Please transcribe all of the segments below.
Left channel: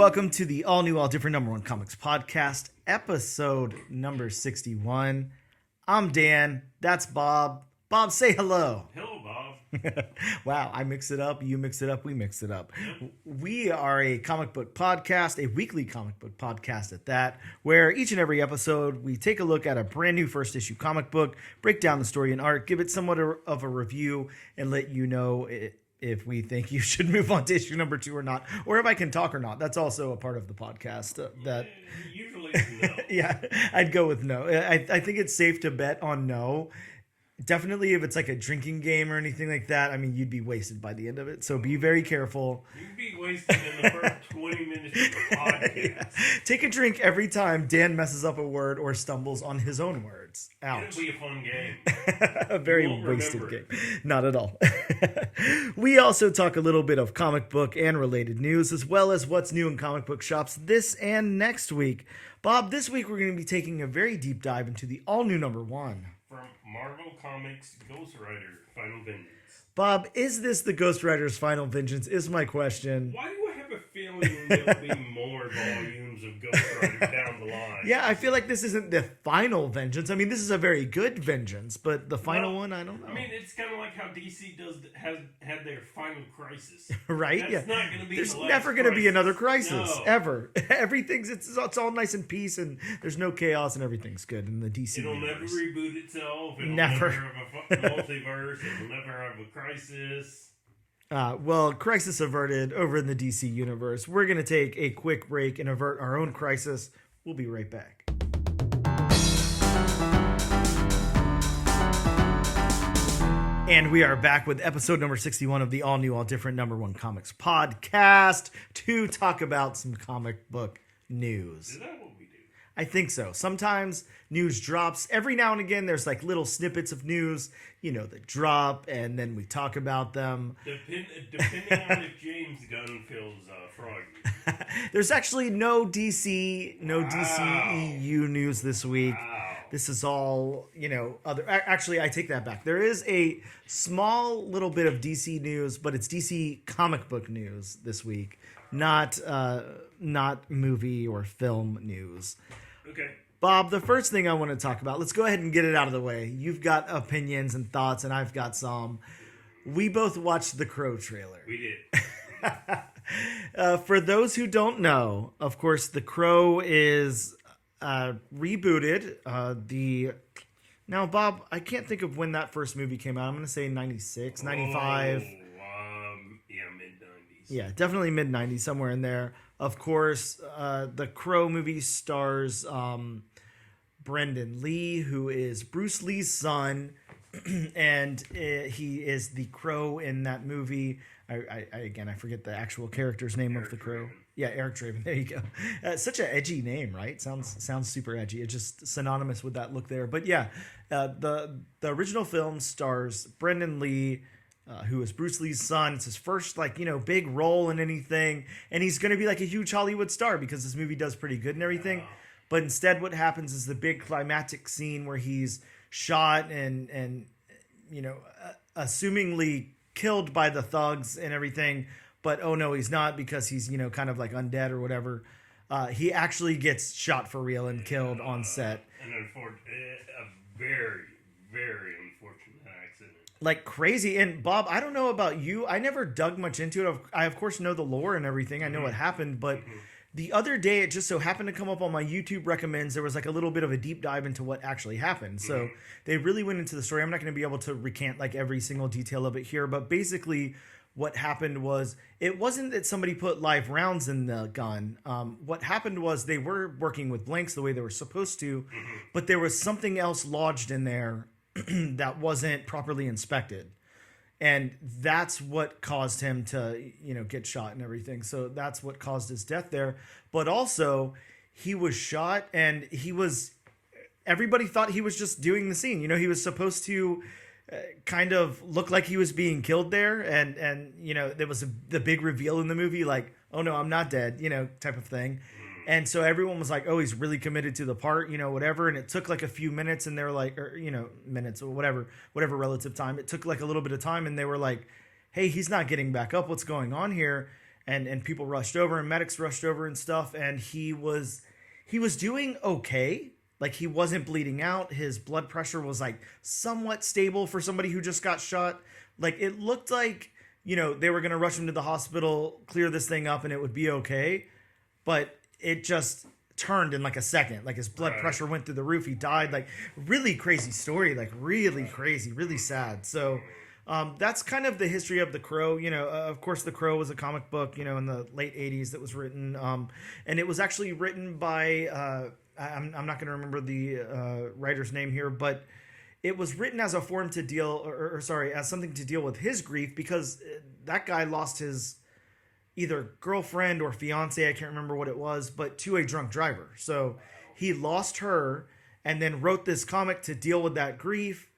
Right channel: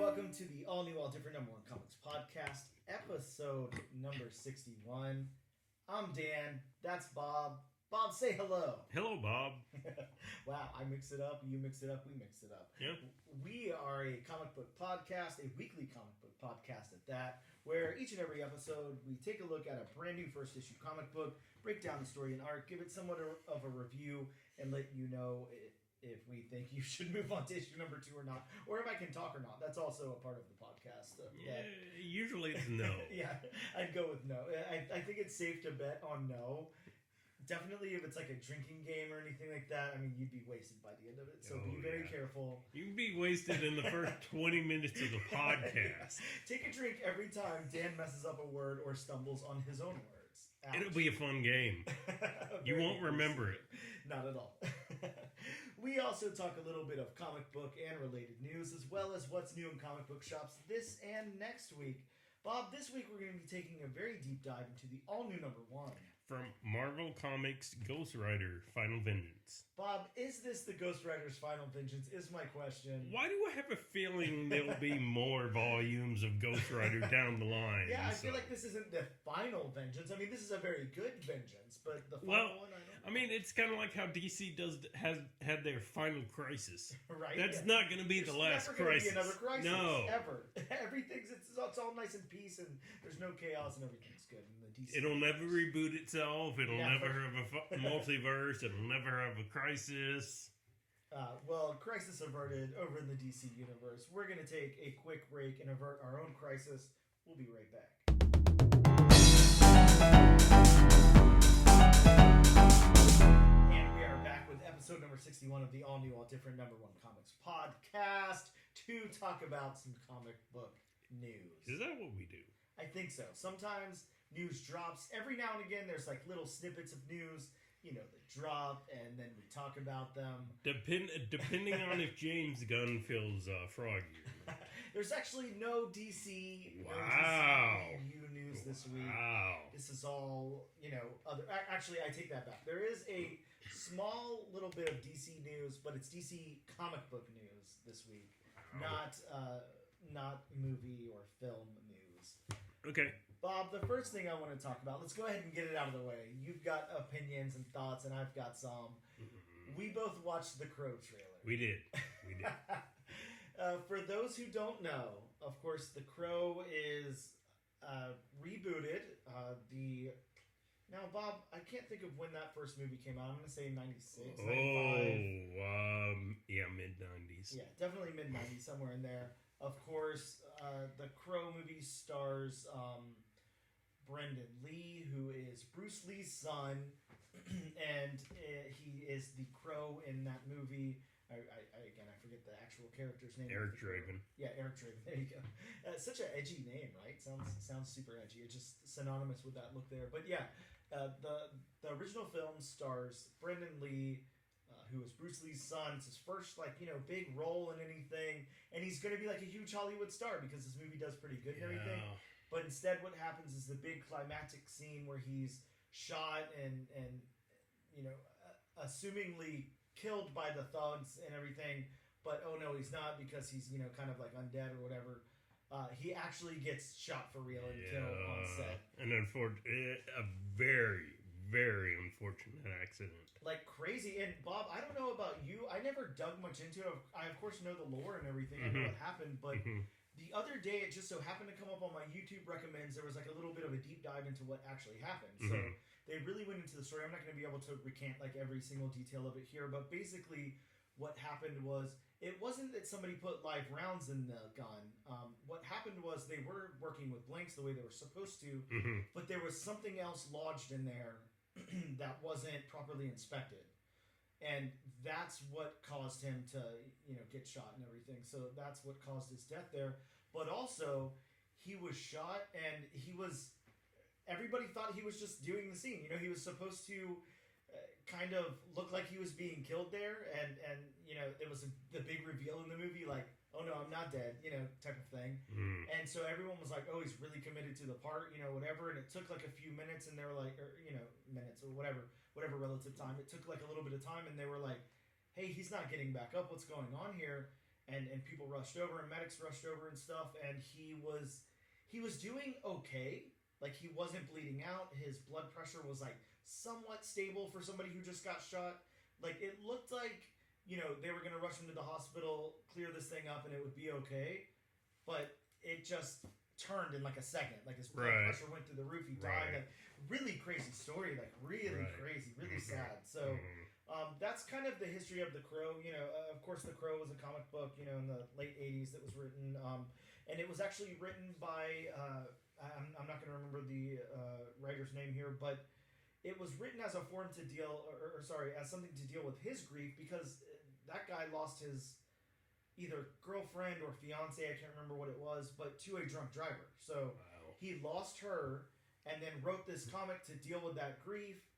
welcome to the all new, all different number one comics podcast, episode number 61. I'm Dan. That's Bob. Bob, say hello. Hello, Bob. Wow, I mix it up. You mix it up. We mix it up. We are a comic book podcast, a weekly comic book podcast at that, where each and every episode we take a look at a brand new first issue comic book, break down the story and art, give it somewhat of a review, and let you know if we think you should move on to issue number 2 or not, or if I can talk or not. That's also a part of the podcast. Usually it's no. Yeah, I'd go with no. I think it's safe to bet on no. Definitely if it's like a drinking game or anything like that, I mean, you'd be wasted by the end of it. So be very careful. You'd be wasted in the first 20 minutes of the podcast. Yeah. Take a drink every time Dan messes up a word or stumbles on his own words. Ouch. It'll be a fun game. A very wasted game. Not at all. We also talk a little bit of comic book and related news, as well as what's new in comic book shops this and next week. Bob, this week we're going to be taking a very deep dive into the all-new number 1. From Marvel Comics Ghost Rider Final Vengeance. Bob, is this the Ghost Rider's Final Vengeance is my question. Why do I have a feeling there'll be more volumes of Ghost Rider down the line? Yeah, I feel like this isn't the final vengeance. I mean, this is a very good vengeance, but the final one, I don't know. I mean, it's kind of like how DC has had their final crisis. Right? That's not going to be There's the last never going to be another crisis, no. ever. Everything's, it's all nice and peace, and there's no chaos, and everything's good in the DC It'll universe. never reboot itself. It'll Never. never have a multiverse. It'll never have a crisis. Well, crisis averted over in the DC universe. We're going to take a quick break and avert our own crisis. We'll be right back. And we are back with episode number 61 of the all new, all different number 1 comics podcast to talk about some comic book news. Is that what we do? I think so. Sometimes news drops. Every now and again, there's like little snippets of news, that drop, and then we talk about them. Depending on if James Gunn feels froggy. There's actually no DC EU news this week. Wow. This is all, other. Actually, I take that back. There is a small little bit of DC news, but it's DC comic book news this week, not movie or film news. Okay. Bob, the first thing I want to talk about, let's go ahead and get it out of the way. You've got opinions and thoughts, and I've got some. We both watched the Crow trailer. We did. For those who don't know, of course, the Crow is rebooted. Now, Bob, I can't think of when that first movie came out. I'm going to say 96, 95. Yeah, mid-90s. Yeah, definitely mid-90s, somewhere in there. Of course, the Crow movie stars Brendan Lee, who is Bruce Lee's son, and he is the Crow in that movie. I forget the actual character's name of the Crow. Draven. Yeah, Eric Draven. There you go. Such an edgy name, right? Sounds super edgy. It's just synonymous with that look there. But yeah, the original film stars Brendan Lee, who is Bruce Lee's son. It's his first big role in anything, and he's going to be like a huge Hollywood star because this movie does pretty good and everything. Yeah. But instead, what happens is the big climactic scene where he's shot and assumingly killed by the thugs and everything, but oh no, he's not, because he's kind of like undead or whatever. He actually gets shot for real and killed on set. And a very, very unfortunate accident. Like crazy. And Bob, I don't know about you. I never dug much into it. I of course know the lore and everything. I know what happened, but the other day it just so happened to come up on my YouTube recommends. There was like a little bit of a deep dive into what actually happened. So they really went into the story. I'm not going to be able to recant like every single detail of it here, but basically what happened was, it wasn't that somebody put live rounds in the gun. What happened was they were working with blanks the way they were supposed to, but there was something else lodged in there that wasn't properly inspected. And that's what caused him to, get shot and everything. So that's what caused his death there. But also, he was shot, and everybody thought he was just doing the scene. He was supposed to kind of look like he was being killed there. And there was the big reveal in the movie, like, oh no, I'm not dead, type of thing. And so everyone was like, oh, he's really committed to the part, whatever. And it took like a few minutes, and they were like, or, minutes or whatever relative time. It took like a little bit of time, and they were like, hey, he's not getting back up. What's going on here? and people rushed over and medics rushed over and stuff, and he was doing okay. Like, he wasn't bleeding out. His blood pressure was like somewhat stable for somebody who just got shot. Like, it looked like, you know, they were going to rush him to the hospital, clear this thing up, and it would be okay. But it just turned in like a second. Like, his blood pressure went through the roof. He died. Like, really crazy story. Like, really crazy, really sad. So that's kind of the history of The Crow. You know, of course, The Crow was a comic book, you know, in the late 80s that was written. And it was actually written by... I'm not going to remember the writer's name here, but it was written as a form to deal, as something to deal with his grief, because that guy lost his either girlfriend or fiance, I can't remember what it was, but to a drunk driver. So he lost her and then wrote this comic to deal with that grief.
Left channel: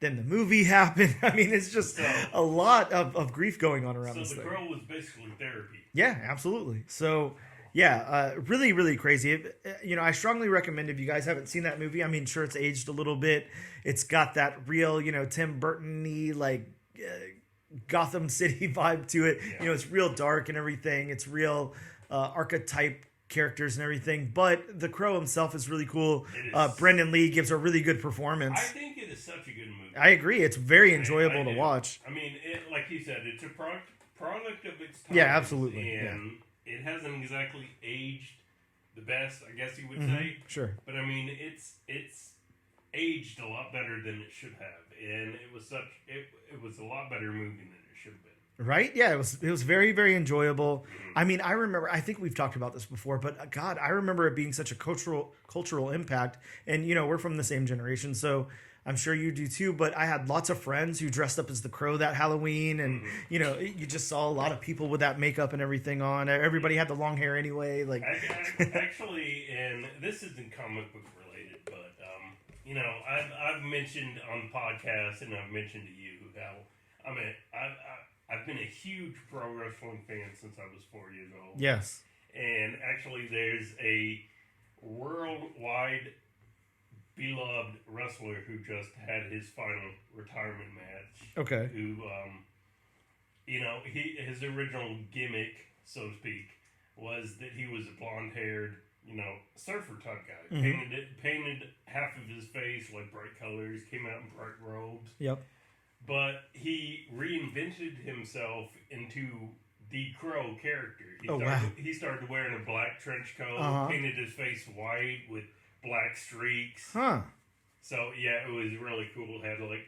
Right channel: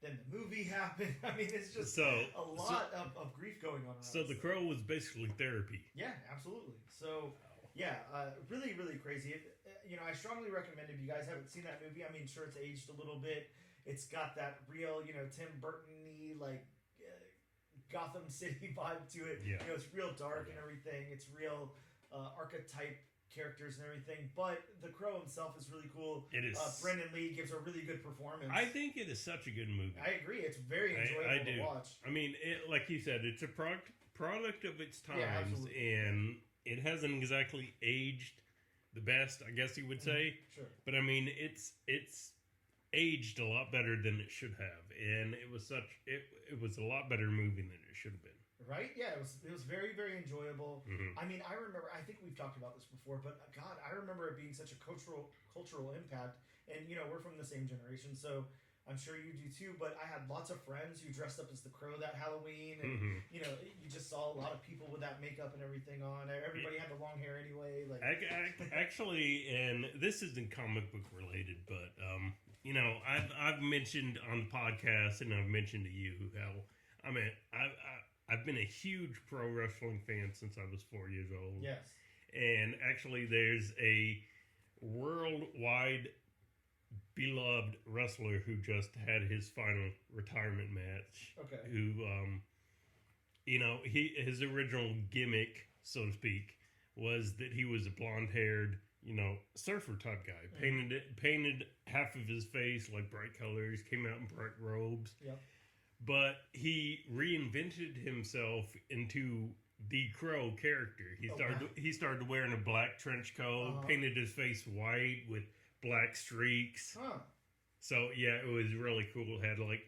Then the movie happened. I mean, it's just a lot of grief going on around this thing. So The Crow was basically therapy. Yeah, absolutely. So... yeah, really, really crazy. You know, I strongly recommend, if you guys haven't seen that movie, I mean, sure, it's aged a little bit. It's got that real, you know, Tim Burton-y, like, Gotham City vibe to it. Yeah. You know, it's real dark and everything. It's real archetype characters and everything. But The Crow himself is really cool. Brendan Lee gives a really good performance. I think it is such a good movie. I agree. It's very enjoyable to watch. I mean, like you said, it's a product of its time. Yeah, absolutely. And it hasn't exactly aged the best, I guess you would say. Sure. But I mean, it's aged a lot better than it should have, and it was a lot better movie than it should have been. Right? Yeah, it was very, very enjoyable. I mean, I remember, I think we've talked about this before, but God, I remember it being such a cultural impact. And you know, we're from the same generation, so I'm sure you do too, but I had lots of friends who dressed up as the Crow that Halloween, and you know, you just saw a lot of people with that makeup and everything on. Everybody had the long hair anyway. Like, actually, and this isn't comic book related, but you know, I've mentioned on the podcast, and I've mentioned to you how I've been a huge pro wrestling fan since I was 4 years old. Yes, and actually, there's a worldwide beloved wrestler who just had his final retirement match. Okay. Who, you know, his original gimmick, so to speak, was that he was a blonde-haired, you know, surfer type guy. Mm-hmm. Painted half of his face like bright colors. Came out in bright robes. Yep. But he reinvented himself into the Crow character. He started wearing a black trench coat. Painted his face white with black streaks. So yeah, it was really cool. Had like,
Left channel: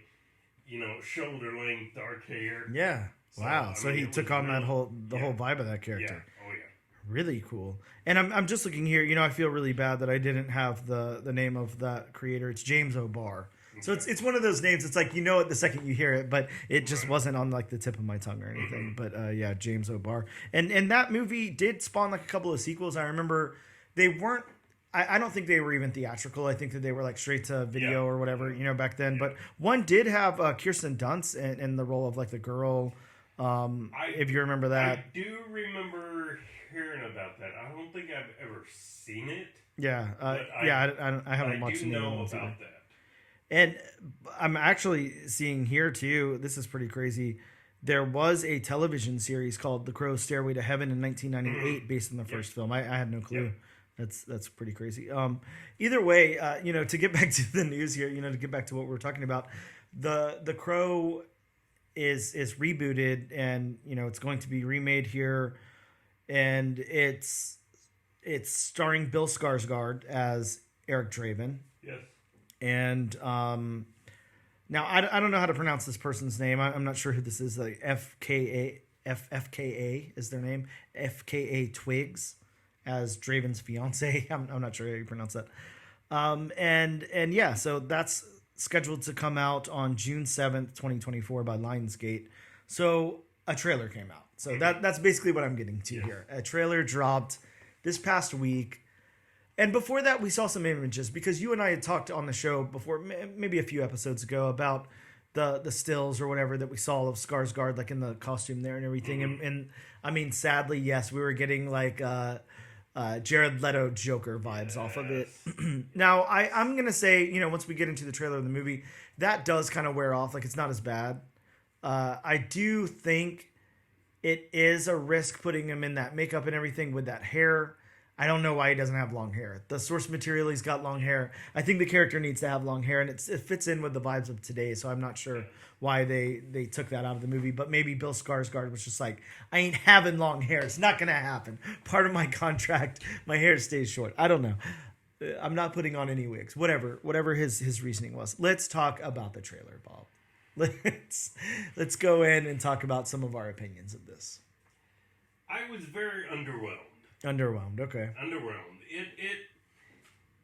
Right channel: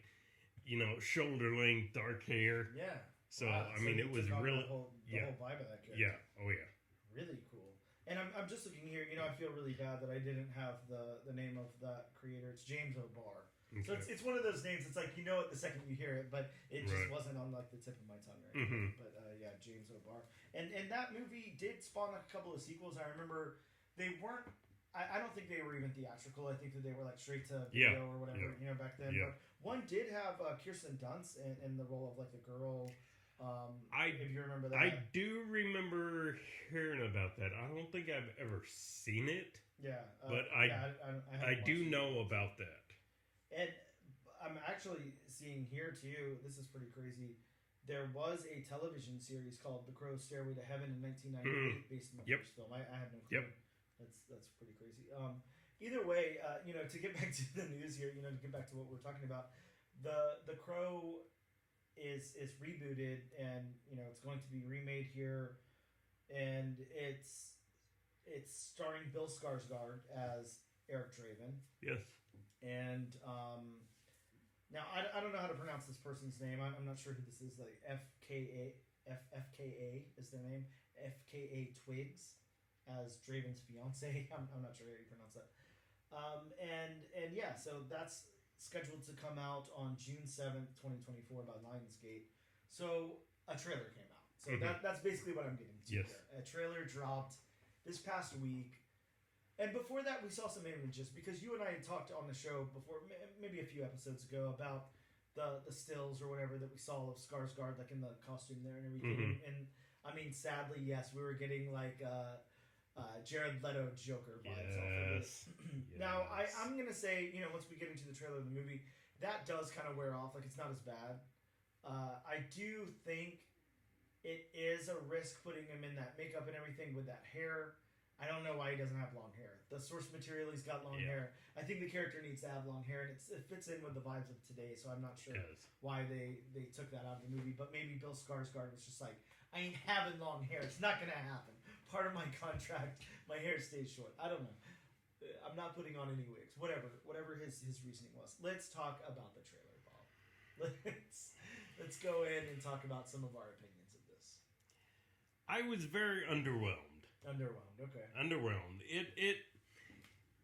you know, shoulder length dark hair. Yeah. So, wow. So he took on the whole vibe of that character. Yeah. Oh yeah. Really cool. And I'm just looking here. You know, I feel really bad that I didn't have the name of that creator. It's James O'Barr. Okay. So it's one of those names. It's like, you know it the second you hear it, but it just wasn't on like the tip of my tongue or anything. But yeah, James O'Barr. And that movie did spawn like a couple of sequels. I remember they weren't. I don't think they were even theatrical. I think that they were like straight to video or whatever, you know, back then. But one did have Kirsten Dunst in the role of like the girl. If you remember that. I do remember hearing about that. I don't think I've ever seen it. Yeah. I haven't watched it. I do know about that. And I'm actually seeing here too, this is pretty crazy. There was a television series called The Crow's Stairway to Heaven in 1998 based on the first film. I had no clue. That's pretty crazy. Either way, you know, to get back to the news here, you know, to get back to what we're talking about, the Crow is rebooted, and you know, it's going to be remade here, and it's starring Bill Skarsgård as Eric Draven. Yes. And now I don't know how to pronounce this person's name. I'm not sure who this is. Like FKA is their name. FKA Twigs as Draven's fiance. I'm not sure how you pronounce that. And yeah, so that's scheduled to come out on June 7th, 2024 by Lionsgate. So a trailer came out. So that's basically what I'm getting to here. A trailer dropped this past week. And before that, we saw some images because you and I had talked on the show before, maybe a few episodes ago, about the stills or whatever that we saw of Skarsgård, like in the costume there and everything. And I mean, sadly, yes, we were getting like Jared Leto Joker vibes off of it. Now, I'm going to say, you know, once we get into the trailer of the movie, that does kind of wear off. Like, it's not as bad. I do think it is a risk putting him in that makeup and everything with that hair. I don't know why he doesn't have long hair. The source material, he's got long hair. I think the character needs to have long hair, and it fits in with the vibes of today. So I'm not sure why they took that out of the movie. But maybe Bill Skarsgård was just like, I ain't having long hair. It's not gonna happen. Part of my contract, my hair stays short. I don't know. I'm not putting on any wigs. Whatever his reasoning was. Let's talk about the trailer, Bob. Let's go in and talk about some of our opinions of this. I was very underwhelmed. Underwhelmed, okay. Underwhelmed.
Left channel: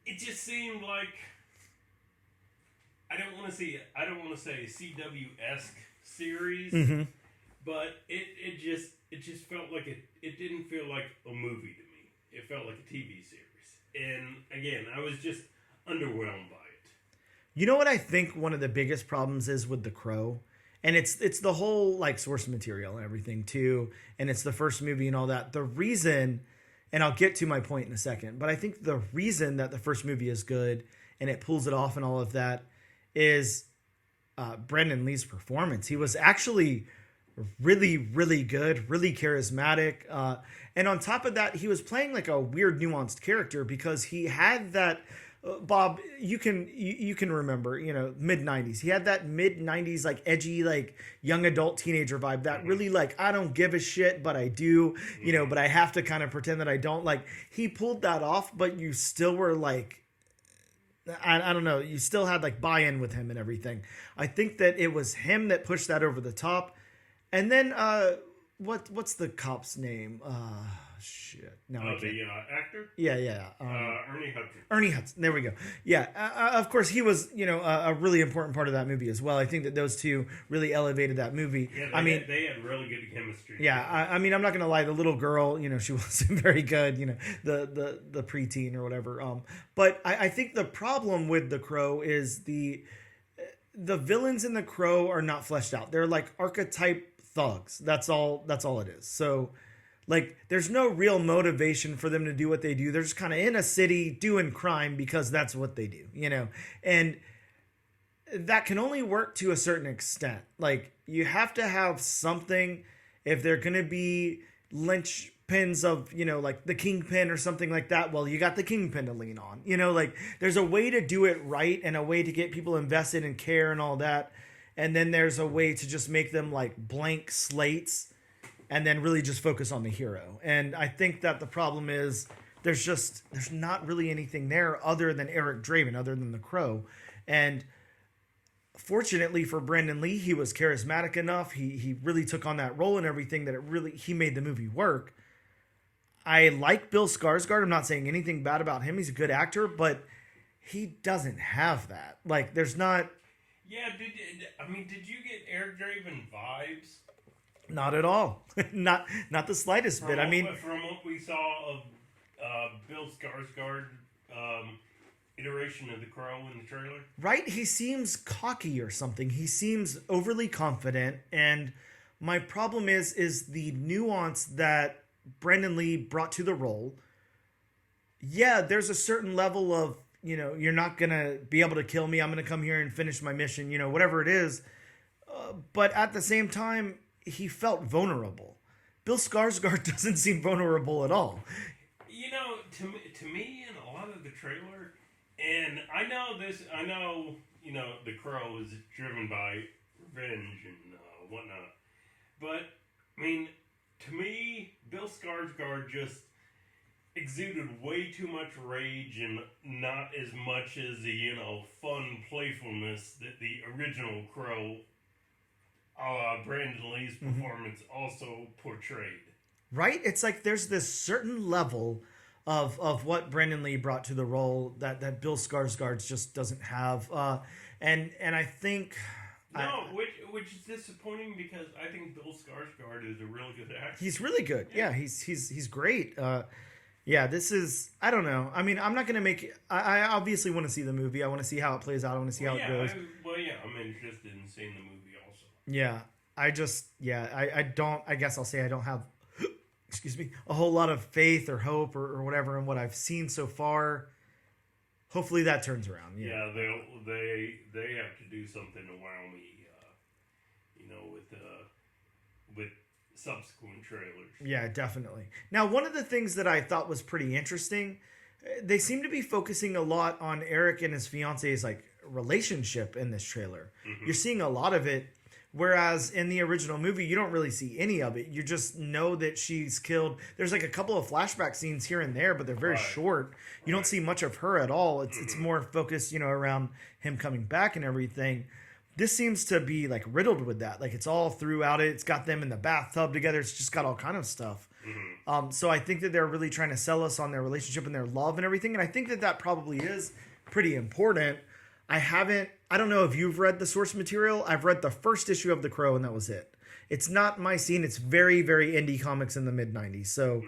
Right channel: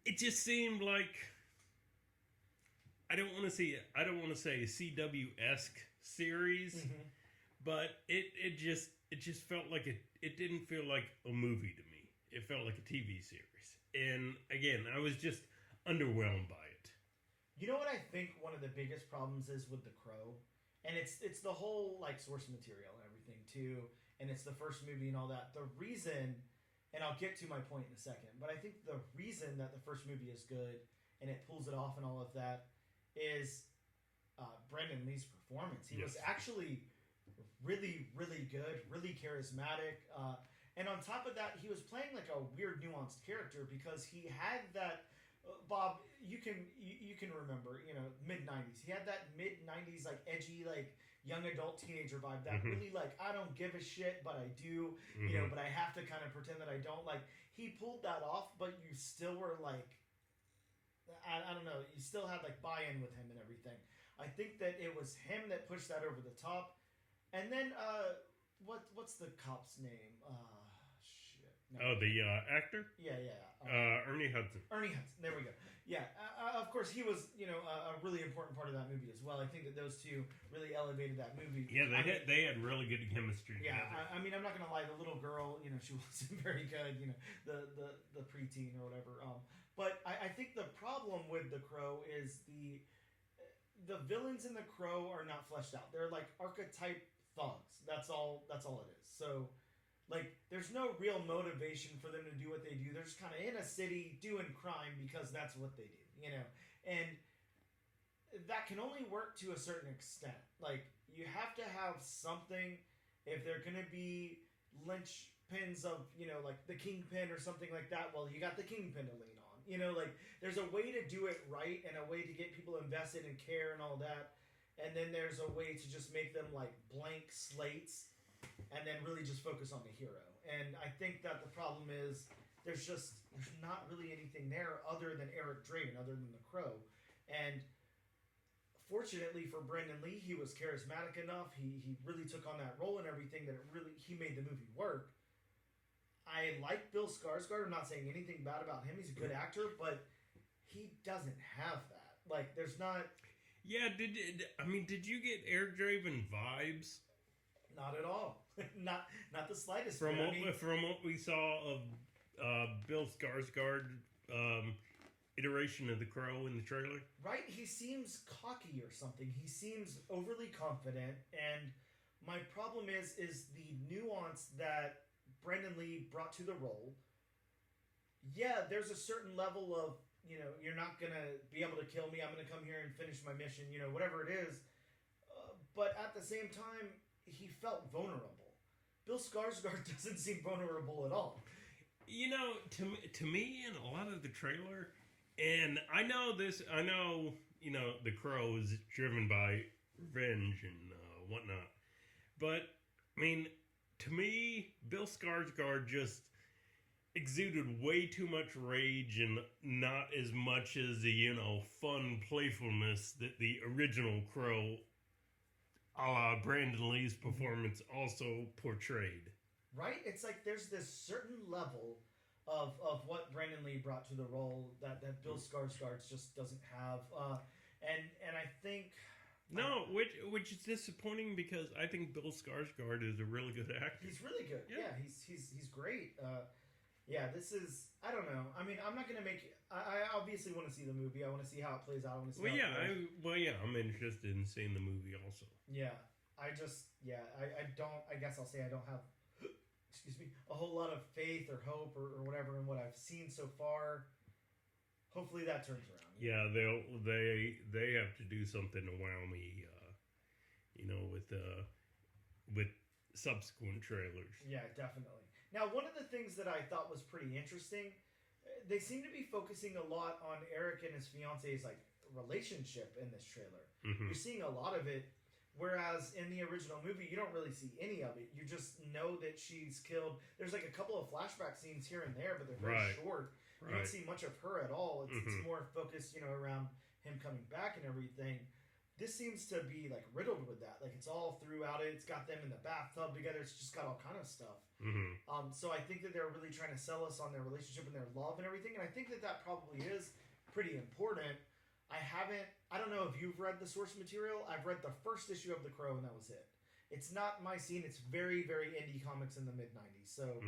It just seemed like I don't want to say a CW-esque series, but it just felt like it didn't feel like a movie to me. It felt like a TV series. And again, I was just underwhelmed by it. You know what I think one of the biggest problems is with The Crow? And it's the whole like source material and everything too, and it's the first movie and all that. The reason, and I'll get to my point in a second, but I think the reason that the first movie is good and it pulls it off and all of that is Brandon Lee's performance. He was actually really, really good, really charismatic. And on top of that, he was playing like a weird, nuanced character because he had that, Bob, you can remember, mid-90s. He had that mid-90s, like, edgy, like, young adult teenager vibe. That really, like, I don't give a shit, but I do, but I have to kind of pretend that I don't. Like, he pulled that off, but you still were, like, I don't know. You still had, like, buy-in with him and everything. I think that it was him that pushed that over the top. And then, what's the cop's name? Shit. No, the actor? Yeah. Ernie Hudson. Ernie Hudson. There we go. Yeah. Of course, he was, a really important part of that movie as well. I think that those two really elevated that movie. Yeah, they had really good chemistry. Yeah. I'm not going to lie. The little girl, she wasn't very good, the preteen or whatever. But I think the problem with The Crow is the villains in The Crow are not fleshed out. They're like archetype thugs. That's all it is. So, like, there's no real motivation for them to do what they do. They're just kind of in a city doing crime because that's what they do, And that can only work to a certain extent. Like, you have to have something if they're going to be linchpins of, like the Kingpin or something like that. Well, you got the Kingpin to lean on. Like, there's a way to do it right and a way to get people invested and care and all that. And then there's a way to just make them, like, blank slates and then really just focus on the hero. And I think that the problem is there's not really anything there other than Eric Draven, other than The Crow. And fortunately for Brandon Lee, he was charismatic enough. He really took on that role and everything that he made the movie work. I like Bill Skarsgård. I'm not saying anything bad about him. He's a good actor, but he doesn't have that. Like, there's not... Yeah, did you get Eric Draven vibes? Not at all. not the slightest bit. From what we saw of Bill Skarsgård iteration of The Crow in the trailer, right? He seems cocky or something. He seems overly confident, and my problem is the nuance that Brandon Lee brought to the role. Yeah, there's a certain level of you're not gonna be able to kill me. I'm gonna come here and finish my mission. Whatever it is, but at the same time, he felt vulnerable. Bill Skarsgård doesn't seem vulnerable at all. To me, in a lot of the trailer, and I know, The Crow is driven by revenge and whatnot. But, to me, Bill Skarsgård just exuded way too much rage and not as much as the, fun playfulness that the original Crow Brandon Lee's performance also portrayed. Right? It's like there's this certain level of what Brandon Lee brought to the role that Bill Skarsgård just doesn't have. And I think... which is disappointing because I think Bill Skarsgård is a really good actor. He's really good. Yeah, he's great. This is... I don't know. I'm not going to make... I obviously want to see the movie. I want to see how it plays out. I want to see how it goes. I'm interested in seeing the movie. Yeah, I guess I'll say I don't have, a whole lot of faith or hope or whatever in what I've seen so far. Hopefully that turns around. Yeah, they have to do something to wow me, with subsequent trailers. Yeah, definitely. Now, one of the things that I thought was pretty interesting, they seem to be focusing a lot on Eric and his fiance's like relationship in this trailer. Mm-hmm. You're seeing a lot of it, whereas in the original movie, you don't really see any of it. You just know that she's killed. There's like a couple of flashback scenes here and there, but they're very short. You don't see much of her at all. It's more focused, around him coming back and everything. This seems to be like riddled with that. Like it's all throughout it. It's got them in the bathtub together. It's just got all kind of stuff. Mm-hmm. So I think that they're really trying to sell us on their relationship and their love and everything. And I think that probably is pretty important. I don't know if you've read the source material. I've read the first issue of The Crow and that was it. It's not my scene. It's very, very indie comics in the mid 90s. So,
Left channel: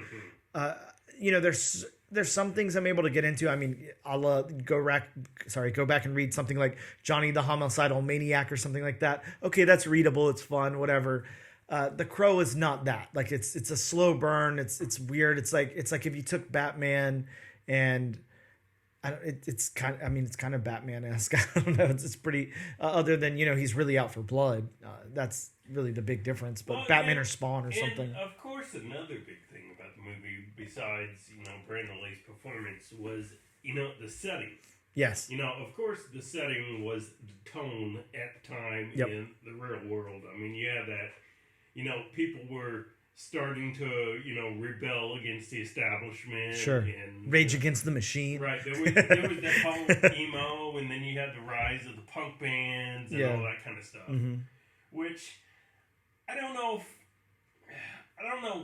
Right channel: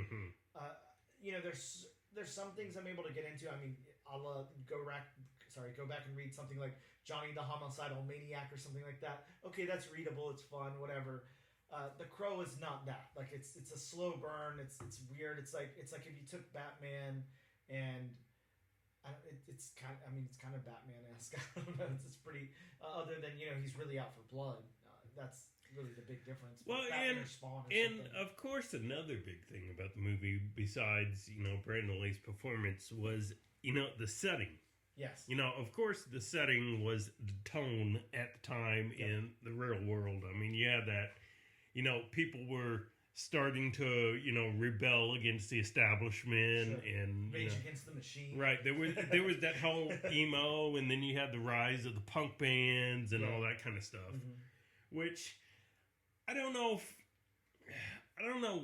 there's some things I'm able to get into. I mean, I'll go back and read something like Johnny the Homicidal Maniac or something like that. Okay, that's readable. It's fun, whatever. The Crow is not that. Like it's a slow burn. It's weird. It's like if you took Batman and it's kind of Batman-esque. I don't know. It's pretty other than he's really out for blood. That's really the big difference. But Batman or Spawn or something. Of course, another big thing about the movie, besides Brandon Lee's performance, was the setting. Yes. Of course, the setting was the tone at the time in the real world. I mean, yeah, that people were starting to, rebel against the establishment. Sure. And Rage Against the Machine. Right. There was that whole emo, and then you had the rise of the punk bands and all that kind of stuff. Mm-hmm. Which, I don't know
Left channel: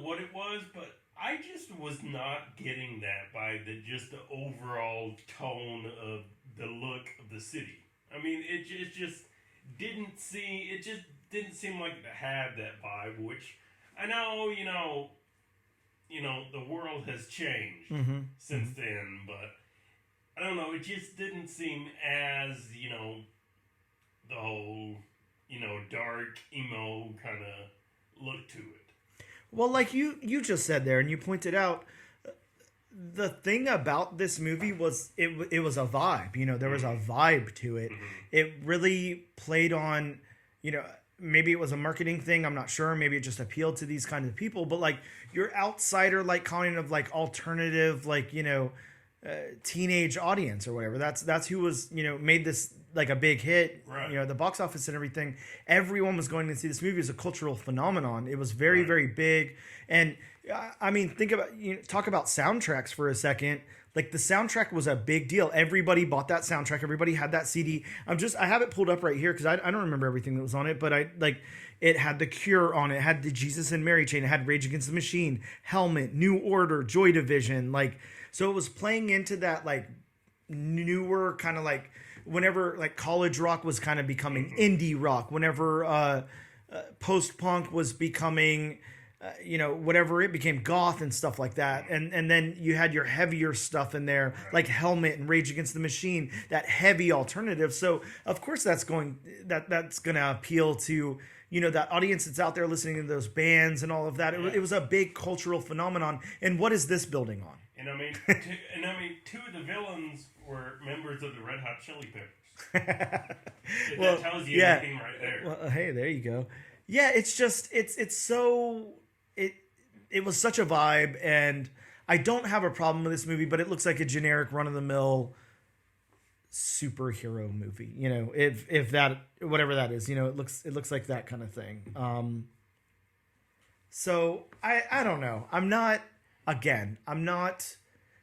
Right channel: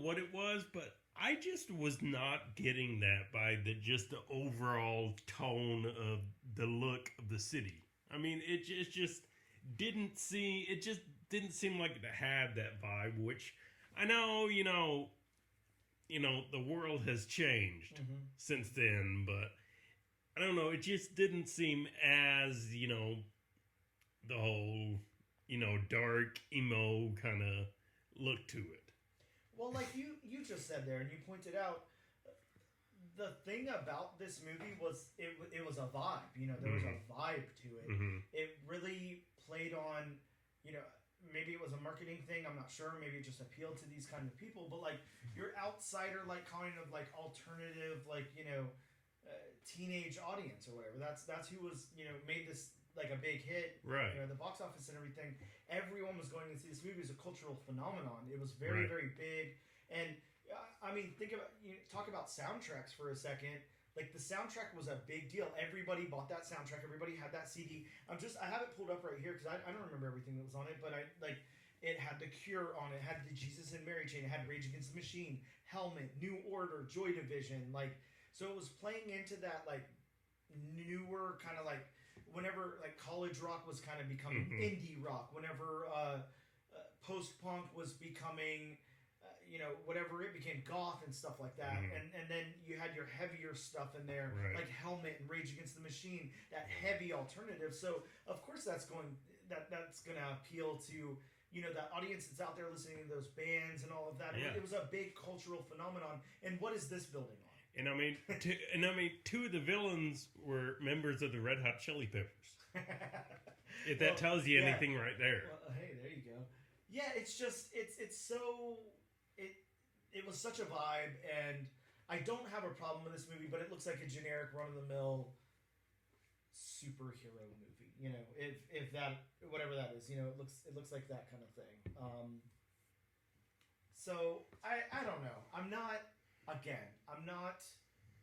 what it was, but I just was not getting that by the overall tone of the look of the city. I mean, it just didn't seem like it had that vibe, which I know, the world has changed since then, but I don't know, it just didn't seem as, the whole, dark, emo kind of look to it. Well, like you just said there, and you pointed out, the thing about this movie was it was a vibe. There was a vibe to it. Mm-hmm. It really played on, maybe it was a marketing thing. I'm not sure. Maybe it just appealed to these kind of people. But like your outsider, like kind of like alternative, like teenage audience or whatever. That's who was made this like a big hit. Right. The box office and everything. Everyone was going to see this movie as a cultural phenomenon. It was very very big. And I mean, talk about soundtracks for a second. Like the soundtrack was a big deal. Everybody bought that soundtrack. Everybody had that CD. I have it pulled up right here because I don't remember everything that was on it, but it had The Cure on it. It had the Jesus and Mary chain. It had Rage Against the Machine, Helmet, New Order, Joy Division. So it was playing into that like newer kind of like whenever like college rock was kind of becoming indie rock. Whenever post-punk was becoming whatever it became, goth and stuff like that. And then you had your heavier stuff in there, like Helmet and Rage Against the Machine, that heavy alternative. So of course that's going to appeal to, that audience that's out there listening to those bands and all of that. It was a big cultural phenomenon. And what is this building on? And I mean, two of the villains were members of the Red Hot Chili Peppers. That tells you anything right there. Well, hey, there you go. Yeah, it's just it was such a vibe, and I don't have a problem with this movie, but it looks like a generic run-of-the-mill superhero movie. If that, whatever that is, it looks like that kind of thing. So I don't know. I'm not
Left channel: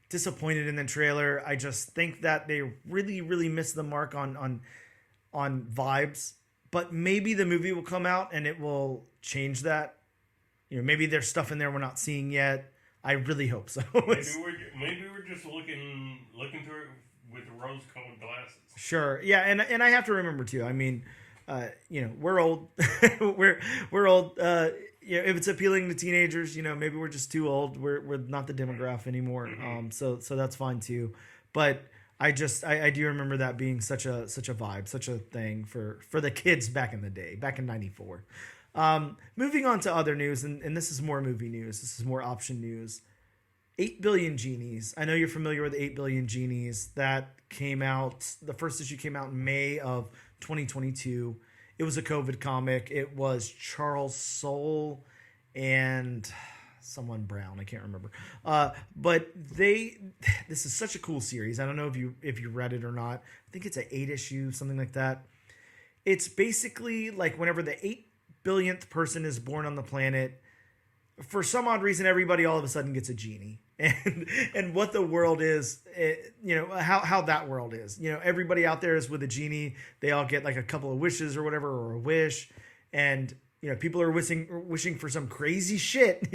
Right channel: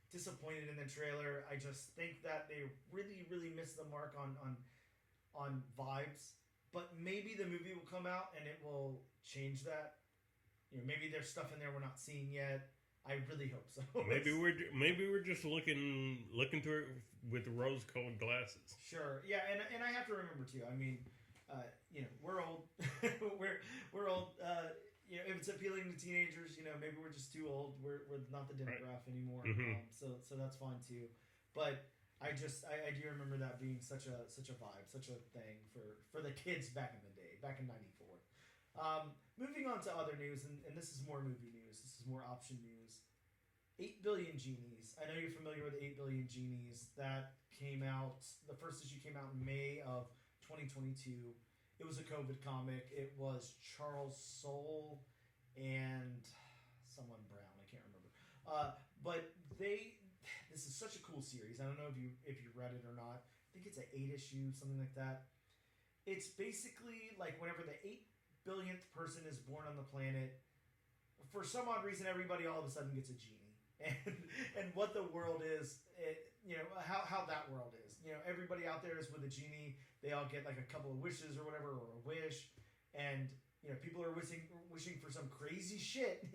disappointed in the trailer. I just think that they really, really missed the mark on vibes. But maybe the movie will come out and it will change that. Maybe there's stuff in there we're not seeing yet. I really hope so. maybe we're just looking through it with rose-colored glasses. Sure, yeah, and I have to remember too. I mean, we're old. we're old. If it's appealing to teenagers, maybe we're just too old. We're not the demographic anymore. Mm-hmm. So that's fine too. But I do remember that being such a vibe, such a thing for the kids back in the day, back in '94. Moving on to other news, and this is more movie news. This is more option news. 8 Billion Genies. I know you're familiar with 8 Billion Genies. That came out, the first issue came out in May of 2022. It was a COVID comic. It was Charles Soule and someone Brown. I can't remember. But this is such a cool series. I don't know if you read it or not. I think it's an 8 issue, something like that. It's basically like whenever the 8 billionth person is born on the planet, for some odd reason, everybody all of a sudden gets a genie. And what the world is, how that world is. Everybody out there is with a genie. They all get like a couple of wishes or whatever, or a wish. And, people are wishing for some crazy shit,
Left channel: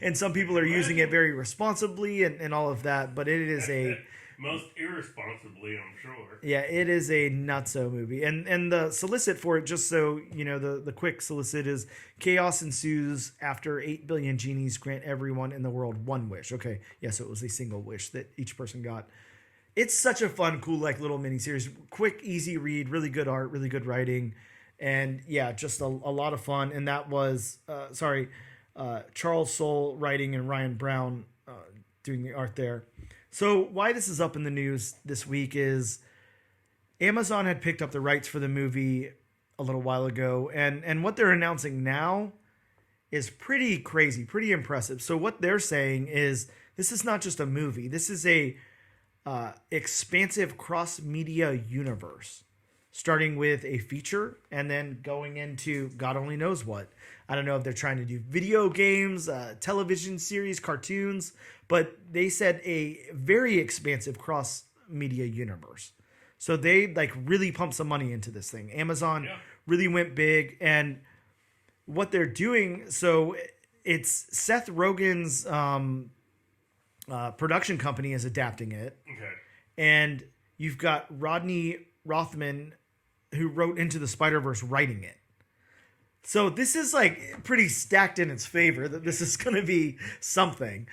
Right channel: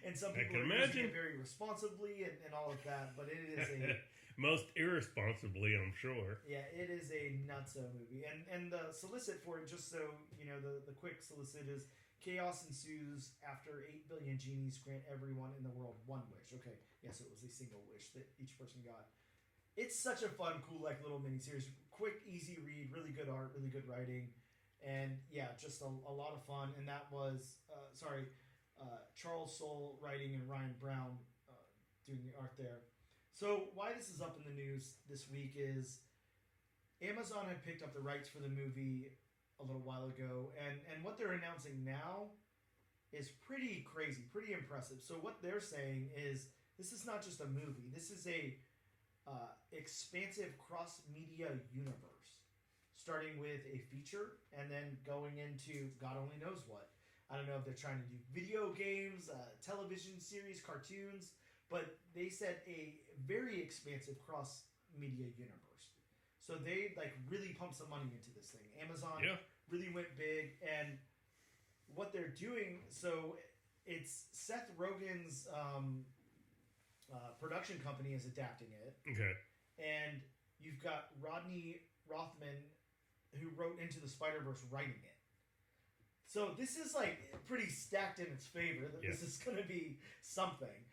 and some people are using it very responsibly and all of that. But it is a... Most irresponsibly, I'm sure. Yeah, it is a nutso movie. And the solicit for it, just so you know, the quick solicit is: chaos ensues after 8 billion genies grant everyone in the world one wish. Okay, yeah, so it was a single wish that each person got. It's such a fun, cool, like little miniseries. Quick, easy read, really good art, really good writing. And yeah, just a lot of fun. And that was, Charles Soule writing and Ryan Brown doing the art there. So why this is up in the news this week is Amazon had picked up the rights for the movie a little while ago, and what they're announcing now is pretty crazy, pretty impressive. So what they're saying is this is not just a movie. This is a expansive cross-media universe, starting with a feature and then going into God only knows what. I don't know if they're trying to do video games, television series, cartoons, but they said a very expansive cross-media universe. So they really pumped some money into this thing. Amazon really went big, and what they're doing, so it's Seth Rogen's production company is adapting it. Okay. And you've got Rodney Rothman, who wrote Into the Spider-Verse, writing it. So this is pretty stacked in its favor that this is going to be something.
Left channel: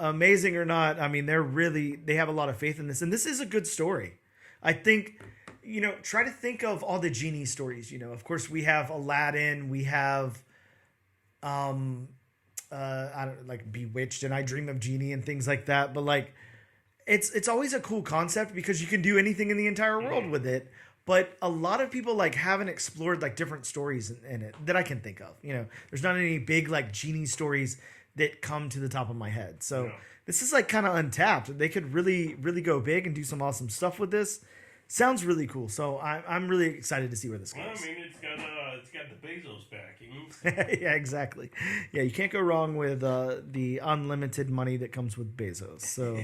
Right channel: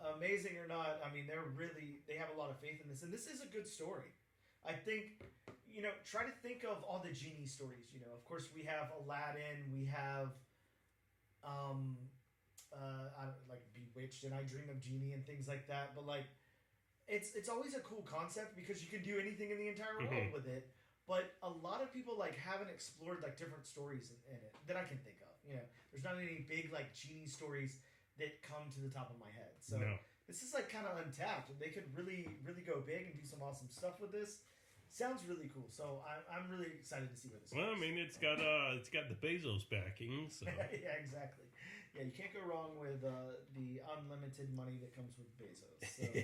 Amazing or not, I mean, they have a lot of faith in this. And this is a good story. I think, try to think of all the genie stories. Of course, we have Aladdin, we have Bewitched and I Dream of Genie and things like that. But it's always a cool concept because you can do anything in the entire world with it. But a lot of people haven't explored different stories in it that I can think of. There's not any big genie stories that come to the top of my head. So this is kind of untapped. They could really, really go big and do some awesome stuff with this. Sounds really cool. So I'm really excited to see where this goes. Well, I mean, it's got the Bezos backing. So. Yeah, exactly. Yeah, you can't go wrong with the unlimited money that comes with Bezos. So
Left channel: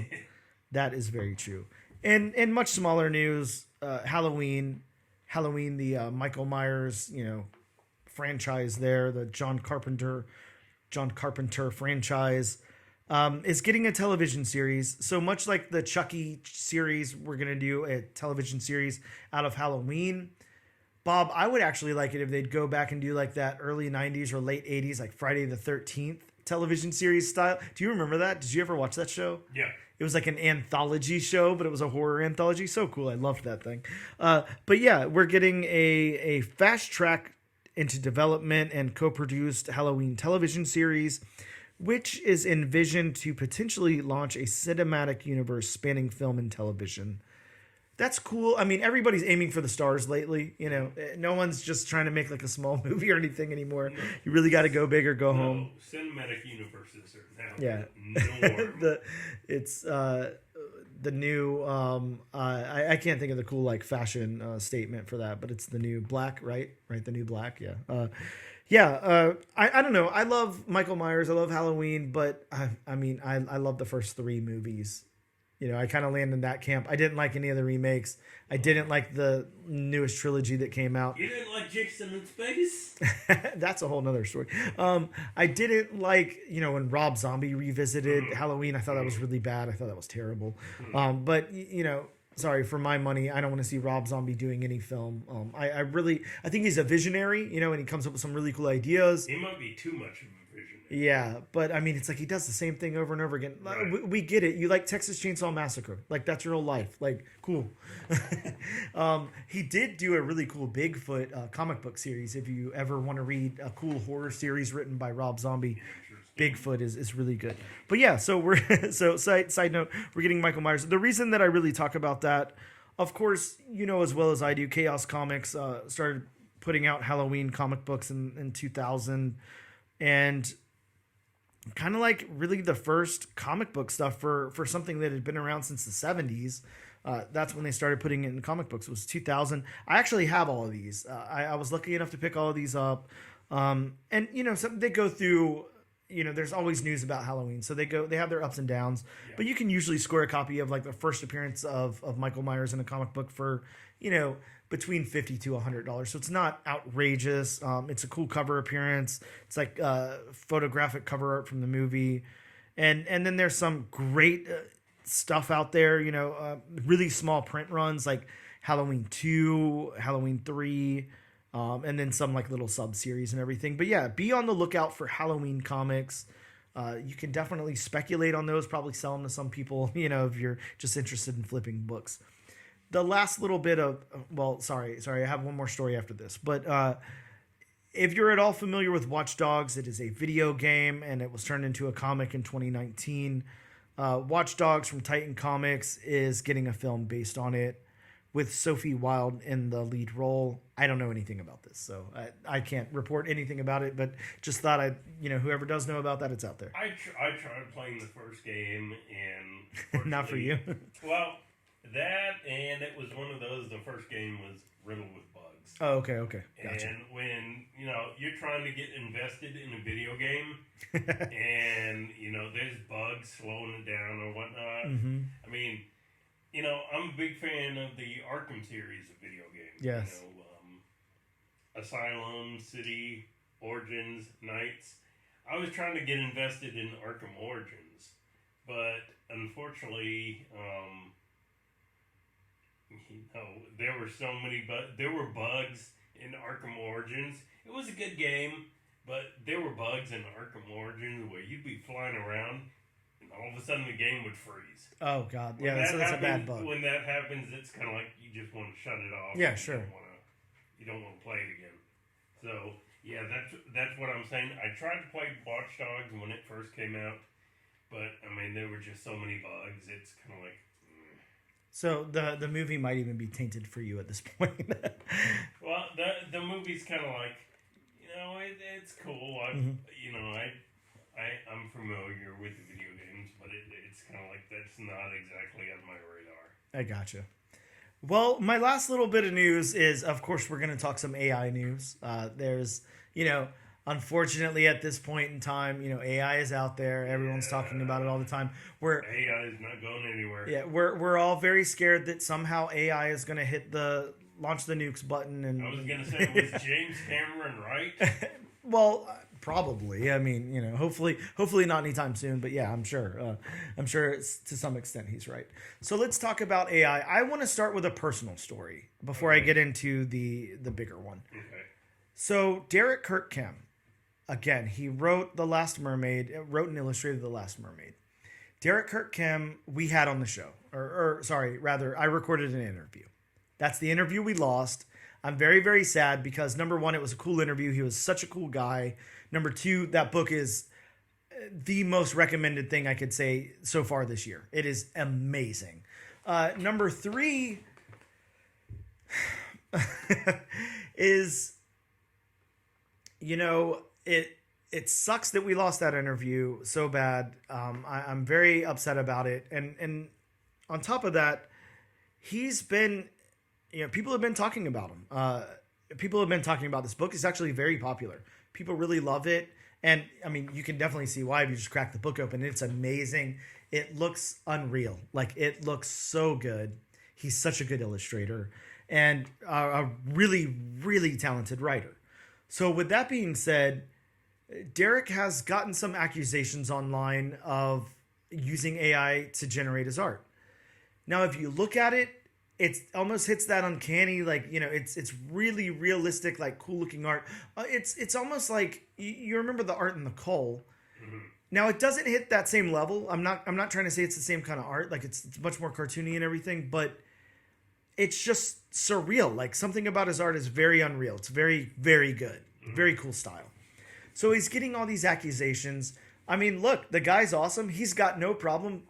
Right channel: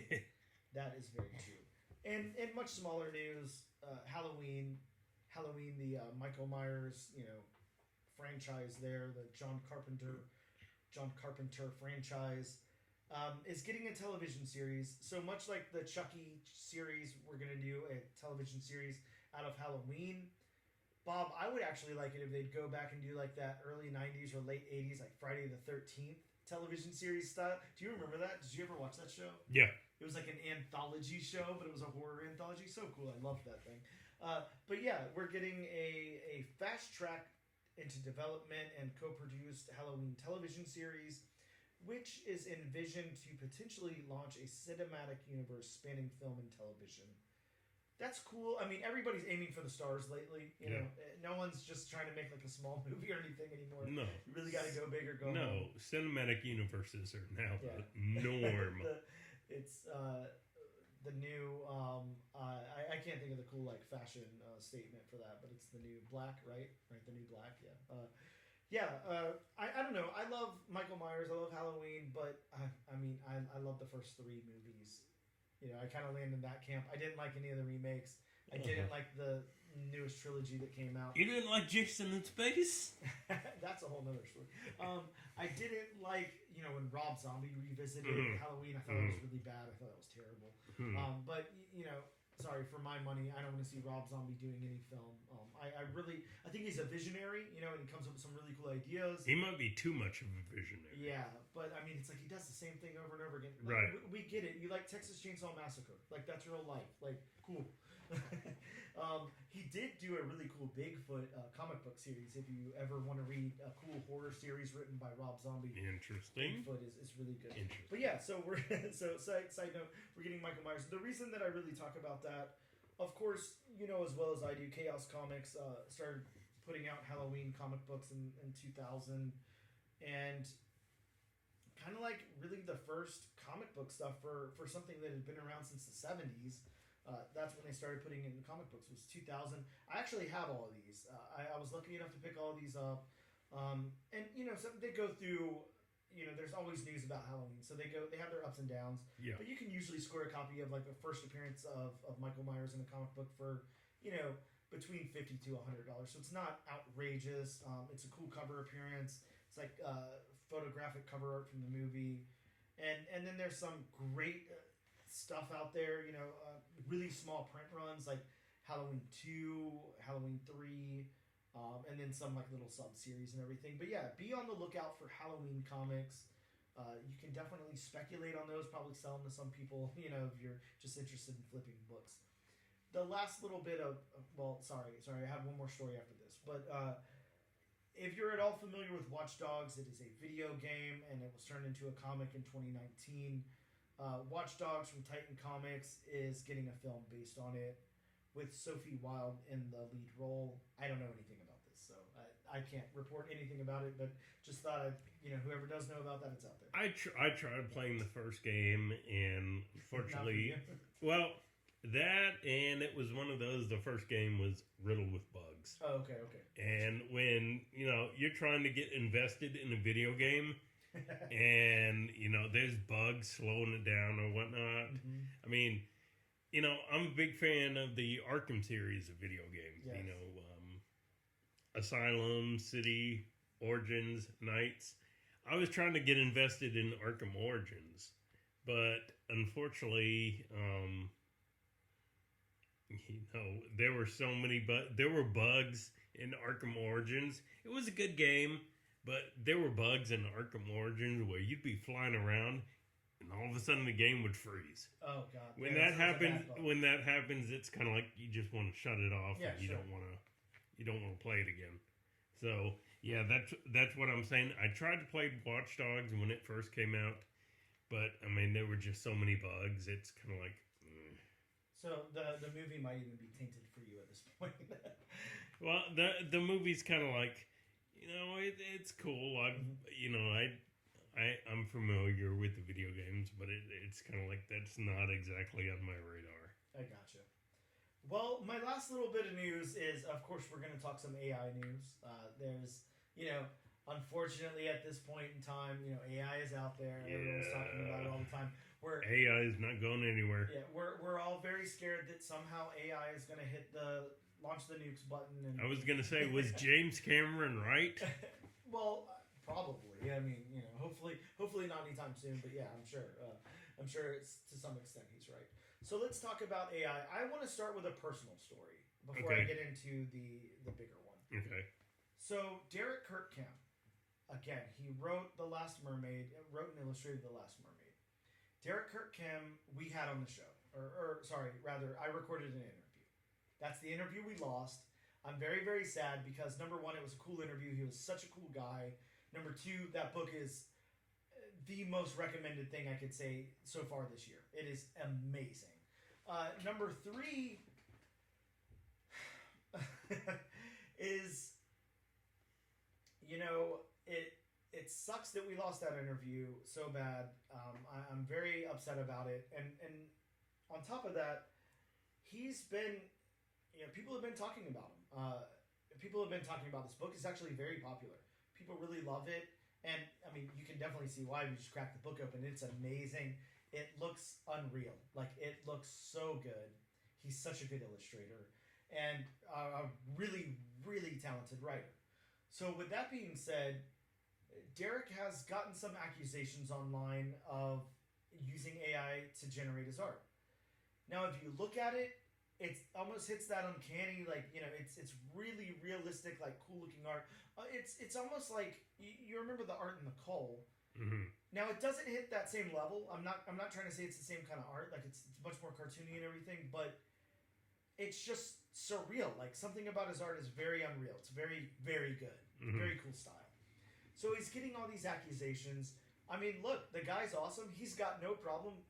that is very true. And in much smaller news, Halloween, the Michael Myers, franchise there, the John Carpenter franchise, is getting a television series. So much like the Chucky series, we're going to do a television series out of Halloween. Bob, I would actually like it if they'd go back and do that early 90s or late 80s, Friday the 13th television series style. Do you remember that? Did you ever watch that show? Yeah. It was an anthology show, but it was a horror anthology. So cool. I loved that thing. But yeah, we're getting a fast track into development and co-produced Halloween television series, which is envisioned to potentially launch a cinematic universe spanning film and television. That's cool. I mean, everybody's aiming for the stars lately. No one's just trying to make a small movie or anything anymore. No. You really got to go big or go home. Cinematic universes are now norm. It's the new. I can't think of the cool fashion statement for that, but it's the new black, right? Right, the new black. Yeah. I don't know. I love Michael Myers. I love Halloween, but I love the first 3 movies. I kind of land in that camp. I didn't like any of the remakes. I didn't like the newest trilogy that came out. You didn't like Jason in Space? That's a whole nother story. I didn't like, when Rob Zombie revisited Halloween. I thought that was really bad. I thought that was terrible. But, sorry, for my money, I don't want to see Rob Zombie doing any film. I think he's a visionary, and he comes up with some really cool ideas. He might be too much of a visionary. Yeah, but it's he does the same thing over and over again. Right. We get it. You like Texas Chainsaw Massacre. That's real life. Cool. He did do a really cool Bigfoot comic book series. If you ever want to read a cool horror series written by Rob Zombie, Bigfoot is really good. But yeah, so we're side note, we're getting Michael Myers. The reason that I really talk about that, of course, as well as I do, Chaos Comics started putting out Halloween comic books in 2000. and kind of like really the first comic book stuff for something that had been around since the 70s. That's when they started putting it in comic books. It was 2000. I actually have all of these. I was lucky enough to pick all of these up. And they go through, there's always news about Halloween. So they have their ups and downs, but you can usually score a copy of like the first appearance of Michael Myers in a comic book for, between $50 to $100. So it's not outrageous. It's a cool cover appearance. It's like photographic cover art from the movie. And then there's some great stuff out there, really small print runs like Halloween 2, Halloween 3, and then some like little sub-series and everything. But yeah, be on the lookout for Halloween comics. You can definitely speculate on those, probably sell them to some people, if you're just interested in flipping books. The last little bit of, sorry, I have one more story after this. But if you're at all familiar with Watch Dogs, it is a video game, and it was turned into a comic in 2019. Watch Dogs from Titan Comics is getting a film based on it with Sophie Wilde in the lead role. I don't know anything about this, so I can't report anything about it, but just thought whoever does know about that, it's out there. I tried playing the first game, and not for you. Well, that, and it was one of those, the first game was riddled with bugs. Oh, okay. Gotcha. And when, you're trying to get invested in a video game, and, there's bugs slowing it down or whatnot. Mm-hmm. I mean, I'm a big fan of the Arkham series of video games. Yes. Asylum, City, Origins, Knights. I was trying to get invested in Arkham Origins, but unfortunately, there were so many there were bugs in Arkham Origins. It was a good game, but there were bugs in Arkham Origins where you'd be flying around and all of a sudden the game would freeze. Oh God, yeah, that's a bad bug. When that happens, it's kind of like you just want to shut it off. Yeah, sure. You don't want to play it again. So yeah, that's what I'm saying. I tried to play Watch Dogs when it first came out, but I mean there were just so many bugs. It's kind of like. So the movie might even be tainted for you at this point. Well, the movie's kind of like, it's cool. I'm familiar with the video games, but it's kind of like that's not exactly on my radar. I gotcha. Well, my last little bit of news is, of course, we're going to talk some AI news. There's, unfortunately, at this point in time, AI is out there. Everyone's talking about it all the time. AI is not going anywhere. Yeah, we're all very scared that somehow AI is going to launch the nukes button. And I was going to say, was James Cameron right? Well, probably. I mean, hopefully not anytime soon. But yeah, I'm sure. To some extent he's right. So let's talk about AI. I want to start with a personal story before I get into the bigger one. Okay. So Derek Kirkham, again, he wrote The Last Mermaid, wrote and illustrated The Last Mermaid. Derek Kirkham, we had on the show, I recorded an interview. That's the interview we lost. I'm very, very sad because number one, it was a cool interview. He was such a cool guy. Number two, that book is the most recommended thing I could say so far this year. It is amazing. Number three is, it sucks that we lost that interview so bad. I'm very upset about it. And on top of that, he's been, people have been talking about him. People have been talking about this book. It's actually very popular. People really love it. And I mean, you can definitely see why if you just crack the book open. It's amazing. It looks unreal. Like, it looks so good. He's such a good illustrator and a really, really talented writer. So with that being said, Derek has gotten some accusations online of using AI to generate his art. Now, if you look at it, it almost hits that uncanny, like, it's really realistic, like cool looking art. It's almost like you remember the art in The Cull. Mm-hmm. Now, it doesn't hit that same level. I'm not trying to say it's the same kind of art. Like, it's much more cartoony and everything, but it's just surreal. Like, something about his art is very unreal. It's very, very good. Mm-hmm. Very cool style. So he's getting all these accusations. I mean, look, the guy's awesome. He's got no problem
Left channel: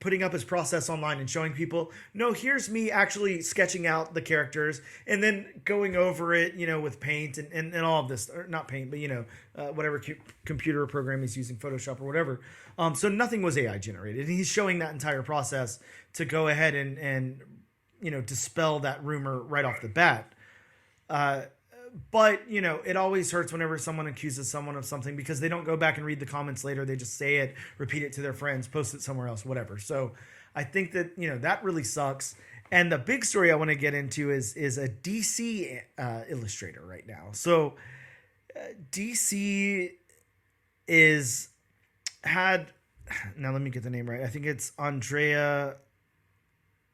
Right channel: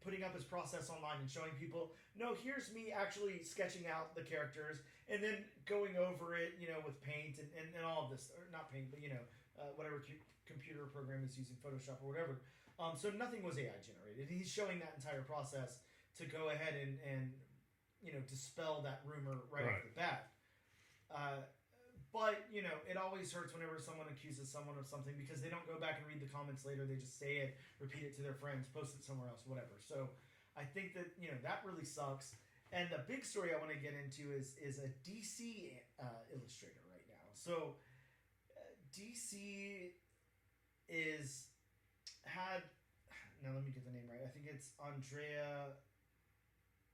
putting up his process online and showing people, no, here's me actually sketching out the characters and then going over it, with paint and all of this, or not paint, but whatever computer program he's using, Photoshop or whatever. So nothing was AI generated. And he's showing that entire process to go ahead and dispel that rumor right off the bat. But, it always hurts whenever someone accuses someone of something because they don't go back and read the comments later. They just say it, repeat it to their friends, post it somewhere else, whatever. So I think that, that really sucks. And the big story I want to get into is a DC illustrator right now. So DC now let me get the name right. I think it's Andrea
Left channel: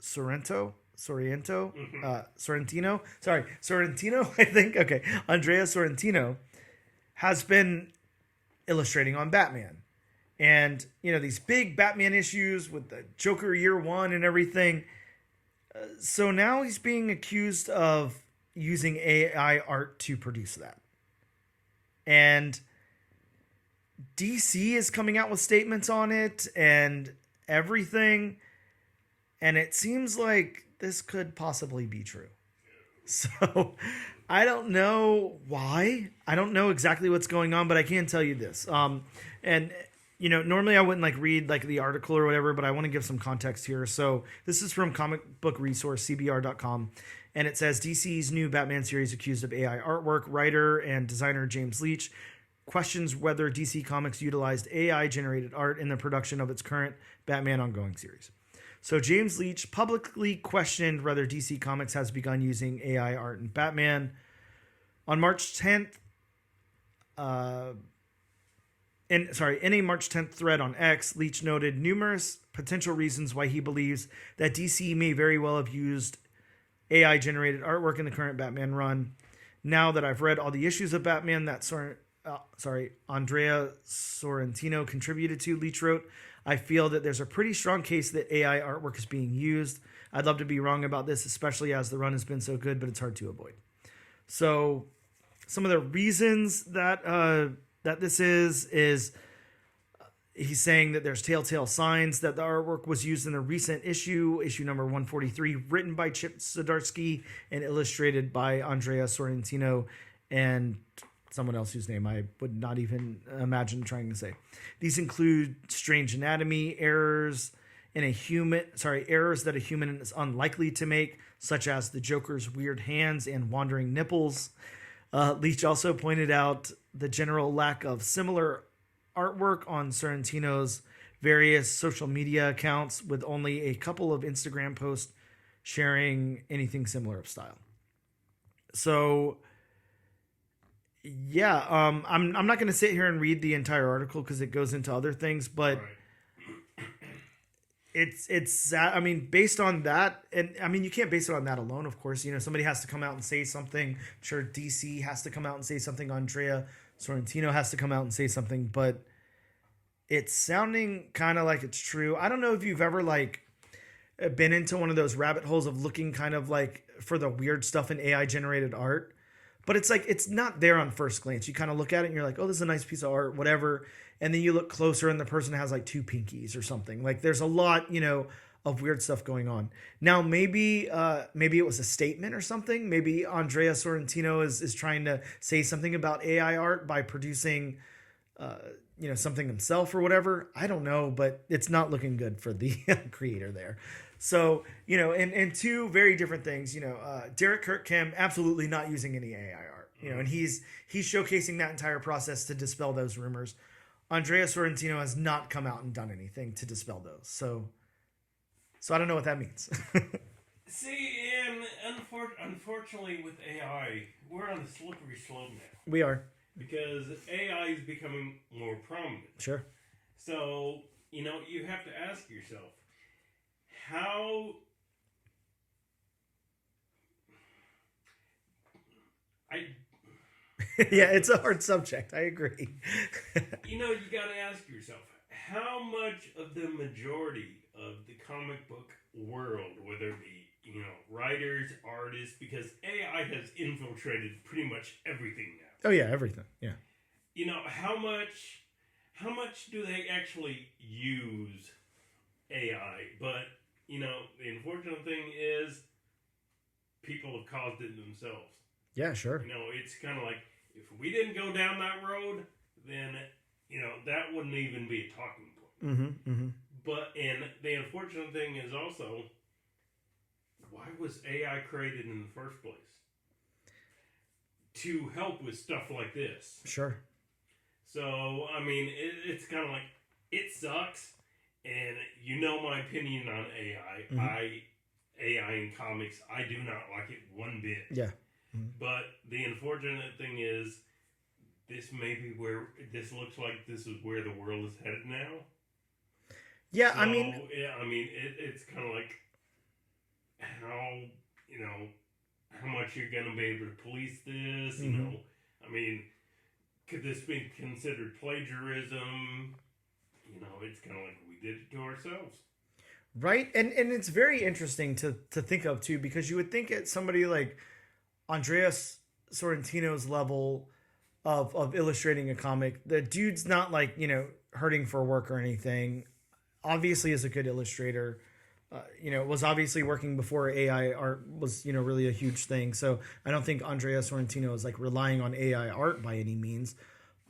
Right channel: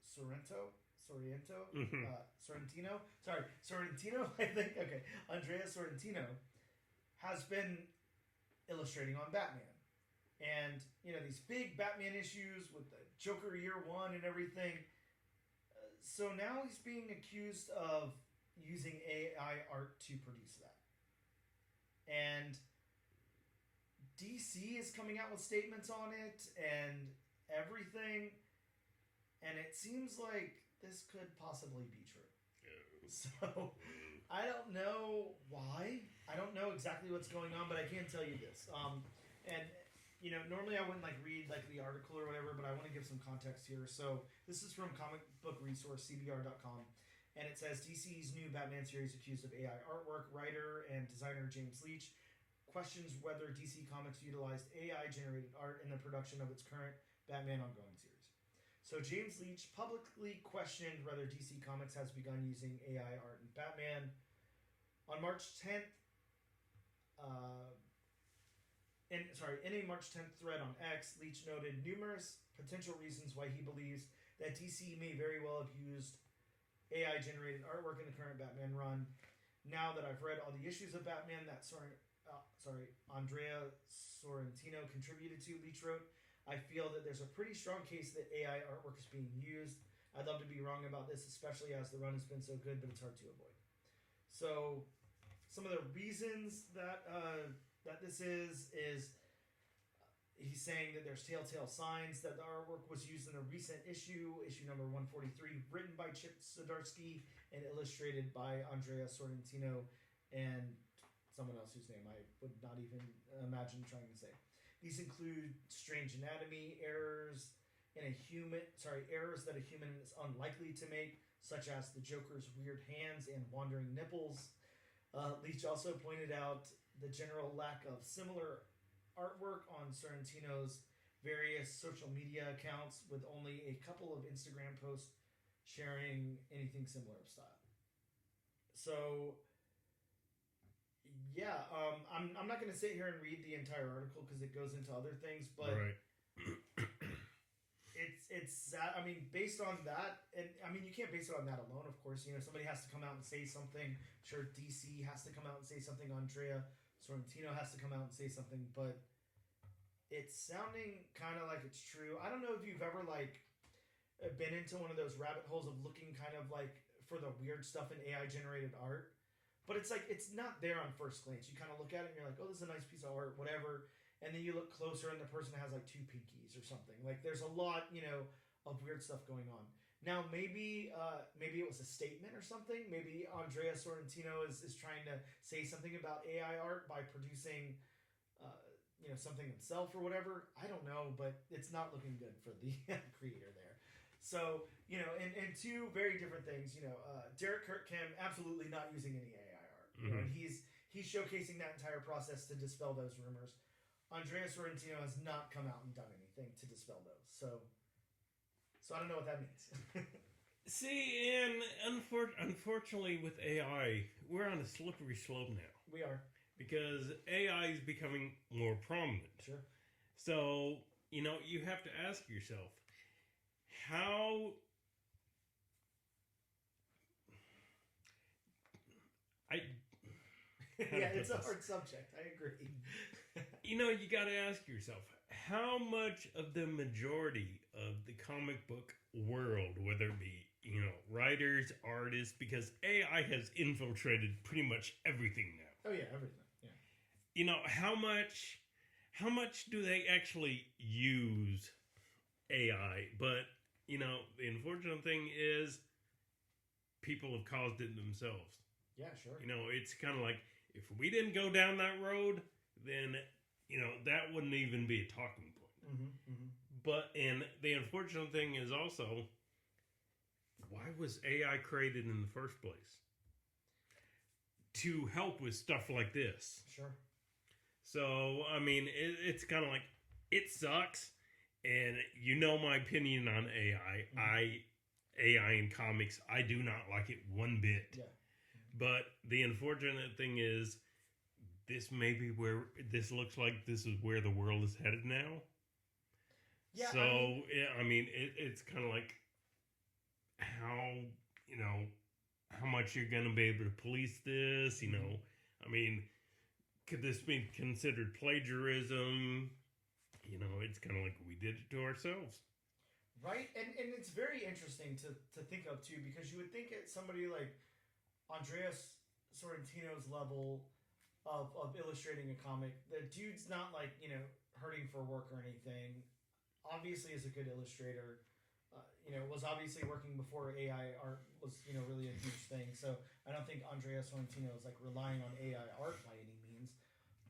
Sorrentino, I think. Okay. Andrea Sorrentino has been illustrating on Batman. And, these big Batman issues with the Joker Year One and everything. So now he's being accused of using AI art to produce that. And DC is coming out with statements on it and everything. And it seems like this could possibly be true. So I don't know why. I don't know exactly what's going on, but I can tell you this. Normally I wouldn't read the article or whatever, but I want to give some context here. So this is from Comic Book Resource, CBR.com. And it says DC's new Batman series accused of AI artwork. Writer and designer James Leach questions whether DC Comics utilized AI-generated art in the production of its current Batman ongoing series. So James Leach publicly questioned whether DC Comics has begun using AI art in Batman. On March 10th, in a March 10th thread on X, Leach noted numerous potential reasons why he believes that DC may very well have used AI-generated artwork in the current Batman run. Now that I've read all the issues of Batman that Andrea Sorrentino contributed to, Leach wrote, I feel that there's a pretty strong case that AI artwork is being used. I'd love to be wrong about this, especially as the run has been so good, but it's hard to avoid. So some of the reasons that this is he's saying that there's telltale signs that the artwork was used in a recent issue number 143, written by Chip Zdarsky and illustrated by Andrea Sorrentino and someone else whose name I would not even imagine trying to say. These include strange anatomy, errors that a human is unlikely to make, such as the Joker's weird hands and wandering nipples. Leach also pointed out the general lack of similar artwork on Sorrentino's various social media accounts, with only a couple of Instagram posts sharing anything similar of style. So yeah, I'm not going to sit here and read the entire article because it goes into other things, but it's based on that, and you can't base it on that alone, of course. Somebody has to come out and say something. I'm sure DC has to come out and say something. Andrea Sorrentino has to come out and say something, but it's sounding kind of like it's true. I don't know if you've ever been into one of those rabbit holes of looking kind of for the weird stuff in AI generated art. But it's not there on first glance. You kind of look at it and you're like, oh, this is a nice piece of art, whatever. And then you look closer and the person has two pinkies or something. There's a lot, of weird stuff going on. Now, maybe it was a statement or something. Maybe Andrea Sorrentino is trying to say something about AI art by producing, something himself or whatever. I don't know, but it's not looking good for the creator there. So, and two very different things, Derek Kirkham absolutely not using any AI art, and he's showcasing that entire process to dispel those rumors. Andrea Sorrentino has not come out and done anything to dispel those. So I don't know what that means. See, and unfortunately with AI, we're on a slippery slope now. We are. Because AI is becoming more prominent. Sure. So, you have to ask yourself, how yeah, it's a hard subject. I agree. You got to ask yourself, how much of the majority of the comic book world, whether it be, writers, artists, because AI has infiltrated pretty much everything now. Oh yeah, everything. Yeah. How much do they actually use AI, but you know, the unfortunate thing is people have caused it themselves. Yeah, sure. You know, it's kind of like if we didn't go down that road, then you know that wouldn't even be a talking point. But and the unfortunate thing is also, why was AI created in the first place? To help with stuff like this. Sure. So I mean, it's kind of like it sucks, and you know my opinion on AI. AI in comics, I do not like it one bit. Yeah. But the unfortunate thing is, this may be where this looks like this is where the world is headed now. Yeah, so, I mean, it's kind of like how how much you're going to be able to police this. You know, I mean, could this be considered plagiarism? You know, it's kind of like we did it to ourselves. Right, and it's very interesting to think of too, because you would think at somebody like Andreas Sorrentino's level of illustrating a comic, the dude's not like, you know, hurting for work or anything. Obviously is a good illustrator. You know, was obviously working before AI art was, you know, really a huge thing. So I don't think Andreas Sorrentino is like relying on AI art by any means.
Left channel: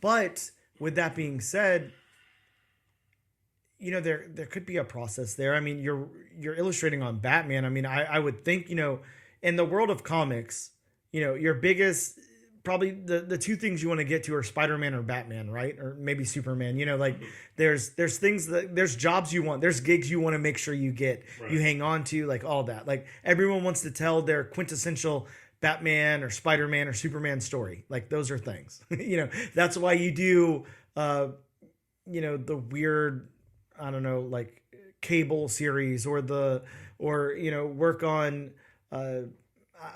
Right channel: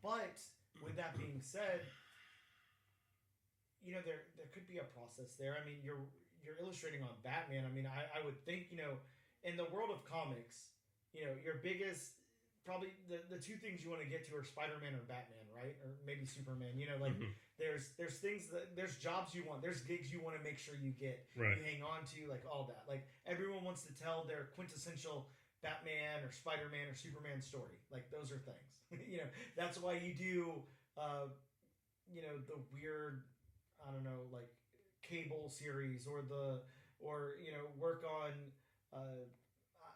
But with that being said, you know, there could be a process there. I mean, you're illustrating on Batman. I mean, I would think, you know, in the world of comics, you know, your biggest, probably the two things you want to get to are Spider-Man or Batman, right? Or maybe Superman. You know, like there's things that there's jobs you want, there's gigs you want to make sure you get, you hang on to, like all that. Like everyone wants to tell their quintessential Batman or Spider-Man or Superman story. Like those are things. You know, that's why you do you know, the weird, I don't know, like cable series or you know, work on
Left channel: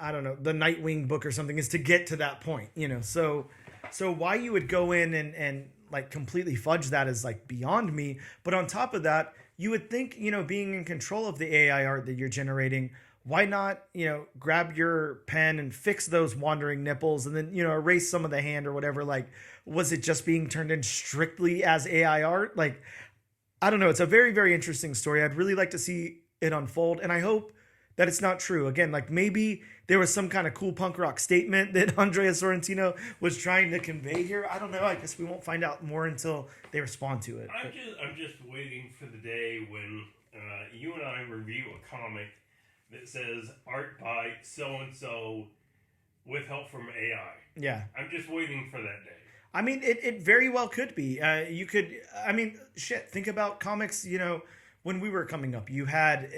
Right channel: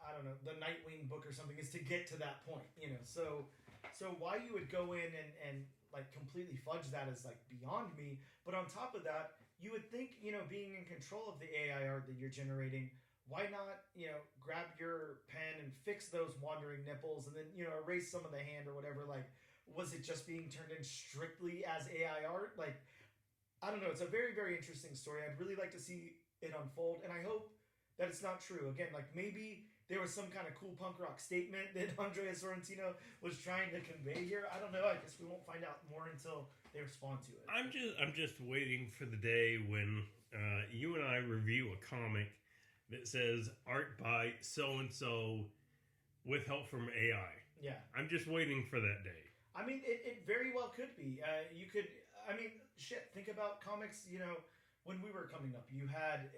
I don't know, the Nightwing book or something, is to get to that point, you know. So why you would go in and like completely fudge that is like beyond me. But on top of that, you would think, you know, being in control of the AI art that you're generating, why not, you know, grab your pen and fix those wandering nipples and then, you know, erase some of the hand or whatever. Like, was it just being turned in strictly as AI art? Like, I don't know. It's a very, very interesting story. I'd really like to see it unfold. And I hope that it's not true. Again, like maybe there was some kind of cool punk rock statement that Andreas Sorrentino was trying to convey here. I don't know. I guess we won't find out more until they respond to it. I'm just waiting for the day when you and I review a comic that says art by so-and-so with help from AI. Yeah. I'm just waiting for that day. I mean, it very well could be. You could, I mean, shit, think about comics, you know, when we were coming up. You had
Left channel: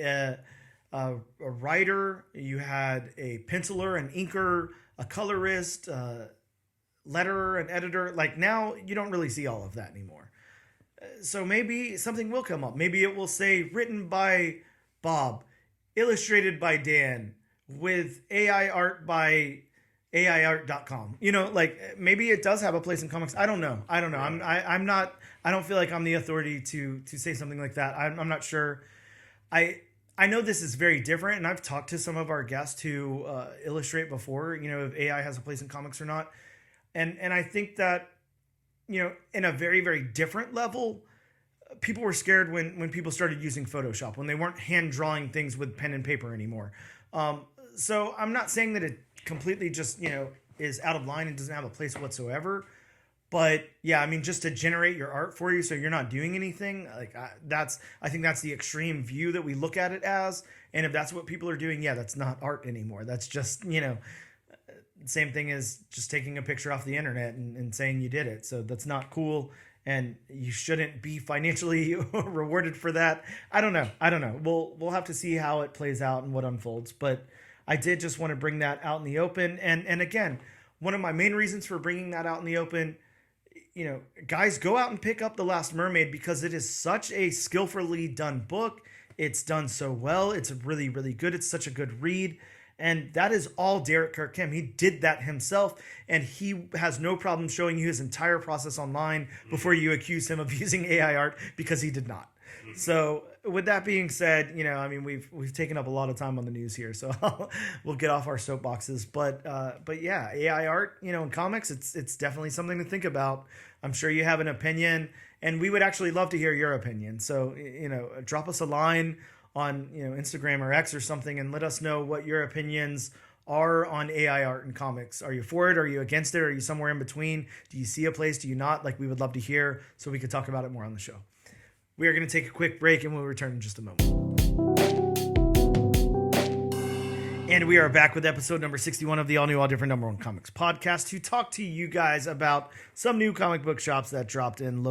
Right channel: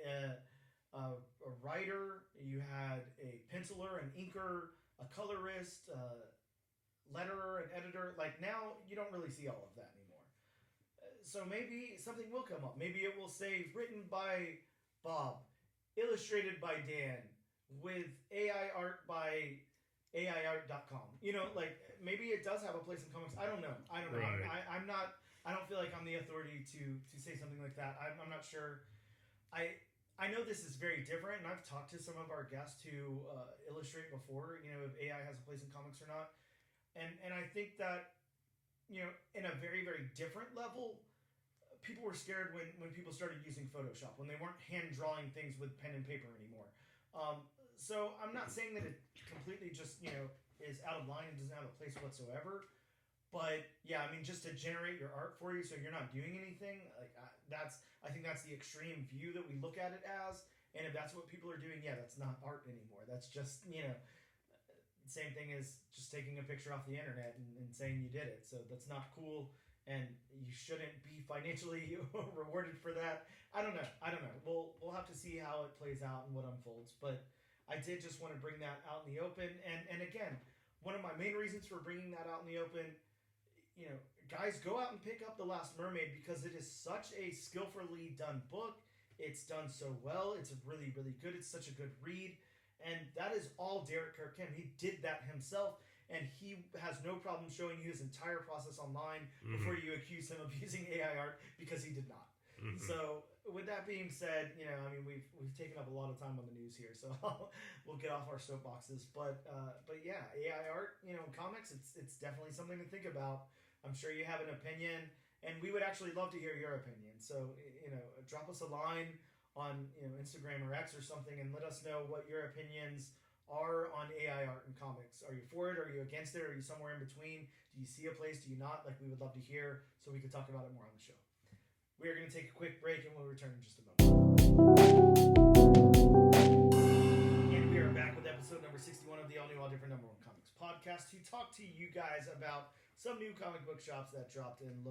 a writer, you had a penciler, an inker, a colorist, letterer, an editor. Like now, you don't really see all of that anymore. So maybe something will come up. Maybe it will say written by Bob, illustrated by Dan, with AI art by AIart.com. You know, like maybe it does have a place in comics. I don't know. Right. I'm not. I don't feel like I'm the authority to say something like that. I'm not sure. I know this is very different, and I've talked to some of our guests who illustrate before, you know, if AI has a place in comics or not. And I think that, you know, in a very, very different level, people were scared when people started using Photoshop, when they weren't hand drawing things with pen and paper anymore. So I'm not saying that it completely just, you know, is out of line and doesn't have a place whatsoever. But yeah, I mean, just to generate your art for you so you're not doing anything, like I think that's the extreme view that we look at it as. And if that's what people are doing, yeah, that's not art anymore. That's just, you know, same thing as just taking a picture off the internet and saying you did it. So that's not cool, and you shouldn't be financially rewarded for that. I don't know. We'll have to see how it plays out and what unfolds. But I did just want to bring that out in the open. And again, one of my main reasons for bringing that out in the open, you know, guys, go out and pick up The Last Mermaid, because it is such a skillfully done book. It's done so well. It's really, really good. It's such a good read. And that is all Derek Kirk Kim. He did that himself, and he has no problem showing you his entire process online before you accuse him of using AI art, because he did not. So with that being said, I mean, we've taken up a lot of time on the news here, so we'll get off our soapboxes. But yeah, AI art, in comics, it's definitely something to think about. I'm sure you have an opinion, and we would actually love to hear your opinion. So drop us a line on Instagram or X or something, and let us know what your opinions are on AI art and comics. Are you for it? Are you against it? Are you somewhere in between? Do you see a place? Do you not? Like, we would love to hear, so we could talk about it more on the show. We are going to take a quick break, and we'll return in just a moment. And we are back with episode number 61 of the all new, all different number one comics podcast to talk to you guys about some new comic book shops that dropped in.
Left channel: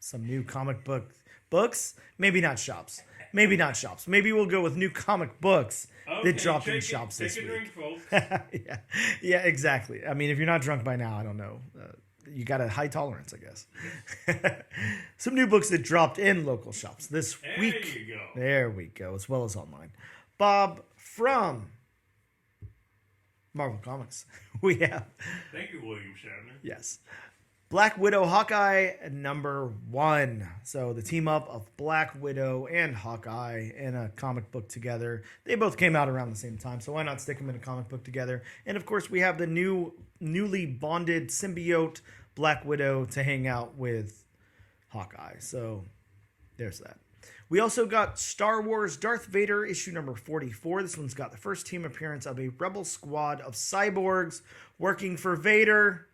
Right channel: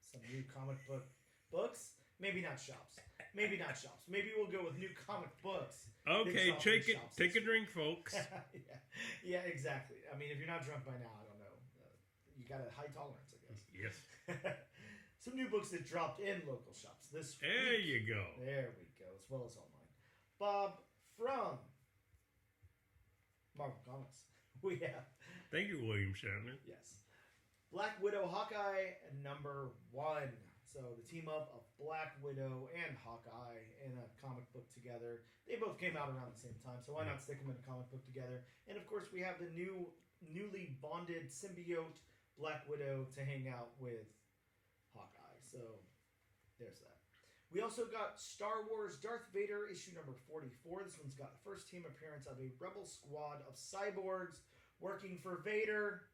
Some new comic books. Maybe not shops. Maybe we'll go with new comic books that dropped in shops this week. Take a drink, folks. Yeah, exactly. I mean, if you're not drunk by now, I don't know. You got a high tolerance, I guess. Some new books that dropped in local shops this week. There you go. There we go, as well as online. Bob, from Marvel Comics, we have... Thank you, William Shatner. Yes. Black Widow Hawkeye #1. So the team up of Black Widow and Hawkeye in a comic book together. They both came out around the same time, so why not stick them in a comic book together? And of course, we have the newly bonded symbiote Black Widow to hang out with Hawkeye. So there's that. We also got Star Wars Darth Vader issue number 44. This one's got the first team appearance of a rebel squad of cyborgs working for Vader.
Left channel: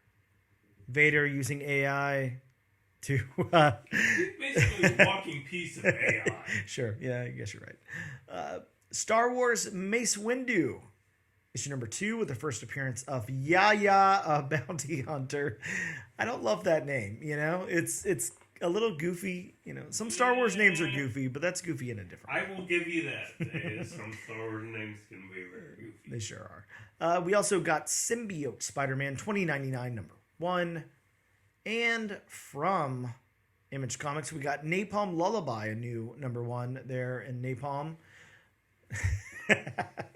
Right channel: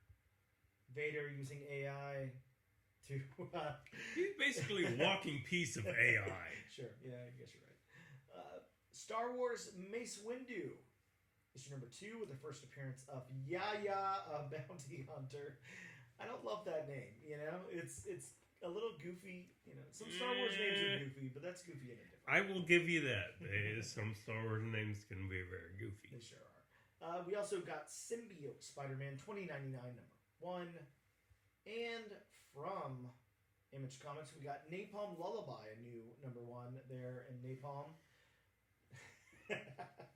Vader using AI to... Basically a walking piece of AI. Sure, yeah, I guess you're right. Star Wars Mace Windu, issue number 2, with the first appearance of Yaya, a bounty hunter. I don't love that name, It's a little goofy, Some Star Wars names are goofy, but that's goofy in a different way. I will give you that. Some Star Wars names can be very goofy. They sure are. We also got Symbiote Spider-Man 2099 number 1. And from Image Comics, we got Napalm Lullaby, a new number 1 there in Napalm.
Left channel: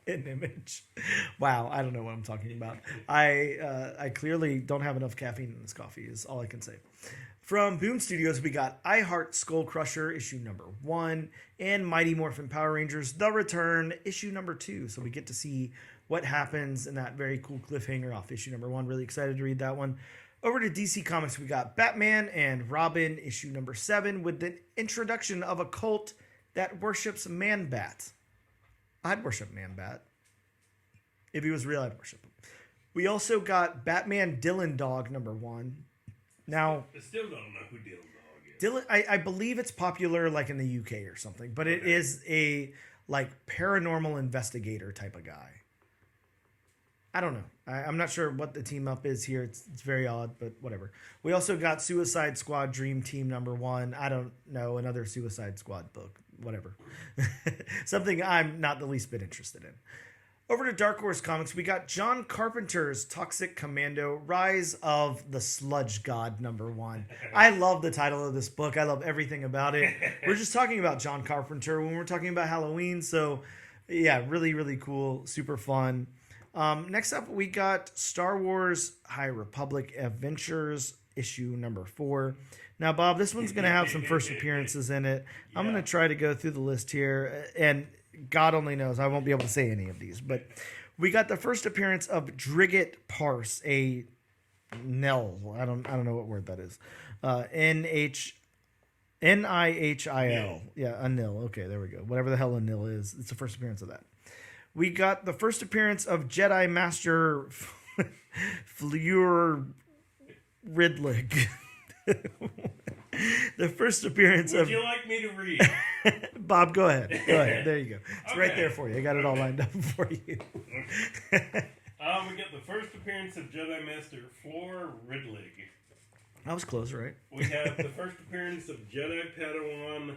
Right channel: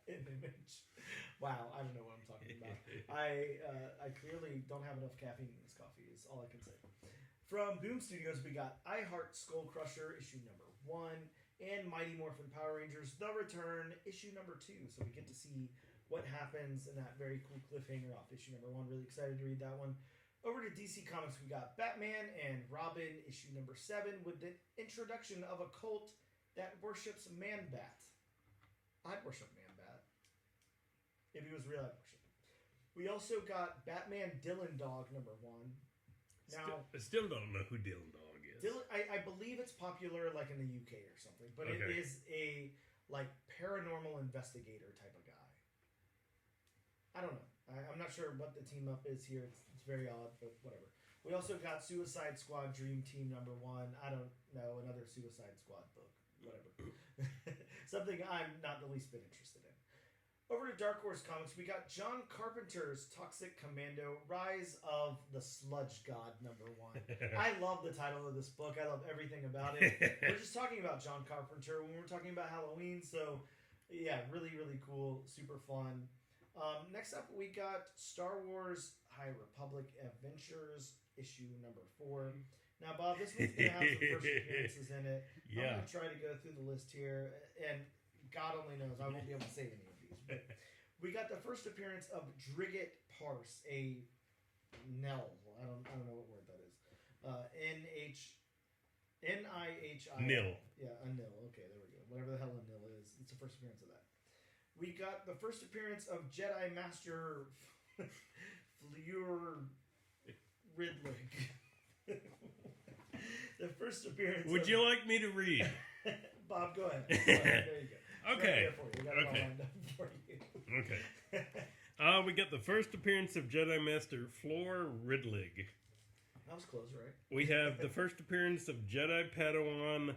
In Image. Wow, I don't know what I'm talking about. I clearly don't have enough caffeine in this coffee, is all I can say. From Boom Studios, we got I Heart Skull Crusher, issue number 1, and Mighty Morphin Power Rangers The Return, issue number 2. So we get to see what happens in that very cool cliffhanger off issue number 1. Really excited to read that one. Over to DC Comics, we got Batman and Robin, issue number 7, with the introduction of a cult that worships Man-Bat. I'd worship Man-Bat. If he was real, I'd worship him. We also got Batman Dylan Dog number 1. Now, I still don't know who Dylan Dog is. I believe it's popular like in the UK or something, but it is a like paranormal investigator type of guy. I don't know. I'm not sure what the team up is here. It's very odd, but whatever. We also got Suicide Squad Dream Team number 1. I don't know, another Suicide Squad book. Whatever. Something I'm not the least bit interested in. Over to Dark Horse Comics, we got John Carpenter's Toxic Commando, Rise of the Sludge God number 1. I love the title of this book. I love everything about it. We're just talking about John Carpenter when we're talking about Halloween. So yeah, really, really cool. Super fun. Next up, we got Star Wars High Republic Adventures, issue number 4. Now, Bob, this one's going to have some first appearances in it. Yeah. I'm going to try to go through the list here, and God only knows I won't be able to say any of these. But we got the first appearance of Drigget Parse, a Nil. I don't know what word that is. Nihil. Yeah, a Nil. Okay, there we go. Whatever the hell a Nil is, it's the first appearance of that. We got the first appearance of Jedi Master Fleur Ridlig. The first appearance Would you like me to read? Bob, go ahead. There you go. It's right there for you. I got it all lined up for you. Okay. We got the first appearance of Jedi Master Fleur Ridlig. I was close, right? We have the first appearance of Jedi Padawan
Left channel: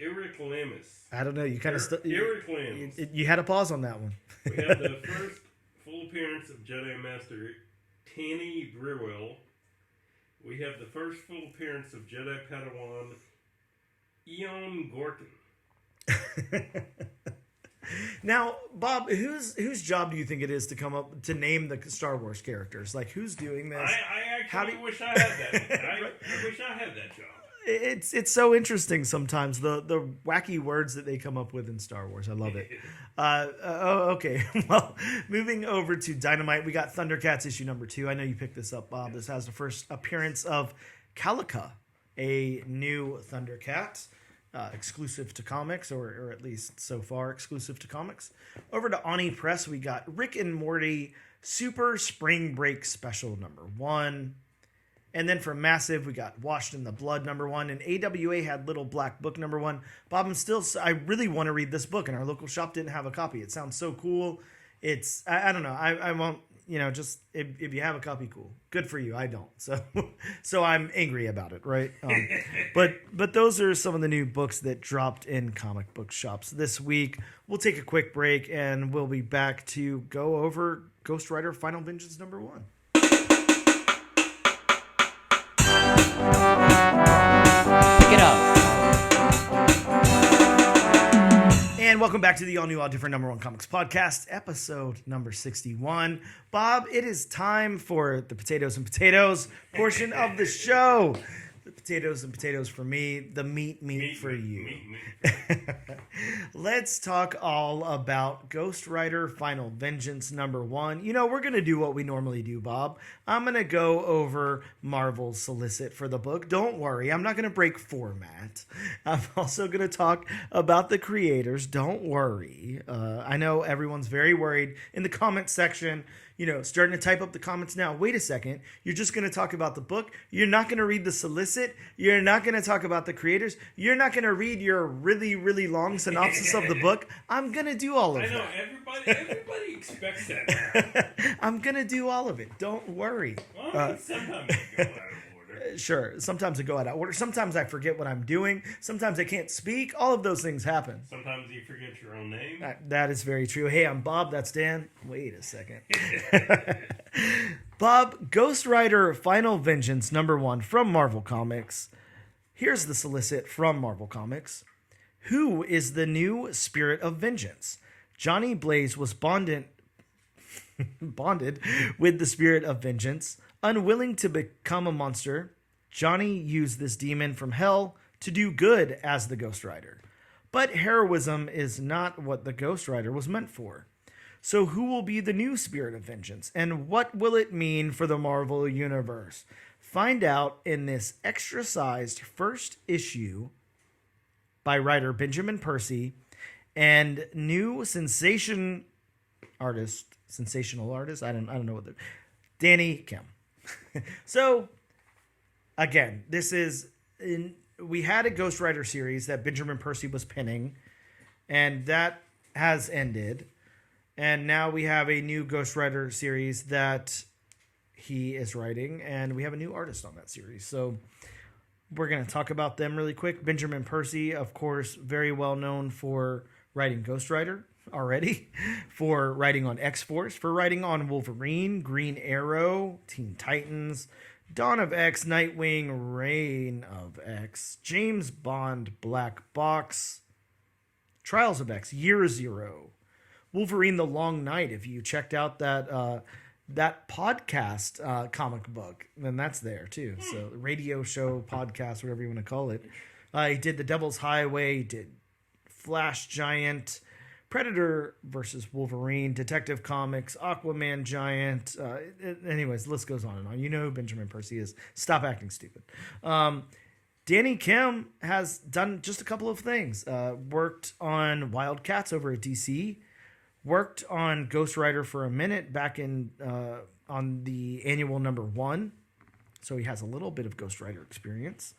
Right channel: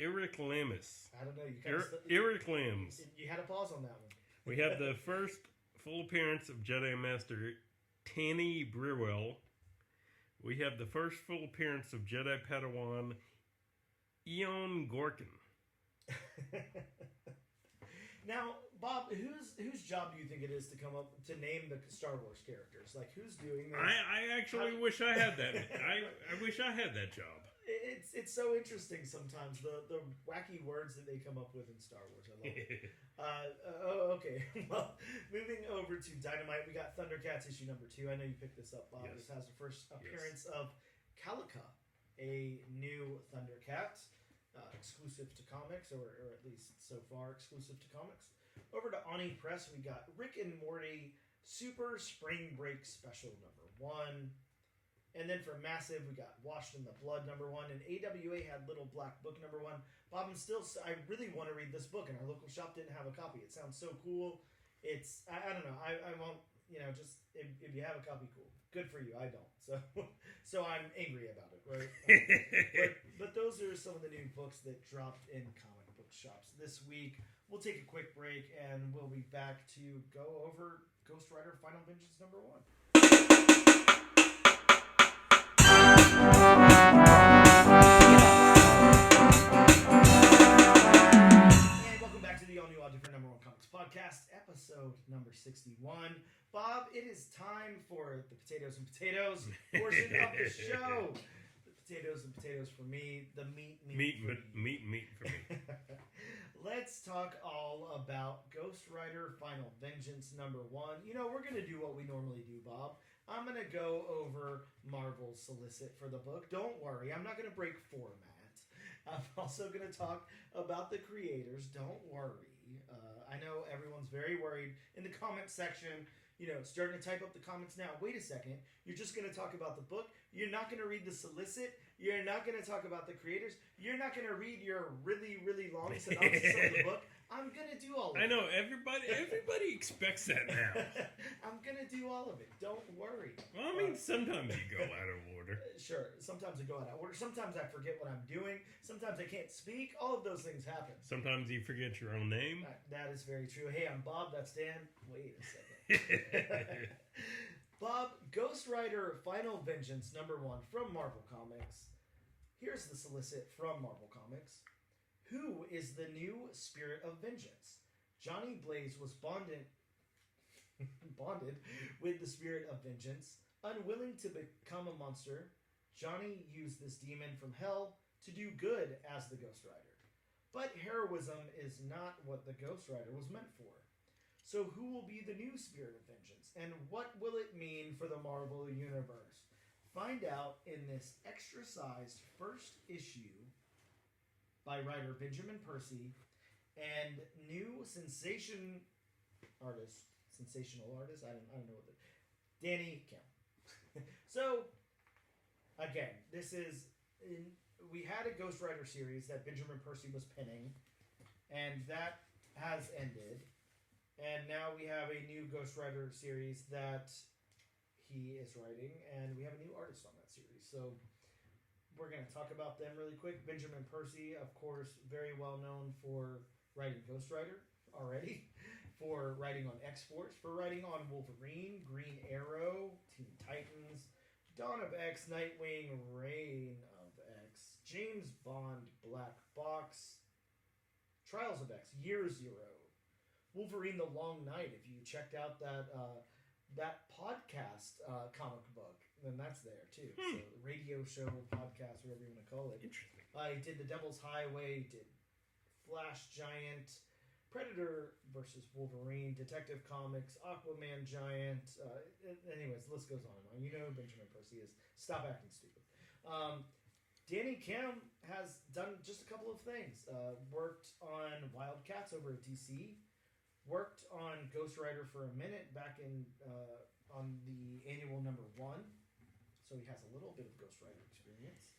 Eric Lamis. I don't know. You kind of Eric Lamis. You had a pause on that one. We have the first full appearance of Jedi Master Tanny Brewell. We have the first full appearance of Jedi Padawan Eon Gorkin. Now, Bob, whose job do you think it is to come up to name the Star Wars characters? Like, who's doing this? I actually wish I had that. I wish I had that job. It's so interesting sometimes, the wacky words that they come up with in Star Wars. I love it. Okay. Well, moving over to Dynamite, we got Thundercats issue number 2. I know you picked this up, Bob. Yes. This has the first appearance of Calica, a new Thundercat, exclusive to comics, or at least so far exclusive to comics. Over to Oni Press, we got Rick and Morty Super Spring Break Special number 1. And then for Massive, we got Washed in the Blood number 1, and AWA had Little Black Book number 1. Bob, I really want to read this book, and our local shop didn't have a copy. It sounds so cool. I don't know. I won't, just if you have a copy, cool. Good for you. I don't. So I'm angry about it, right? But those are some of the new books that dropped in comic book shops this week. We'll take a quick break, and we'll be back to go over Ghost Rider Final Vengeance number 1. Get up. And welcome back to the all new, all different number 1 comics podcast, episode number 61. Bob, it is time for the potatoes and potatoes portion of the show. The potatoes and potatoes for me, the meat for you. Meat for me. Let's talk all about Ghost Rider Final Vengeance number 1. We're going to do what we normally do, Bob. I'm going to go over Marvel's solicit for the book. Don't worry, I'm not going to break format. I'm also going to talk about the creators. Don't worry. I know everyone's very worried in the comment section. Starting to type up the comments now. Wait a second. You're just going to talk about the book. You're not going to read the solicit. You're not going to talk about the creators. You're not going to read your really, really long synopsis of the book. I'm going to do all of that. I know. Everybody expects that now. I'm going to do all of it. Don't worry. Well, sometimes you go out of order. Sure. Sometimes I go out of order. Sometimes I forget what I'm doing. Sometimes I can't speak. All of those things happen. Sometimes you forget your own name. That is very true. Hey, I'm Bob. That's Dan. Wait a second. Bob, Ghost Rider Final Vengeance number 1 from Marvel Comics. Here's the solicit from Marvel Comics. Who is the new Spirit of Vengeance? Johnny Blaze was bonded with the Spirit of Vengeance. Unwilling to become a monster, Johnny used this demon from hell to do good as the Ghost Rider. But heroism is not what the Ghost Rider was meant for. So who will be the new Spirit of Vengeance, and what will it mean for the Marvel Universe? Find out in this extra-sized first issue by writer Benjamin Percy and new sensational artist, I don't know what Danny Kim. So, again, we had a Ghost Rider series that Benjamin Percy was penning, and that has ended. And now we have a new Ghost Rider series that he is writing, and we have a new artist on that series. So we're going to talk about them really quick. Benjamin Percy, of course, very well known for writing Ghost Rider already, for writing on X-Force, for writing on Wolverine, Green Arrow, Teen Titans, Dawn of X, Nightwing, Reign of X, James Bond, Black Box, Trials of X, Year Zero, Wolverine the Long Night. If you checked out that podcast comic book, then that's there too. So radio show, podcast, whatever you want to call it. He did The Devil's Highway, he did Flash Giant, Predator versus Wolverine, Detective Comics, Aquaman Giant. Anyways, the list goes on and on. You know who Benjamin Percy is. Stop acting stupid. Danny Kim has done just a couple of things. Worked on Wildcats over at DC. Worked on Ghost Rider for a minute back in on the annual number 1. So he has a little bit of Ghost Rider experience.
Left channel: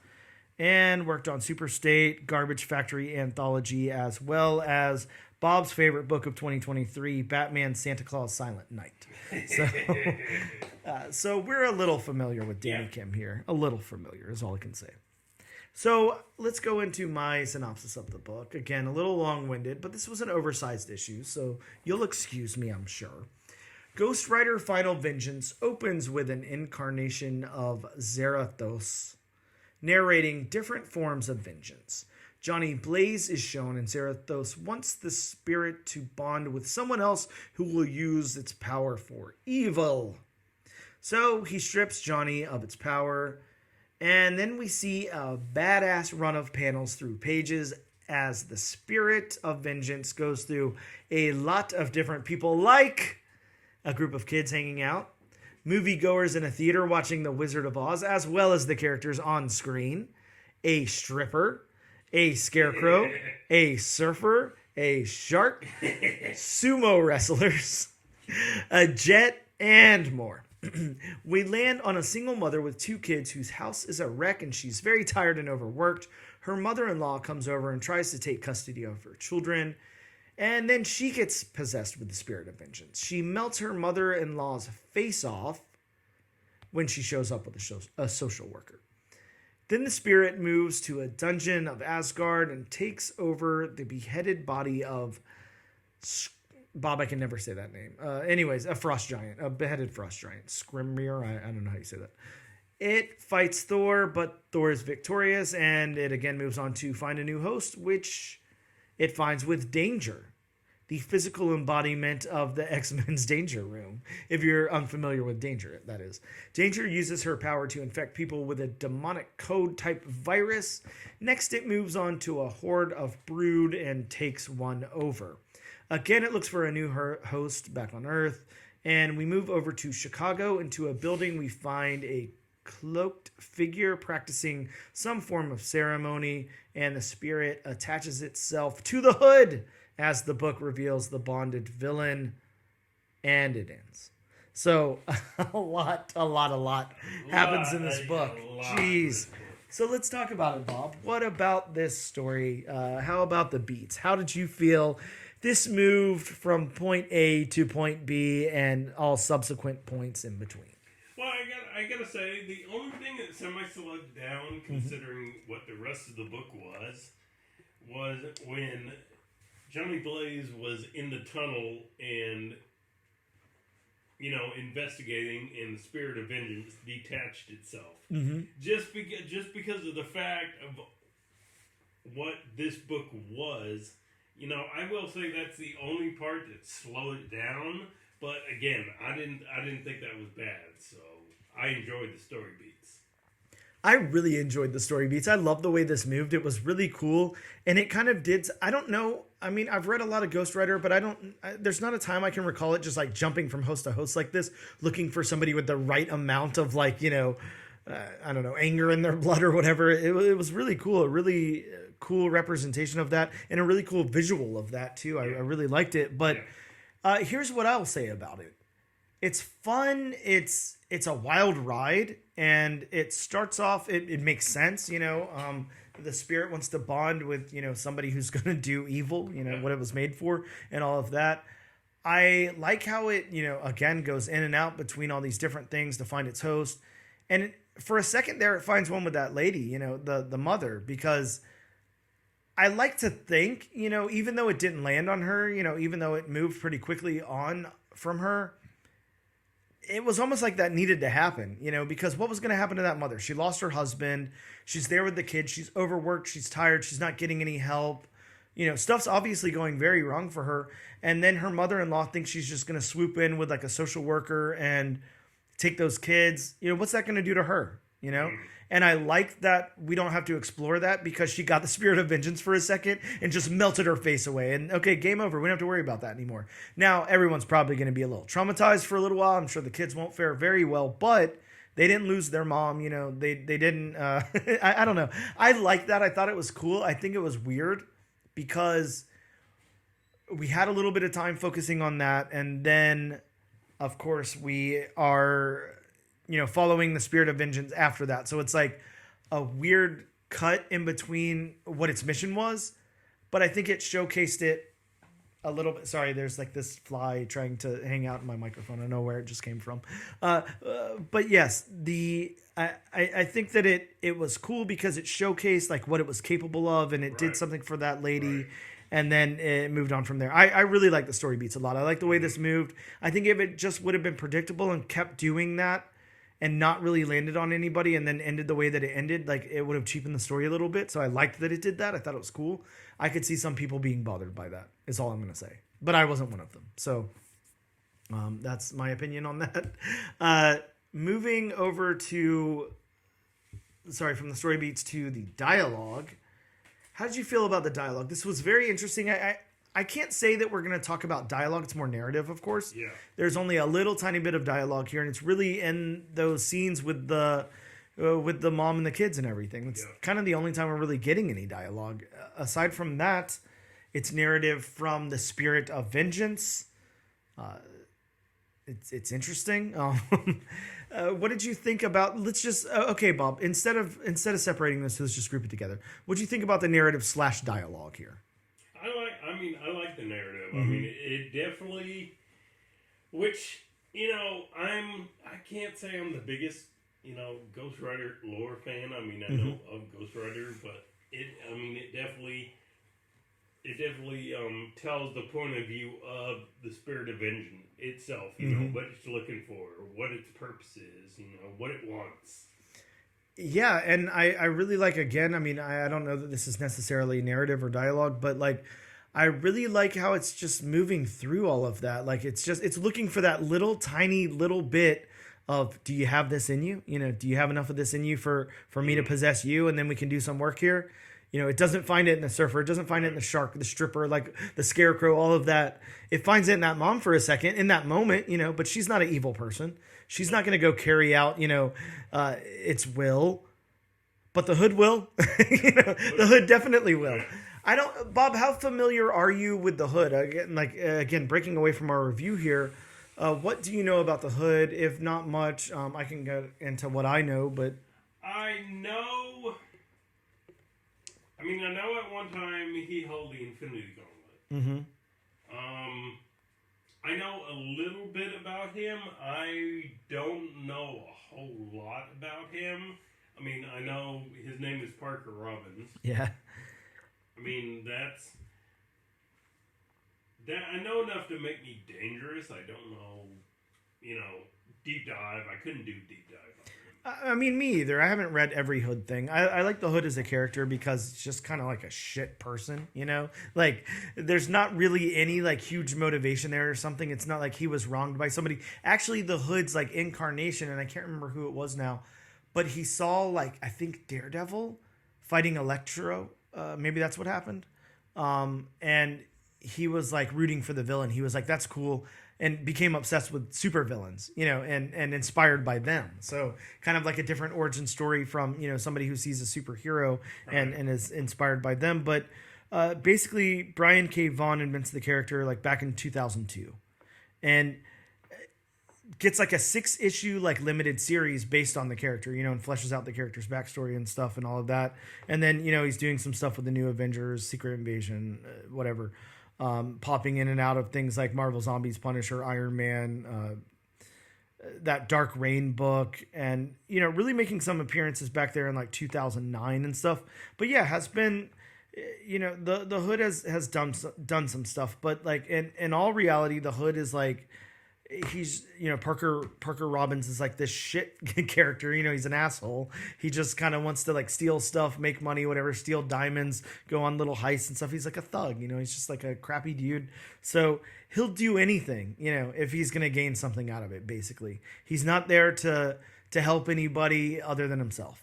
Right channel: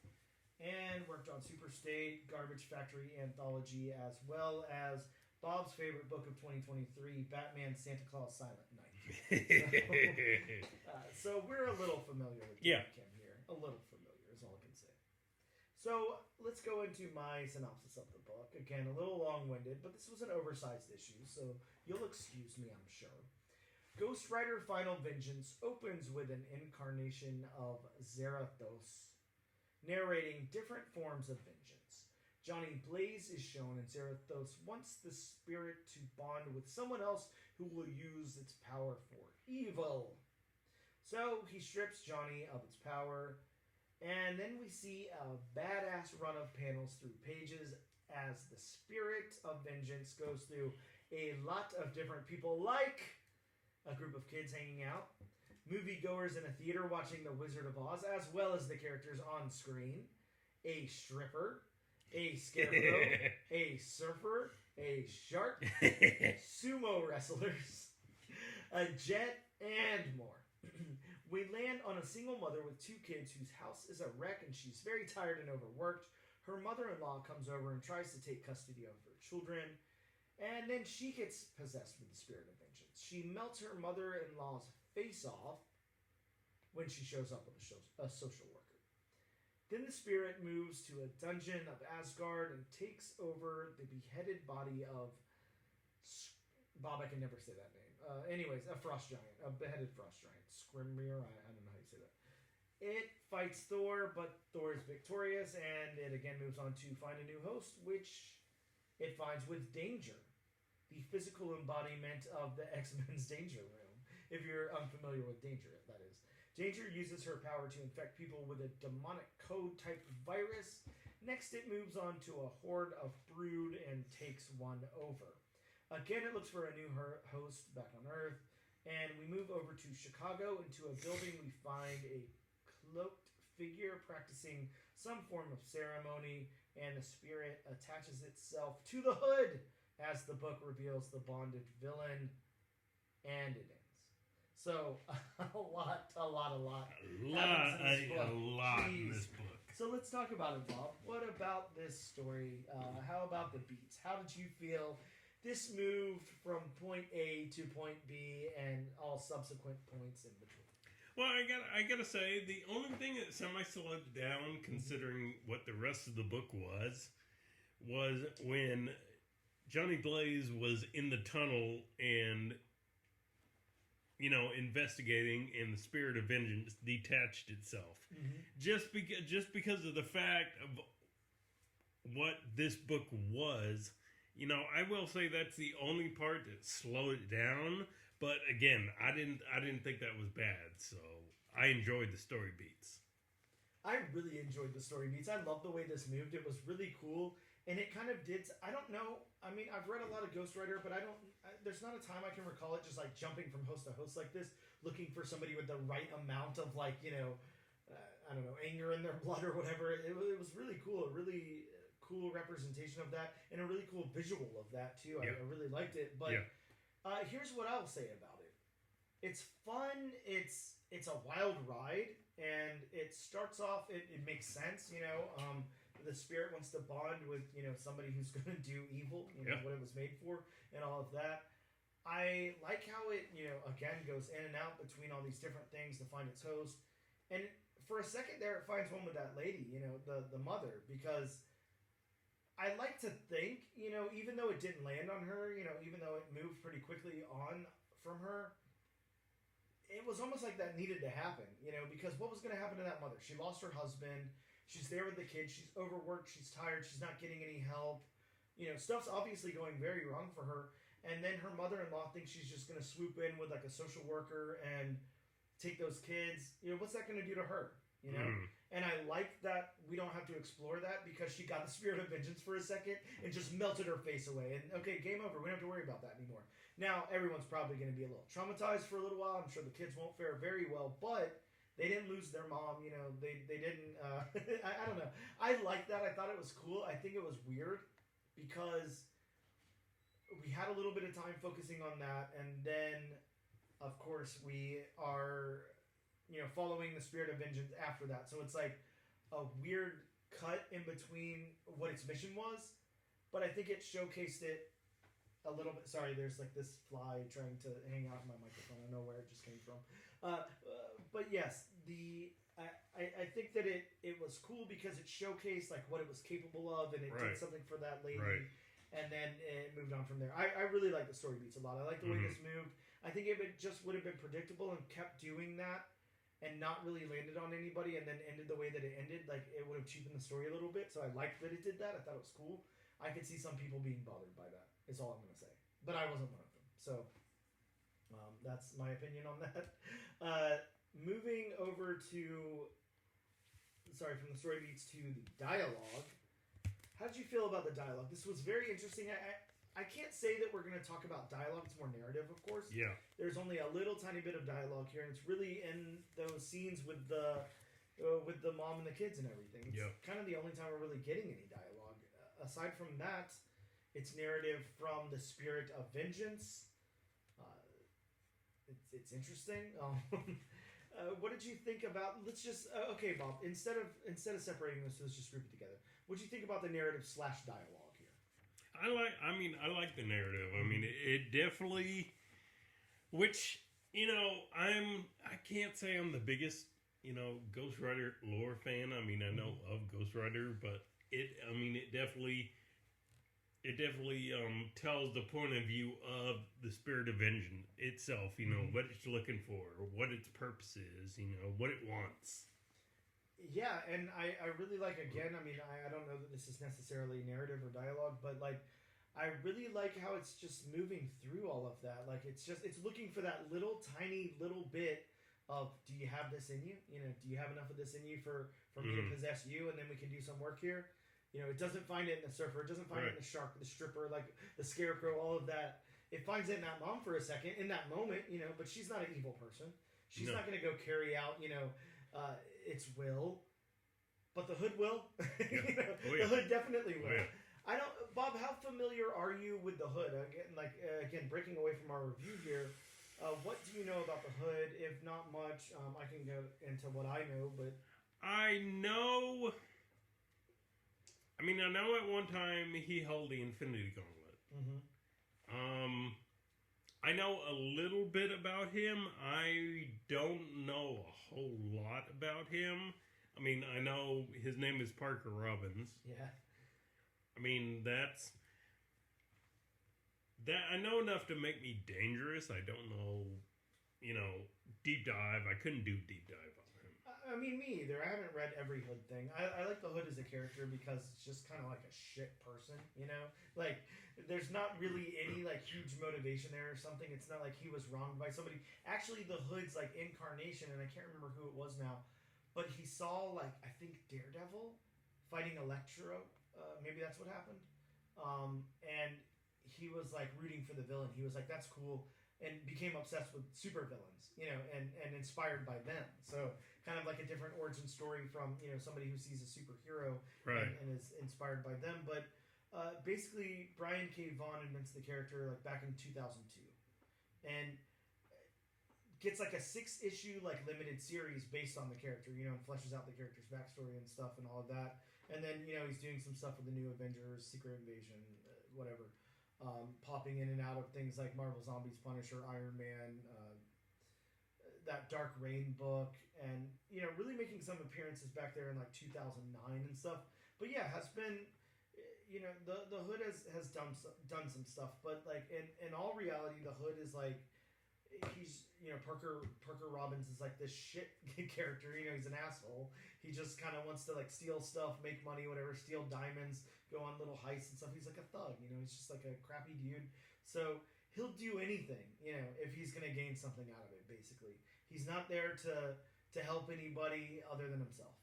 And worked on Super State, Garbage Factory Anthology, as well as Bob's favorite book of 2023, Batman Santa Claus Silent Night. So we're a little familiar with Danny Kim here. A little familiar is all I can say. So let's go into my synopsis of the book. Again, a little long-winded, but this was an oversized issue, so you'll excuse me, I'm sure. Ghost Rider Final Vengeance opens with an incarnation of Zarathos, narrating different forms of vengeance. Johnny Blaze is shown, and Zarathos wants the spirit to bond with someone else who will use its power for evil. So he strips Johnny of its power, And then we see a badass run of panels through pages as the spirit of vengeance goes through a lot of different people, like a group of kids hanging out, moviegoers in a theater watching The Wizard of Oz, as well as the characters on screen, a stripper, a scarecrow, a surfer, a shark, sumo wrestlers, a jet, and more. We land on a single mother with 2 kids whose house is a wreck and she's very tired and overworked. Her mother-in-law comes over and tries to take custody of her children, and then she gets possessed with the spirit of vengeance. She melts her mother-in-law's face off when she shows up with a social worker. Then the spirit moves to a dungeon of Asgard and takes over the beheaded body of Bob, I can never say that name. Anyways, a frost giant, a beheaded frost giant. Skrimir, I don't know how you say that. It fights Thor, but Thor is victorious, and it again moves on to find a new host, which it finds with Danger, the physical embodiment of the X-Men's Danger Room. If you're unfamiliar with Danger, that is. Danger uses her power to infect people with a demonic code-type virus. Next, it moves on to a horde of brood and takes one over. Again, it looks for a new host back on Earth, and we move over to Chicago. Into a building, we find a cloaked figure practicing some form of ceremony, and the spirit attaches itself to the hood as the book reveals the bonded villain, and it ends. So a lot happens in this book. Jeez. So let's talk about it, Bob. What about this story? How about the beats? How did you feel this moved from point A to point B and all subsequent points in between? Well, I gotta say, the only thing that semi-slowed down, considering what the rest of the book was when Johnny Blaze was in the tunnel and, investigating, and the spirit of vengeance detached itself. Mm-hmm. Just because of the fact of what this book was. I will say that's the only part that slowed it down. But again, I didn't think that was bad. So I enjoyed the story beats. I really enjoyed the story beats. I love the way this moved. It was really cool, and it kind of did. I don't know. I mean, I've read a lot of Ghost Rider, but there's not a time I can recall it just like jumping from host to host like this, looking for somebody with the right amount of I don't know, anger in their blood or whatever. It was really cool. A really cool representation of that, and a really cool visual of that too. I really liked it. But here's what I'll say about it. It's fun. It's a wild ride, and it starts off. It makes sense. The spirit wants to bond with somebody who's going to do evil. What it was made for, and all of that. I like how it again goes in and out between all these different things to find its host, and for a second there, it finds one with that lady. The mother, because I like to think even though it didn't land on her, even though it moved pretty quickly on from her. It was almost like that needed to happen, because what was going to happen to that mother? She lost her husband. She's there with the kids. She's overworked. She's tired. She's not getting any help. Stuff's obviously going very wrong for her. And then her mother-in-law thinks she's just going to swoop in with like a social worker and take those kids. What's that going to do to her? And I like that we don't have to explore that because she got the spirit of vengeance for a second and just melted her face away. And okay, game over. We don't have to worry about that anymore. Now, everyone's probably going to be a little traumatized for a little while. I'm sure the kids won't fare very well, but they didn't lose their mom. They didn't. I don't know. I like that. I thought it was cool. I think it was weird because we had a little bit of time focusing on that. And then, of course, we are following the spirit of vengeance after that. So it's like a weird cut in between what its mission was, but I think it showcased it a little bit. Sorry, there's like this fly trying to hang out in my microphone. I don't know where it just came from. But yes, I think that it was cool because it showcased like what it was capable of, and it did something for that lady. Right. And then it moved on from there. I really like the story beats a lot. I like the way this moved. I think if it just would have been predictable and kept doing that, and not really landed on anybody and then ended the way that it ended, like it would have cheapened the story a little bit. So I liked that it did that. I thought it was cool. I could see some people being bothered by that, is all I'm going to say. But I wasn't one of them. So that's my opinion on that. Moving over to from the story beats to the dialogue. How did you feel about the dialogue? This was very interesting. I can't say that we're going to talk about dialogue. It's more narrative, of course. Yeah. There's only a little tiny bit of dialogue here, and it's really in those scenes with the mom and the kids and everything. It's kind of the only time we're really getting any dialogue. Aside from that, it's narrative from the spirit of vengeance. It's interesting. What did you think about? Let's just okay, Bob. Instead of separating this, let's just group it together. What do you think about the narrative / dialogue here? I like the narrative. I mean, it definitely. Which I can't say I'm the biggest Ghost Rider lore fan. I mean, I know of Ghost Rider, but it definitely tells the point of view of the spirit of vengeance itself. You know what it's looking for, what its purpose is. What it wants. Yeah, and I really like, again, I mean, I don't know that this is necessarily narrative or dialogue, but like I really like how it's just moving through all of that. Like it's looking for that tiny little bit of, do you have this in you? Do you have enough of this in you for me to possess you, and then we can do some work here? It doesn't find it in the surfer. It doesn't find it in the shark, the stripper, like the scarecrow, all of that. It finds it in that mom for a second, in that moment, but she's not an evil person. She's not going to go carry out, its will. But the hood will. The hood definitely will. Bob, how familiar are you with the hood? Again, breaking away from our review here, what do you know about the hood? If not much, I can go into what I know, but... I know at one time he held the Infinity Gauntlet. Mm-hmm. I know a little bit about him. I don't know a whole lot about him. I mean, I know his name is Parker Robbins. Yeah. I mean, I know enough to make me dangerous. I don't know, deep dive. I couldn't do deep dive. I mean, me either. I haven't read every Hood thing. I like the Hood as a character because it's just kind of like a shit person, Like, there's not really any, like, huge motivation there or something. It's not like he was wronged by somebody. Actually, the Hood's, like, incarnation, and I can't remember who it was now, but he saw, like, I think Daredevil fighting Electro. Maybe that's what happened. And he was, like, rooting for the villain. He was like, that's cool. And became obsessed with supervillains, and inspired by them. So kind of like a different origin story from, somebody who sees a superhero and is inspired by them. But basically, Brian K. Vaughan invents the character like back in 2002. And gets like a 6-issue like limited series based on the character, and fleshes out the character's backstory and stuff and all of that. And then, he's doing some stuff with the New Avengers, Secret Invasion, whatever. Popping in and out of things like Marvel Zombies, Punisher, Iron Man, that Dark Reign book, and really making some appearances back there in like 2009 and stuff. But yeah, has been, the Hood has done some stuff, but like in all reality, the Hood is like, he's Parker Robbins is like this shit character. He's an asshole. He just kind of wants to like steal stuff, make money, whatever, steal diamonds, go on little heists and stuff. He's like a thug. He's just like a crappy dude. So he'll do anything, if he's gonna gain something out of it. Basically, he's not there to help anybody other than himself.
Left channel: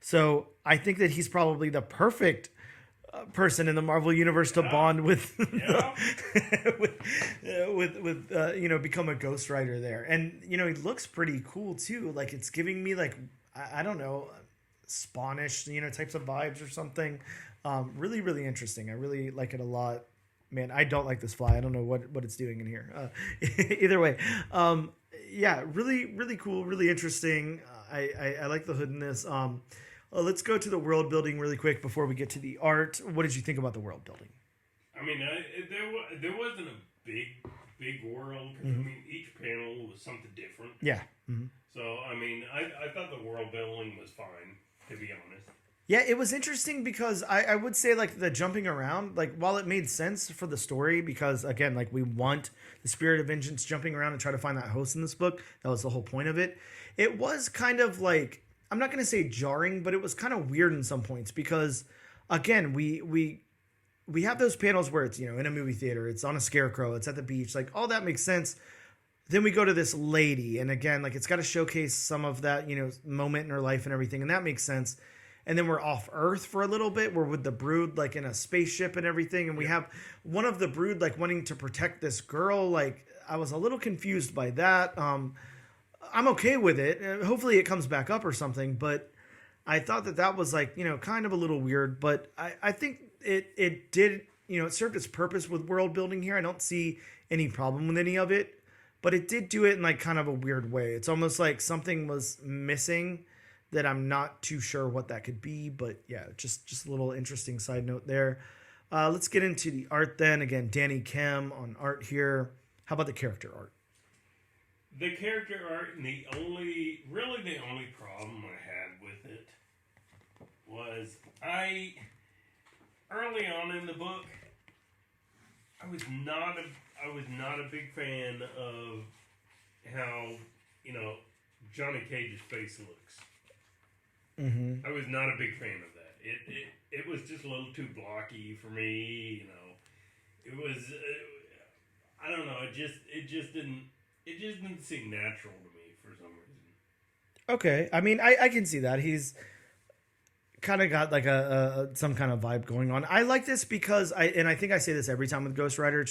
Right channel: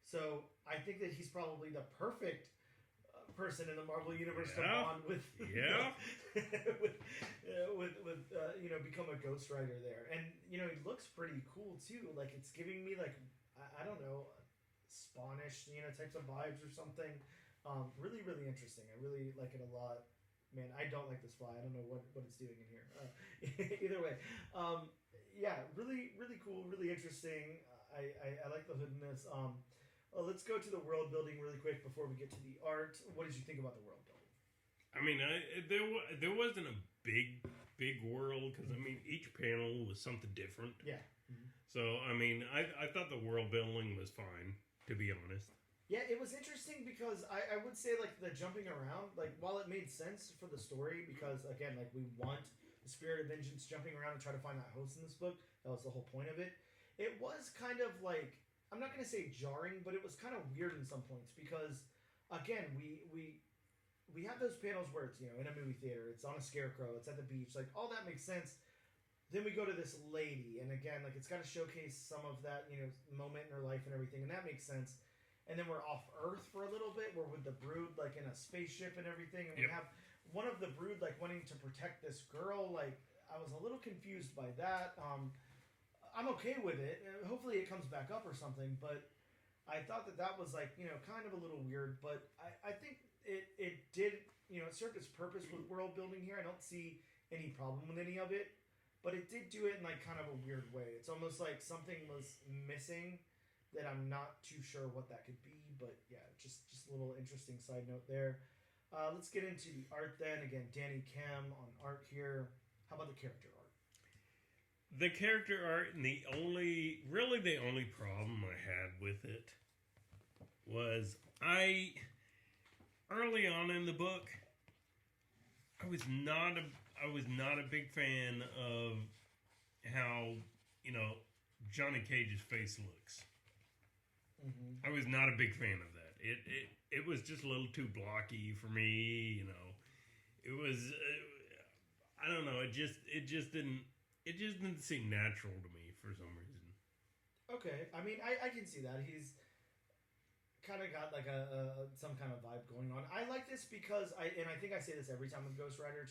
So I think that he's probably the perfect person in the Marvel universe to bond with, with become a Ghost Rider there. And he looks pretty cool too. Like it's giving me like I don't know, Spawnish types of vibes or something. Really, really interesting. I really like it a lot. Man, I don't like this fly. I don't know what it's doing in here. Either way, really, really cool, really interesting. I like the Hood in this. Let's go to the world building really quick before we get to the art. What did you think about the world building? I mean, there wasn't a big world. I mean, each panel was something different. Yeah. So, I mean, I thought the world building was fine, to be honest. Yeah, it was interesting because I would say, like, the jumping around, like, while it made sense for the story, because, again, like, we want the spirit of vengeance jumping around and try to find that host in this book. That was the whole point of it. It was kind of, like, I'm not going to say jarring, but it was kind of weird in some points because, again, we have those panels where it's, in a movie theater, it's on a scarecrow, it's at the beach, like, all that makes sense. then we go to this lady, and again, like it's got to showcase some of that, moment in her life and everything, and that makes sense. And then we're off Earth for a little bit. We're with the Brood, like in a spaceship and everything, and we have one of the Brood like wanting to protect this girl. Like I was a little confused by that. I'm okay with it. Hopefully, it comes back up or something. But I thought that was like kind of a little weird. But I think it did it served its purpose with world building here. I don't see any problem with any of it. But it did do it in like kind of a weird way. It's almost like something was missing that I'm not too sure what that could be. But yeah, just a little interesting side note there. Let's get into the art then. Again, Danny Kim on art here. How about the character art? The character art, and the only problem I had with it was early on in the book, I was not a big fan of how, Johnny Cage's face looks. Mm-hmm. I was not a big fan of that. It was just a little too blocky for me. It was I don't know. It just didn't seem natural to me for some reason. Okay, I mean, I can see that he's kind of got like a some kind of vibe going on. I like this because I think I say this every time with Ghost Rider.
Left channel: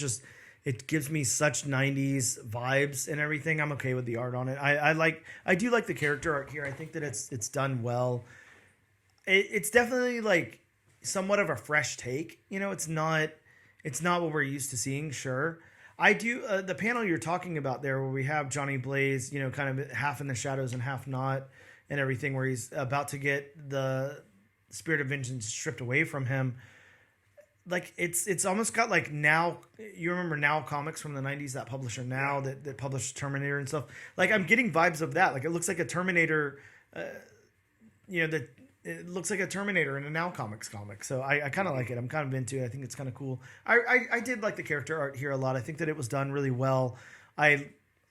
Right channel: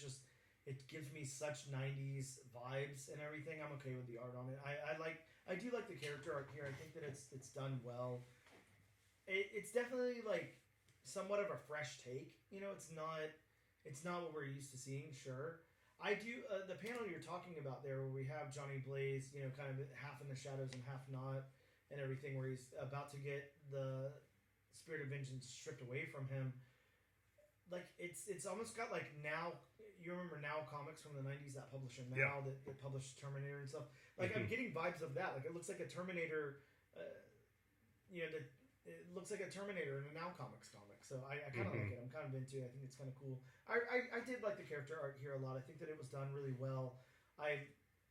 It gives me such 90s vibes and everything. I'm okay with the art on it. I do like the character art here. I think that it's done well. It's definitely like somewhat of a fresh take. It's not what we're used to seeing. Sure. I do the panel you're talking about there where we have Johnny Blaze, kind of half in the shadows and half not and everything, where he's about to get the spirit of vengeance stripped away from him. Like it's almost got like Now, you remember Now Comics from the 90s, that publisher Now that published Terminator and stuff. Like I'm getting vibes of that. Like it looks like a Terminator, that it looks like a Terminator in a Now Comics comic. So I kind of like it. I'm kind of into it. I think it's kind of cool. I did like the character art here a lot. I think that it was done really well.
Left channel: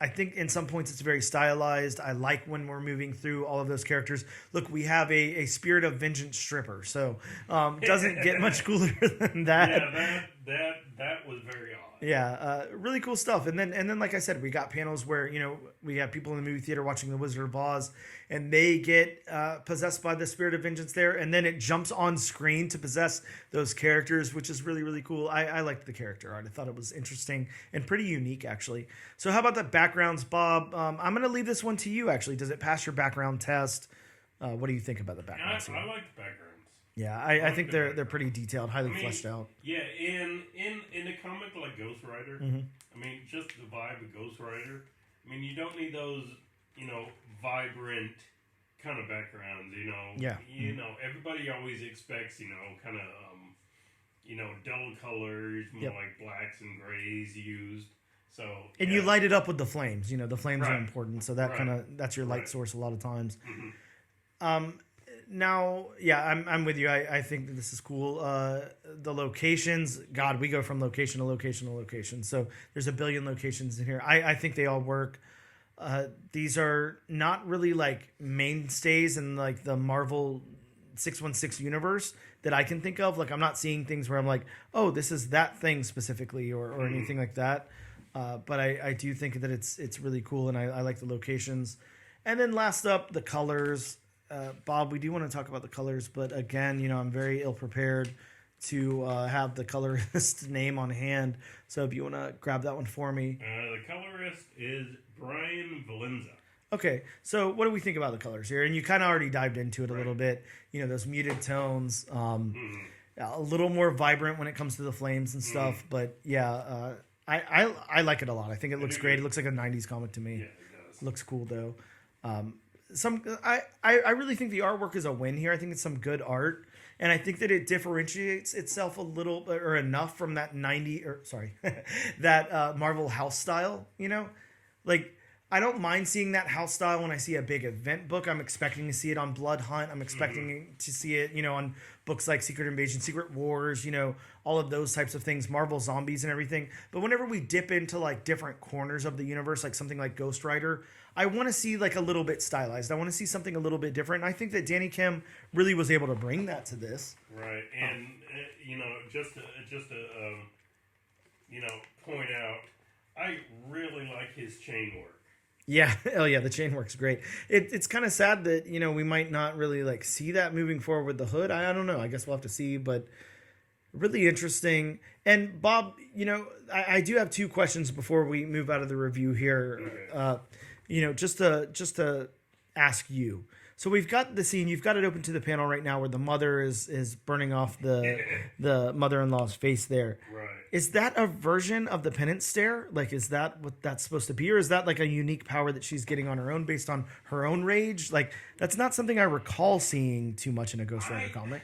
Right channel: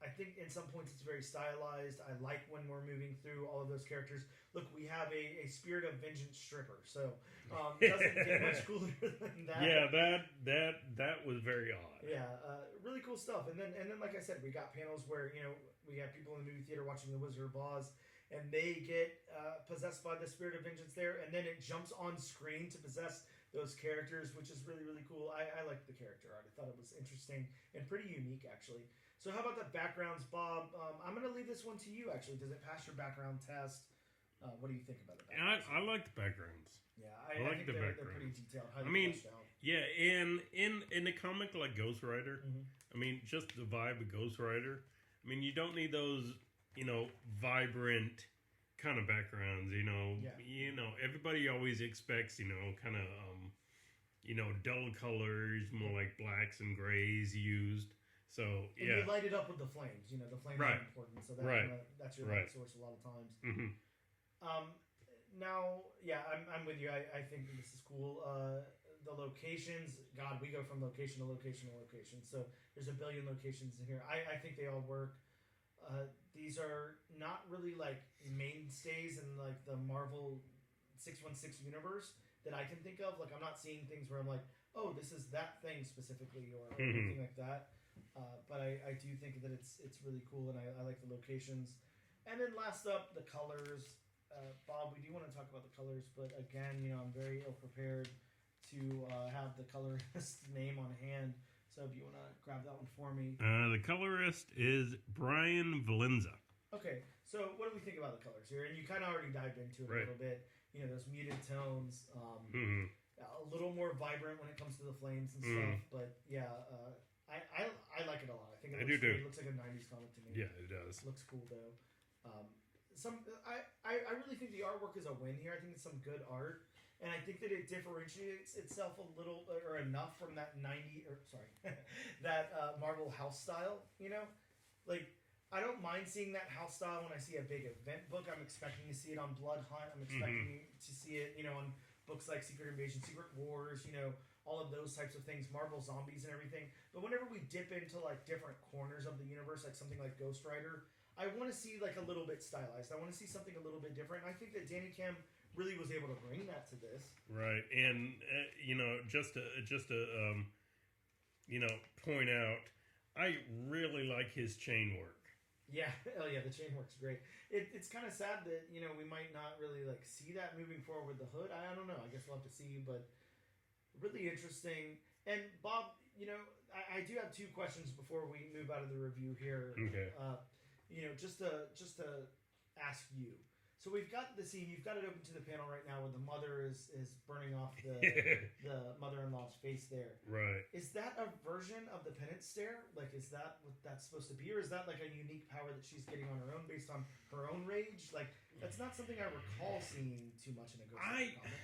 I think in some points it's very stylized. I like when we're moving through all of those characters. Look, we have a Spirit of Vengeance stripper, so doesn't get much cooler than that. Yeah, that was very odd. Yeah, really cool stuff. And then like I said, we got panels where we have people in the movie theater watching The Wizard of Oz, and they get possessed by the Spirit of Vengeance there, and then it jumps on screen to possess those characters, which is really, really cool. I liked the character art. I thought it was interesting and pretty unique, actually. So how about the backgrounds, Bob? I'm going to leave this one to you, actually. Does it pass your background test? What do you think about the backgrounds? I like the backgrounds. Yeah, I think they're pretty detailed, highly fleshed out. Yeah, in a comic like Ghost Rider, just the vibe of Ghost Rider. You don't need those, vibrant kind of backgrounds. Yeah. Everybody always expects, kind of, dull colors, more like blacks and grays used. So and you light it up with the flames. The flames are important, so that that's your light source a lot of times. Mm-hmm. Now, I'm with you. I think that this is cool. The locations, God, we go from location to location to location. So there's a billion locations in here. I think they all work. These are not really like mainstays in like the Marvel 616 universe that I can think of. Like I'm not seeing things where I'm like, oh, this is that thing specifically or anything like that. But I do think that it's really cool, and I like the locations. And then last up, the colors. Bob, we do want to talk about the colors, but again, I'm very ill prepared to have the colorist name on hand. So if you want to grab that one for me. The colorist is Brian Valenza. Okay, so what do we think about the colors here? And you kind of already dived into it a little bit. Those muted tones, a little more vibrant when it comes to the flames and stuff. But yeah, I like it a lot. I think it looks great. It looks like a 90s comic to me. Yeah, it does. Looks cool though. I really think the artwork is a win here. I think it's some good art, and I think that it differentiates itself a little or enough from that that Marvel house style. Like I don't mind seeing that house style when I see a big event book. I'm expecting to see it on Blood Hunt. I'm expecting to see it, on books like Secret Invasion, Secret Wars, all of those types of things, Marvel Zombies and everything. But whenever we dip into like different corners of the universe, like something like Ghost Rider, I want to see like a little bit stylized. I want to see something a little bit different. And I think that Danny Kim really was able to bring that to this. Right. And, just to point out, I really like his chain work. Yeah, oh yeah, the chain works great. It's kind of sad that we might not really like see that moving forward with the Hood. I don't know. I guess we'll have to see, but really interesting. And Bob, I do have two questions before we move out of the review here. Okay. Just to ask you. So we've got the scene. You've got it open to the panel right now, where the mother is burning off the mother-in-law's face. There, right? Is that a version of the penance stare? Like, is that what that's supposed to be, or is that like a unique power that she's getting on her own based on her own rage? Like, that's not something I recall seeing too much in a Ghost Rider comic.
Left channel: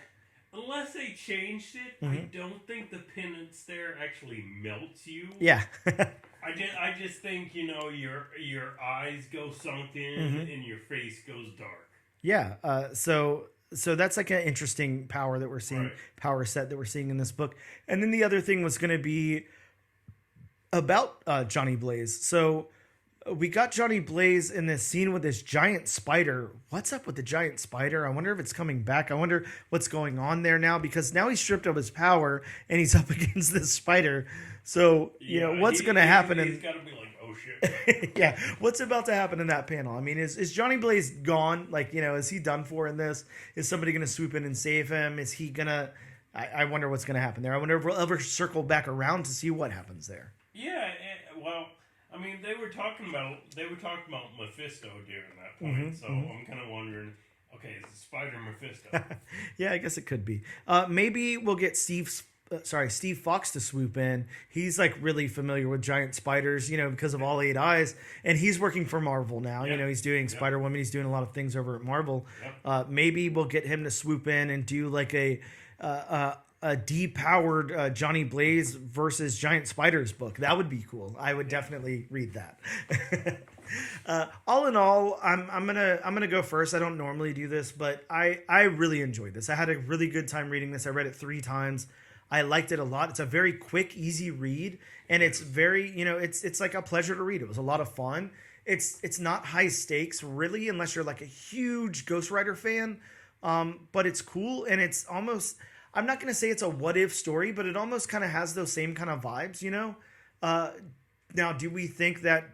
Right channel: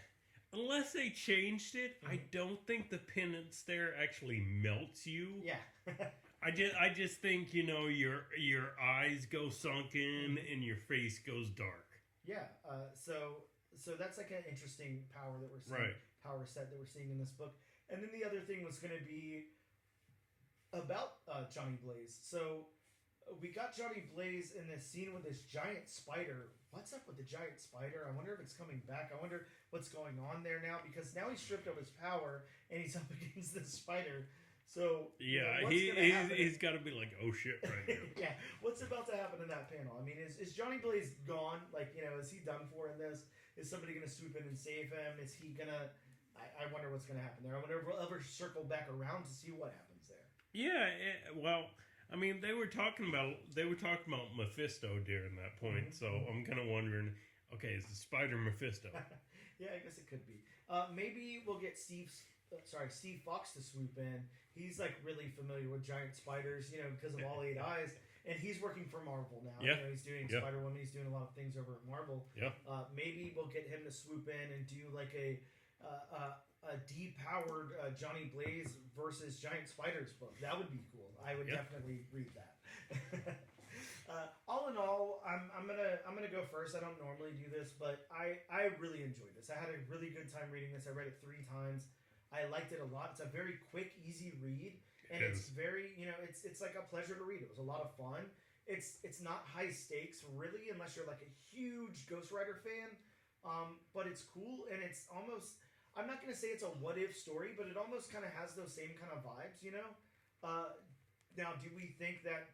Unless they changed it, I don't think the penance stare actually melts you. Yeah. I just think your eyes go sunken and your face goes dark. Yeah. So that's like an interesting power that we're seeing, right. Power set that we're seeing in this book. And then the other thing was going to be about Johnny Blaze. So we got Johnny Blaze in this scene with this giant spider. What's up with the giant spider? I wonder if it's coming back. I wonder what's going on there now, because now he's stripped of his power and he's up against this spider. So, what's going to happen? He's got to be like, oh shit. Right? Yeah. What's about to happen in that panel? I mean, is Johnny Blaze gone? Like, is he done for in this? Is somebody going to swoop in and save him? Is he going to... I wonder what's going to happen there. I wonder if we'll ever circle back around to see what happens there. Yeah. Well... I mean, they were talking about Mephisto during that point, so I'm kind of wondering, okay, is it Spider Mephisto? Yeah, I guess it could be. Maybe we'll get Steve Fox to swoop in. He's like really familiar with giant spiders, because of All 8 Eyes, and he's working for Marvel now. Yep. He's doing Spider-Woman. He's doing a lot of things over at Marvel. Yep. Maybe we'll get him to swoop in and do like a depowered Johnny Blaze versus Giant Spiders book. That would be cool. I would definitely read that. All in all, I'm gonna go first. I don't normally do this, but I really enjoyed this. I had a really good time reading this. I read it 3 times. I liked it a lot. It's a very quick, easy read, and it's very it's like a pleasure to read. It was a lot of fun. It's not high stakes really, unless you're like a huge Ghost Rider fan. But it's cool, and it's almost... I'm not going to say it's a what-if story, but it almost kind of has those same kind of vibes, Now, do we think that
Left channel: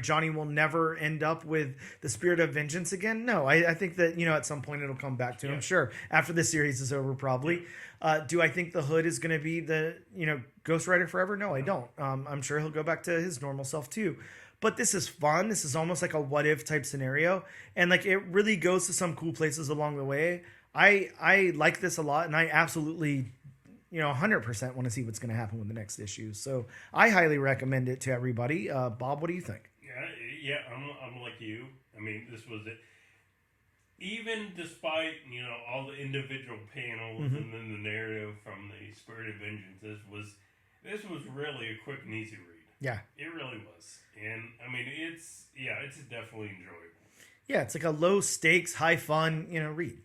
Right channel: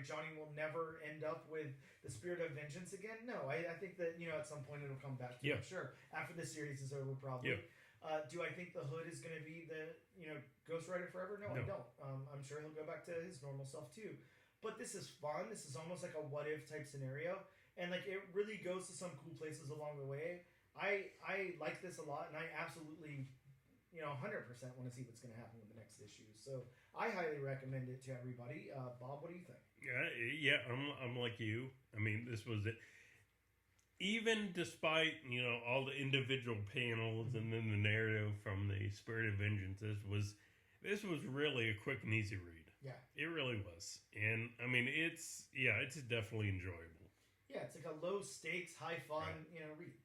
Johnny will never end up with the Spirit of Vengeance again? No, I think that, at some point it'll come back to him. Sure, after this series is over, probably. Yeah. Do I think the Hood is going to be the, Ghost Rider forever? No, I don't. I'm sure he'll go back to his normal self, too. But this is fun. This is almost like a what-if type scenario. And, like, it really goes to some cool places along the way. I like this a lot, and I absolutely, 100% want to see what's going to happen with the next issue. So I highly recommend it to everybody. Bob, what do you think? Yeah, I'm like you. I mean, this was it. Even despite, all the individual panels and then the narrative from the Spirit of Vengeance, this was really a quick and easy read. Yeah. It really was. And, I mean, it's definitely enjoyable. Yeah, it's like a low stakes, high fun, read.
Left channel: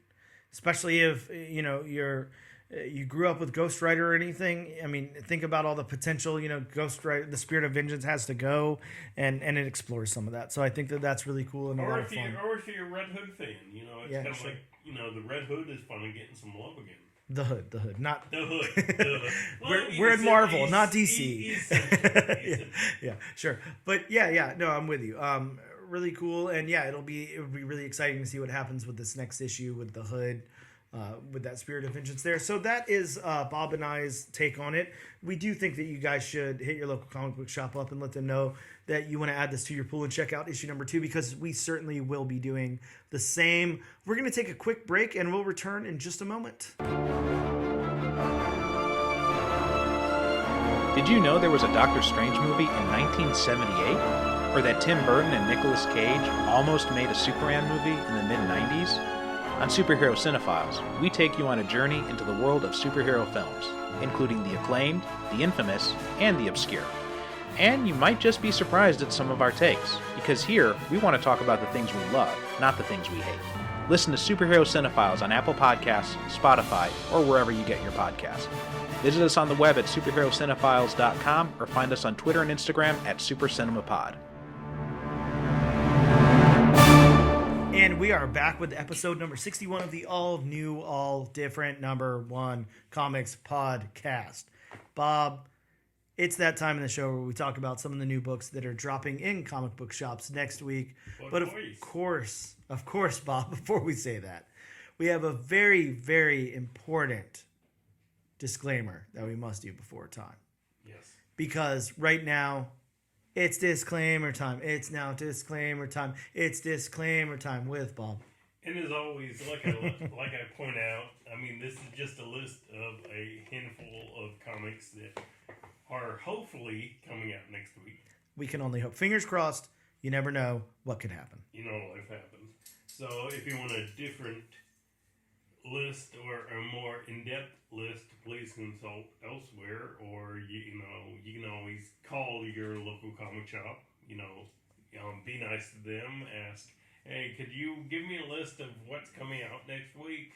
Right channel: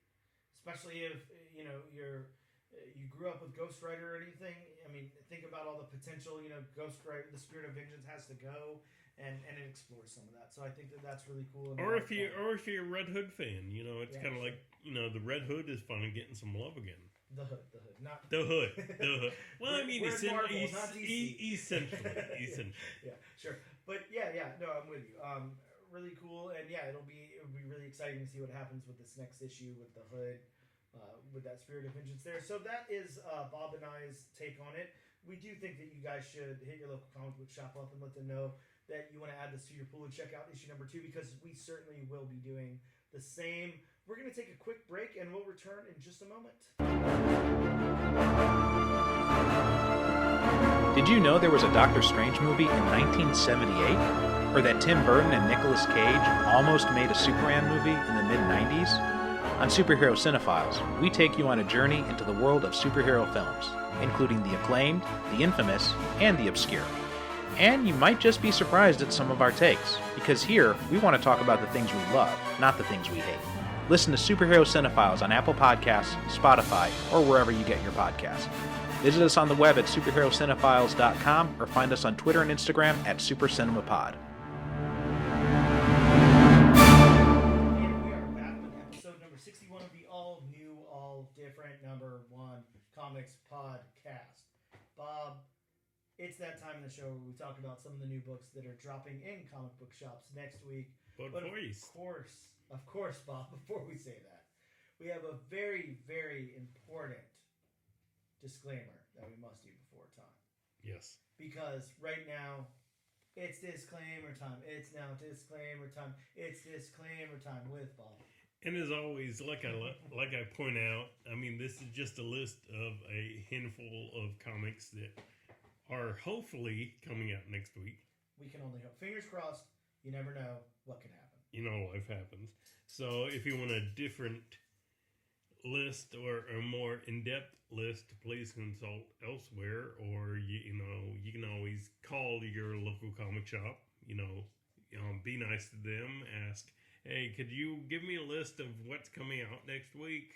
Especially if, you grew up with Ghost Rider or anything. I mean, think about all the potential, Ghost Rider, the Spirit of Vengeance has to go, and it explores some of that. So I think that that's really cool. And or if you're a Red Hood fan, it's kind of like, the Red Hood is finally getting some love again. The Hood, not the Hood. Well, we're in Marvel, not DC. He's central. Yeah, sure. But yeah, no, I'm with you. Really cool, and yeah, it'll be really exciting to see what happens with this next issue with the Hood, with that Spirit of Vengeance there. So that is Bob and I's take on it. We do think that you guys should hit your local comic book shop up and let them know that you want to add this to your pool and check out issue number 2, because we certainly will be doing the same. We're going to take a quick break, and we'll return in just a moment. Did you know there was a Doctor Strange movie in 1978? Or that Tim Burton and Nicolas Cage almost made a Superman movie in the mid-90s? On Superhero Cinephiles, we take you on a journey into the world of superhero films, including the acclaimed, the infamous, and the obscure. And you might just be surprised at some of our takes, because here we want to talk about the things we love, not the things we hate. Listen to Superhero Cinephiles on Apple Podcasts, Spotify, or wherever you get your podcasts. Visit us on the web at superherocinephiles.com or find us on Twitter and Instagram at SuperCinemaPod. And we are back with episode number 61 of the all new, all different number 1 comics podcast. Bob, It's that time in the show where we talk about some of the new books that are dropping in comic book shops next week. But of course, Bob, before we say that, we have a very, very important disclaimer that we must do before time. Yes. Because right now, it's disclaimer time. It's now disclaimer time. It's disclaimer time with Bob. And as always, like I point out, I mean, this is just a list of a handful of comics that are hopefully coming out next week. We can only hope. Fingers crossed. You never know what could happen. You know, life happens. So if you want a different list or a more in-depth list, please consult elsewhere, or you can always call your local comic shop. Be nice to them. Ask, hey, could you give me a list of what's coming out next week?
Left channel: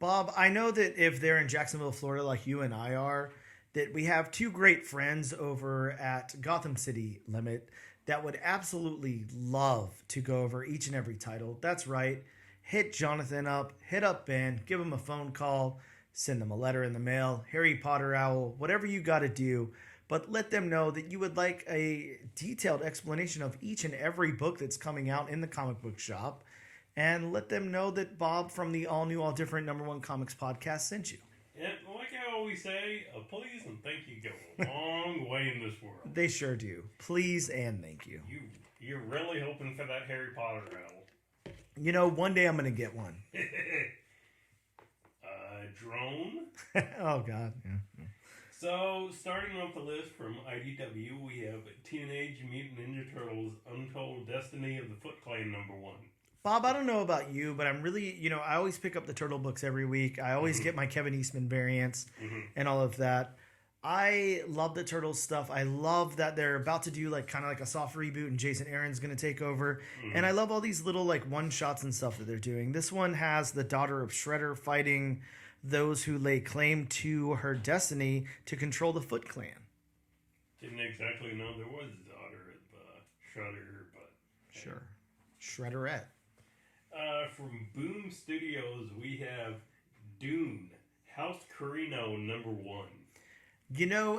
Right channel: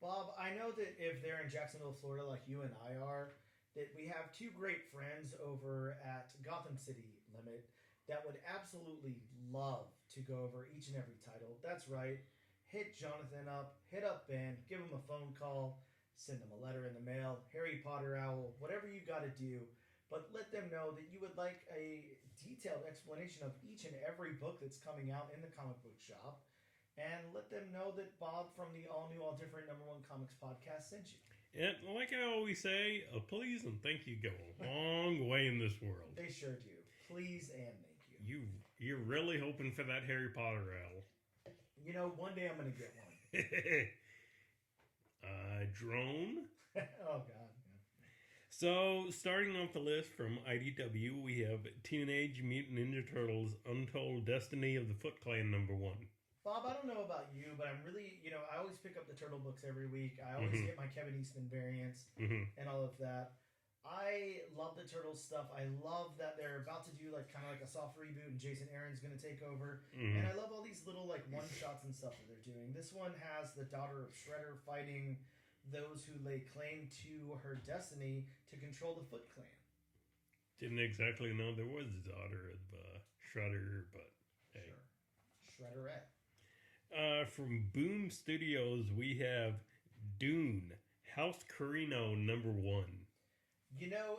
Bob, I know that if they're in Jacksonville, Florida, like you and I are, that we have two great friends over at Gotham City Limit that would absolutely love to go over each and every title. That's right. Hit Jonathan up, hit up Ben, give him a phone call, send them a letter in the mail, Harry Potter Owl, whatever you got to do. But let them know that you would like a detailed explanation of each and every book that's coming out in the comic book shop. And let them know that Bob from the All New, All Different #1 Comics podcast sent you. And like I always say, a please and thank you go a long way in this world. They sure do. Please and thank you. You're really hoping for that Harry Potter owl. One day I'm going to get one. Drone? Oh, God. Yeah. So, starting off the list from IDW, we have Teenage Mutant Ninja Turtles Untold Destiny of the Foot Clan #1. Bob, I don't know about you, but I'm really, I always pick up the Turtle books every week. I always get my Kevin Eastman variants and all of that. I love the Turtles stuff. I love that they're about to do kind of a soft reboot and Jason Aaron's going to take over. And I love all these little one-shots and stuff that they're doing. This one has the daughter of Shredder fighting those who lay claim to her destiny to control the Foot Clan. Didn't exactly know there was a daughter of Shredder, but... Sure. Shredderette. From Boom Studios, we have Dune, House Carino #1.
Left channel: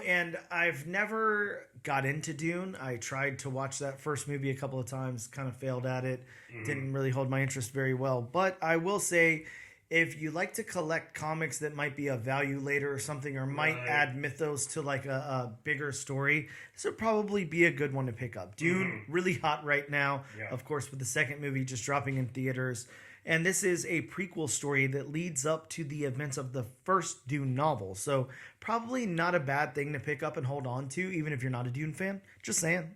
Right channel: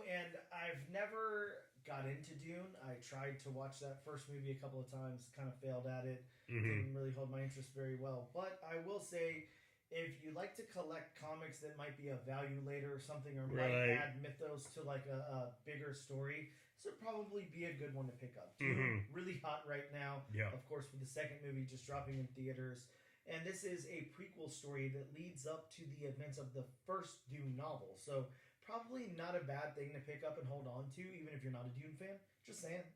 And I've never got into Dune. I tried to watch that first movie a couple of times, kind of failed at it. Didn't really hold my interest very well. But I will say, if you like to collect comics that might be of value later or something, or might add mythos to a bigger story, this would probably be a good one to pick up. Dune, really hot right now. Yeah. Of course, with the second movie just dropping in theaters. And this is a prequel story that leads up to the events of the first Dune novel. So probably not a bad thing to pick up and hold on to, even if you're not a Dune fan. Just saying.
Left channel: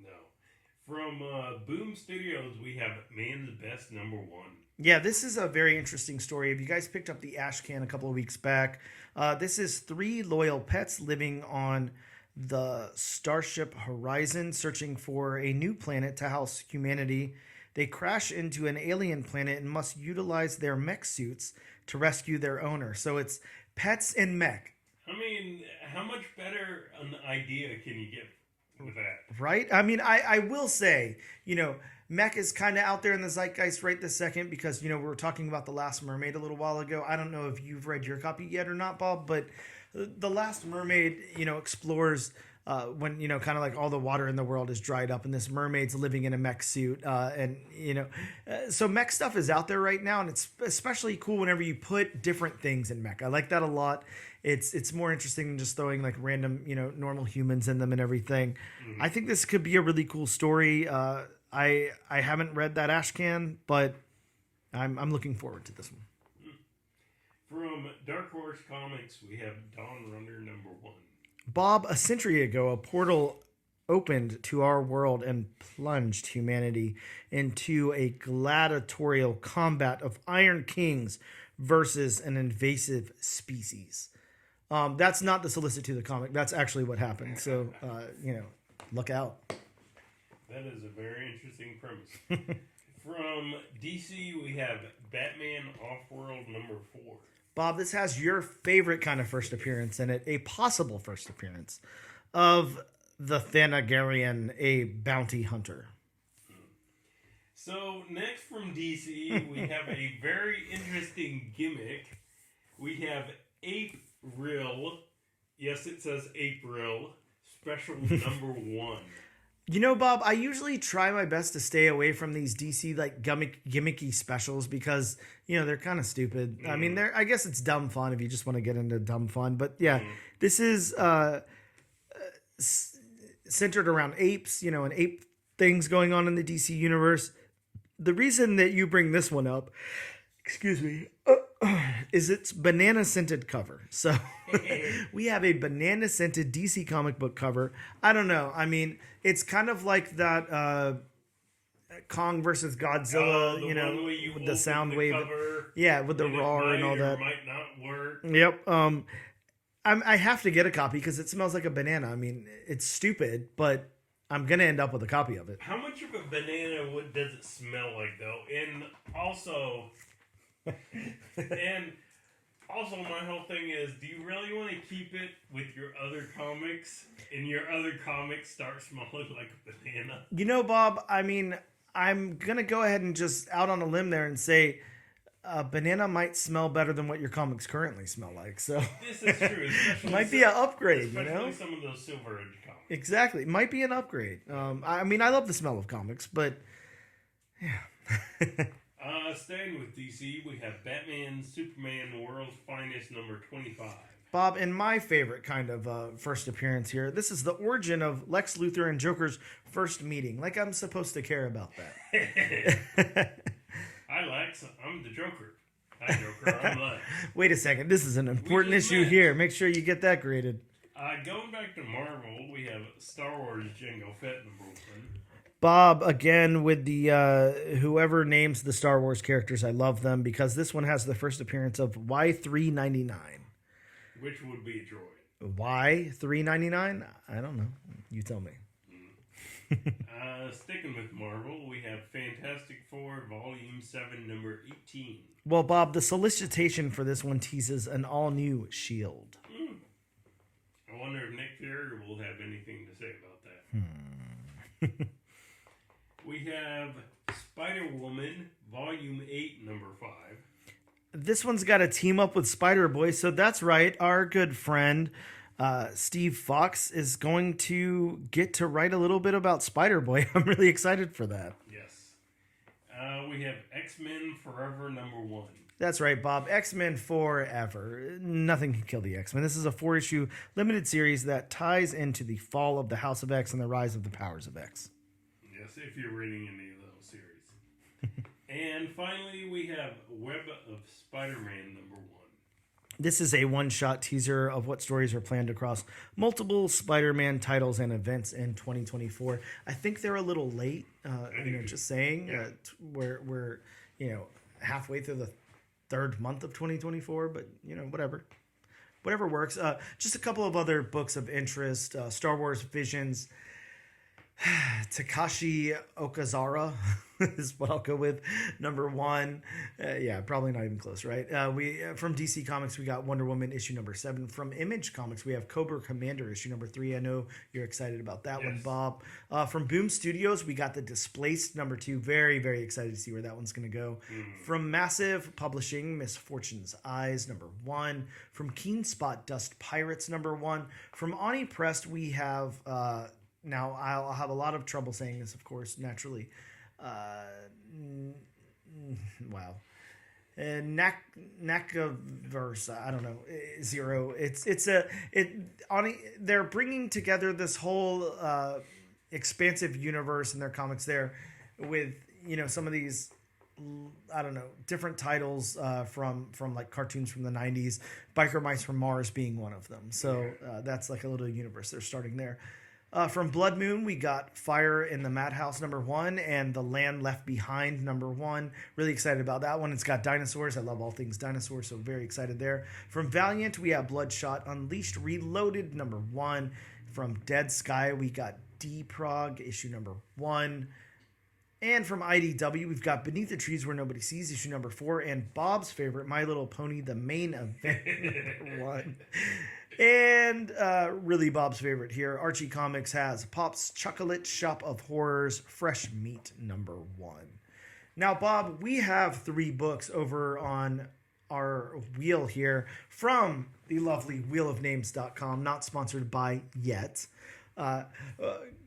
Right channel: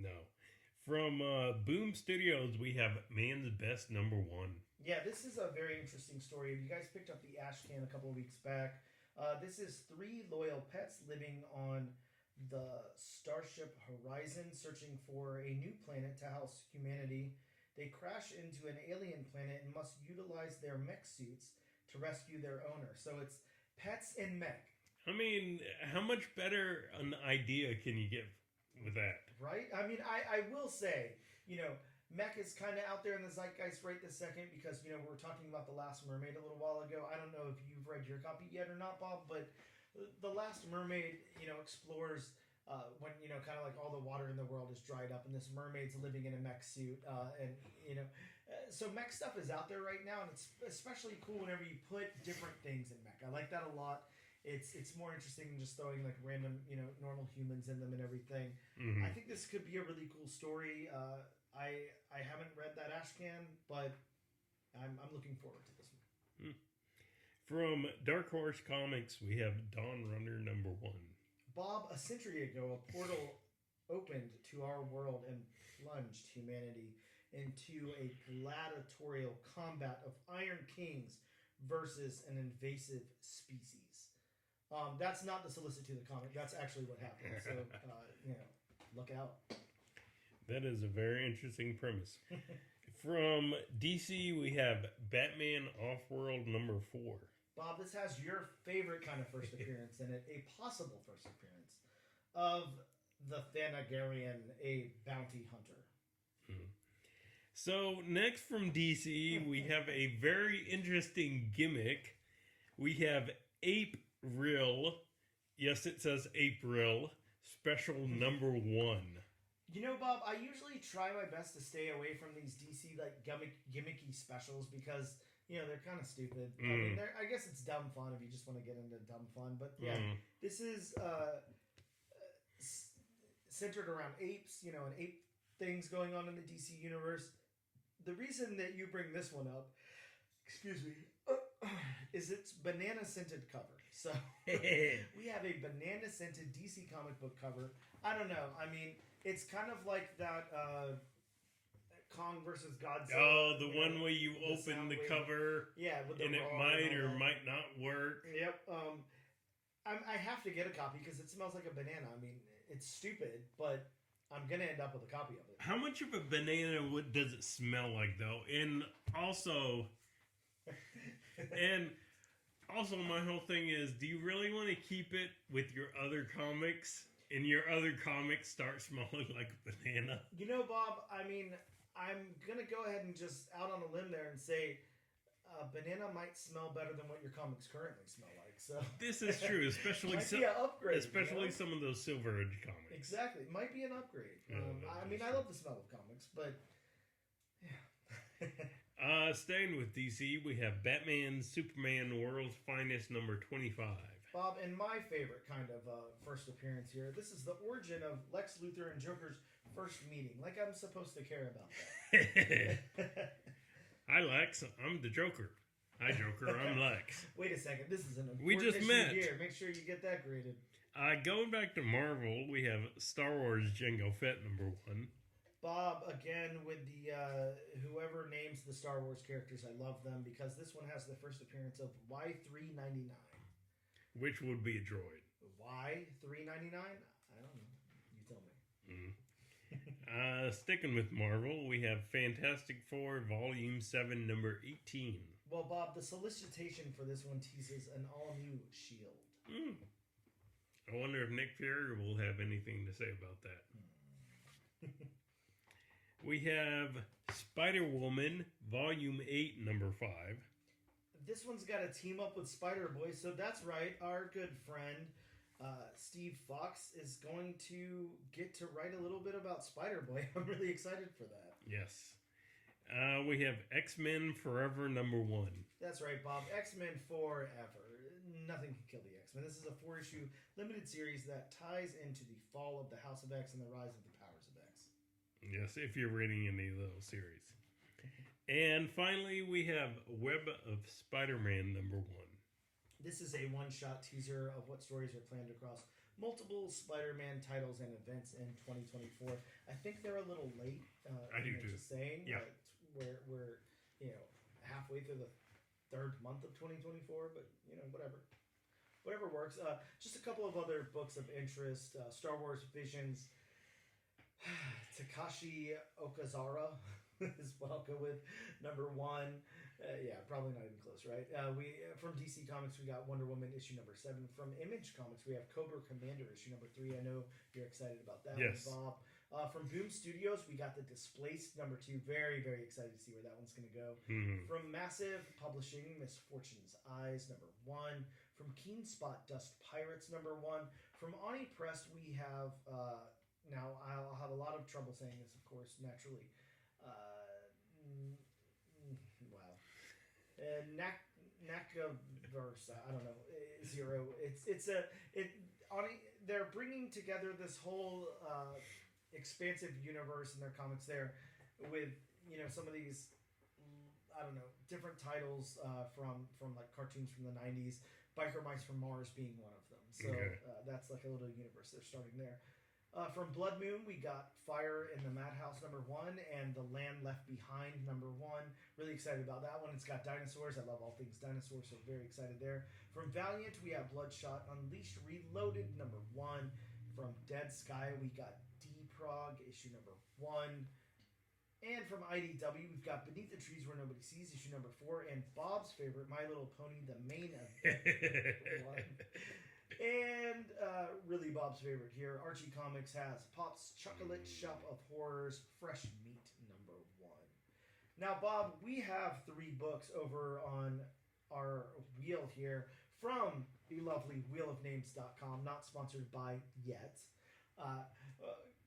No. From Boom Studios, we have Man's Best #1. Yeah, this is a very interesting story. If you guys picked up the Ash Can a couple of weeks back, this is 3 loyal pets living on the Starship Horizon, searching for a new planet to house humanity. They crash into an alien planet and must utilize their mech suits to rescue their owner. So it's pets and mech. I mean, how much better an idea can you get with that? Right? I mean, I will say, mech is kind of out there in the zeitgeist right this second because, we were talking about The Last Mermaid a little while ago. I don't know if you've read your copy yet or not, Bob, but The Last Mermaid, explores when, kind of all the water in the world is dried up and this mermaid's living in a mech suit. So mech stuff is out there right now, and it's especially cool whenever you put different things in mech. I like that a lot. It's more interesting than just throwing random, normal humans in them and everything. I think this could be a really cool story. I haven't read that Ash Can, but I'm looking forward to this one. From Dark Horse Comics, we have Dawn Runner #1. Bob, a century ago, a portal opened to our world and plunged humanity into a gladiatorial combat of Iron Kings versus an invasive species. That's not the solicit to the comic. That's actually what happened. So, look out. That is a very interesting premise. From DC, we have Batman Off-World #4. Bob, this has your favorite kind of first appearance in it, a possible first appearance of the Thanagarian, a bounty hunter. So, next from DC, we have a very interesting gimmick. We have April, Yes, it says April. Special number 1. You know, Bob, I usually try my best to stay away from these DC like gimmicky specials because, you know, they're kind of stupid. I mean, I guess it's dumb fun if you just want to get into dumb fun. But yeah, this is centered around apes, you know, and ape things going on in the DC universe. The reason that you bring this one up, excuse me, is its banana scented cover. So we have a banana scented DC comic book cover. I don't know. I mean, it's kind of like that Kong versus Godzilla, you know, with the sound wave. Yeah, with the roar and all that. Might not work. Yep. I have to get a copy because it smells like a banana. I mean, it's stupid, but I'm gonna end up with a copy of it. How much of a banana does it smell like, though? And also, my whole thing is, do you really want to keep it with your other comics, and your other comics start smelling like a banana? You know, Bob, I mean, I'm gonna go ahead and just out on a limb there and say, banana might smell better than what your comics currently smell like. So this is true. Might be an upgrade, especially you know? Some of those Silver Age comics. Exactly, might be an upgrade. I mean, I love the smell of comics, but yeah. Staying with DC, we have Batman, Superman, World's Finest, number 25. Bob, in my favorite kind of first appearance here, this is the origin of Lex Luthor and Joker's first meeting. Like I'm supposed to care about that. Hi, Lex. I'm the Joker. Hi, Joker. I'm Lex. Wait a second. This is an important issue here. Make sure you get that graded. Going back to Marvel, we have Star Wars Jango Fett number 1. Bob, again, with the whoever names the Star Wars characters, I love them because this one has the first appearance of Y399. Which would be a droid. Y399? I don't know. You tell me. Sticking with Marvel, we have Fantastic Four Volume 7, number 18. Well, Bob, the solicitation for this one teases an all-new S.H.I.E.L.D. I wonder if Nick Fury will have anything to say about that. We have Spider-Woman, Volume 8, number 5. This one's got to team up with Spider-Boy, so that's right. Our good friend, Steve Fox, is going to get to write a little bit about Spider-Boy. I'm really excited for that. Yes. We have X-Men Forever, number 1. That's right, Bob. X-Men Forever. Nothing can kill the X-Men. This is a 4-issue limited series that ties into the fall of the House of X and the rise of the powers of X. Yes, if you're reading any of those series. And finally, we have Web of Spider-Man number 1. This is a one-shot teaser of what stories are planned across multiple Spider-Man titles and events in 2024. I think they're a little late, just saying. Yeah. We're halfway through the third month of 2024, but, whatever works. Just a couple of other books of interest. Star Wars Visions. Takashi Okazara is what I'll go with. Number 1. Probably not even close, right? We from DC Comics, we got Wonder Woman issue number 7. From Image Comics, we have Cobra Commander issue number 3. I know you're excited about that one, Bob. From Boom Studios, we got The Displaced number 2. Very, very excited to see where that one's going to go. From Massive Publishing, Misfortune's Eyes number 1. From Keen Spot, Dust Pirates number 1. From Ani Press, we have... now, I'll have a lot of trouble saying this, of course, naturally. Wow. Nakaverse, I don't know, 0. They're bringing together this whole expansive universe in their comics there with, some of these, I don't know, different titles from like cartoons from the 90s, Biker Mice from Mars being one of them. So that's like a little universe they're starting there. From Blood Moon, we got Fire in the Madhouse number 1 and The Land Left Behind number 1. Really excited about that one. It's got dinosaurs. I love all things dinosaurs, so very excited there. From Valiant, we have Bloodshot Unleashed Reloaded number 1. From Dead Sky, we got D-Prog issue number 1. And from IDW, we've got Beneath the Trees Where Nobody Sees issue number 4. And Bob's favorite, My Little Pony, The Main Event number 1. And really Bob's favorite here, Archie Comics has Pop's Chocolate Shop of Horrors Fresh Meat number 1. Now, Bob, we have 3 books over on our wheel here from the lovely wheelofnames.com, not sponsored by yet.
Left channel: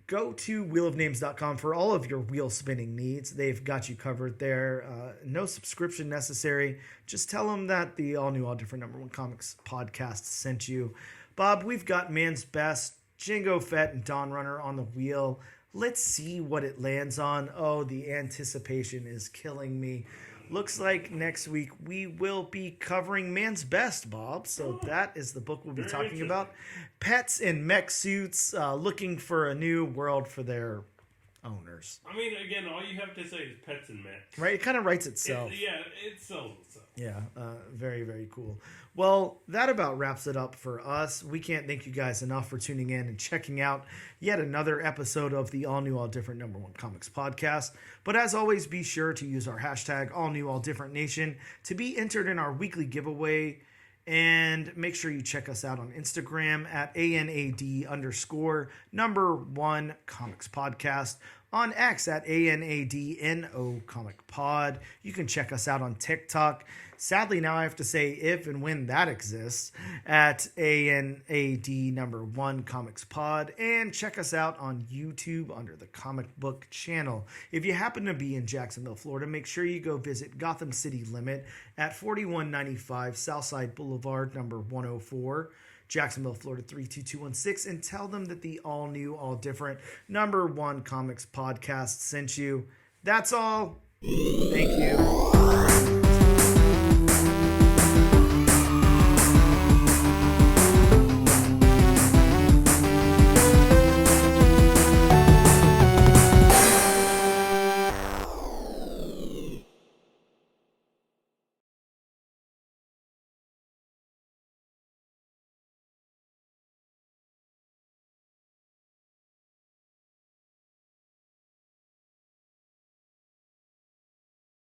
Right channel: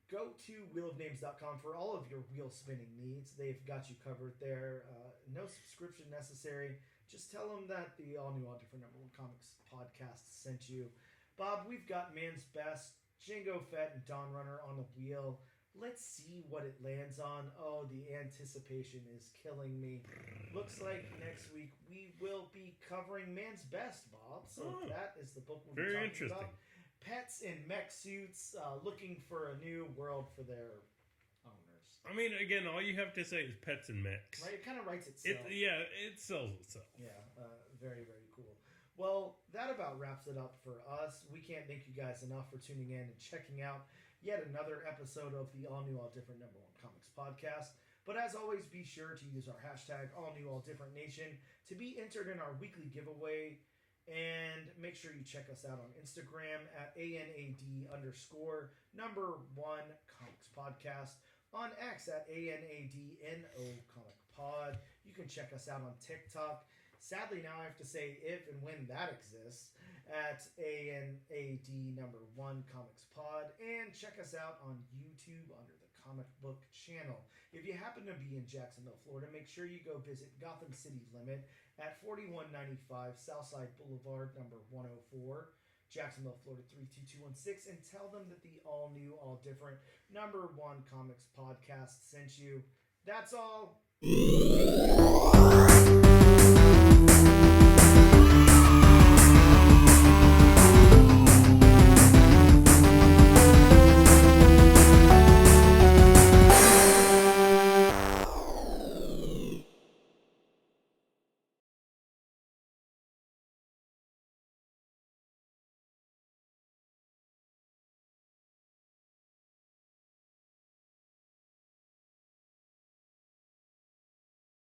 Go to wheelofnames.com for all of your wheel spinning needs. They've got you covered there. No subscription necessary. Just tell them that the all new, all different #1 comics podcast sent you. Bob, we've got Man's Best, Jango Fett, and Dawn Runner on the wheel. Let's see what it lands on. Oh, the anticipation is killing me. Looks like next week we will be covering Man's Best, Bob. So that is the book we'll be talking about. Pets in mech suits looking for a new world for their owners. I mean, again, all you have to say is pets and mechs. Right? It kind of writes itself. It sells itself. Yeah, very, very cool. Well, that about wraps it up for us. We can't thank you guys enough for tuning in and checking out yet another episode of the All New, All Different #1 Comics podcast. But as always, be sure to use our hashtag All New, All Different Nation to be entered in our weekly giveaway. And make sure you check us out on Instagram at ANAD_1 Comics Podcast. On X at ANADNO Comic Pod. You can check us out on TikTok. Sadly, now I have to say if and when that exists at ANAD1 Comics Pod. And check us out on YouTube under the Comic Book Channel. If you happen to be in Jacksonville, Florida, make sure you go visit Gotham City Limit at 4195 Southside Boulevard, number 104. Jacksonville, Florida 32216, and tell them that the all new, all different #1 Comics podcast sent you. That's all. Thank you.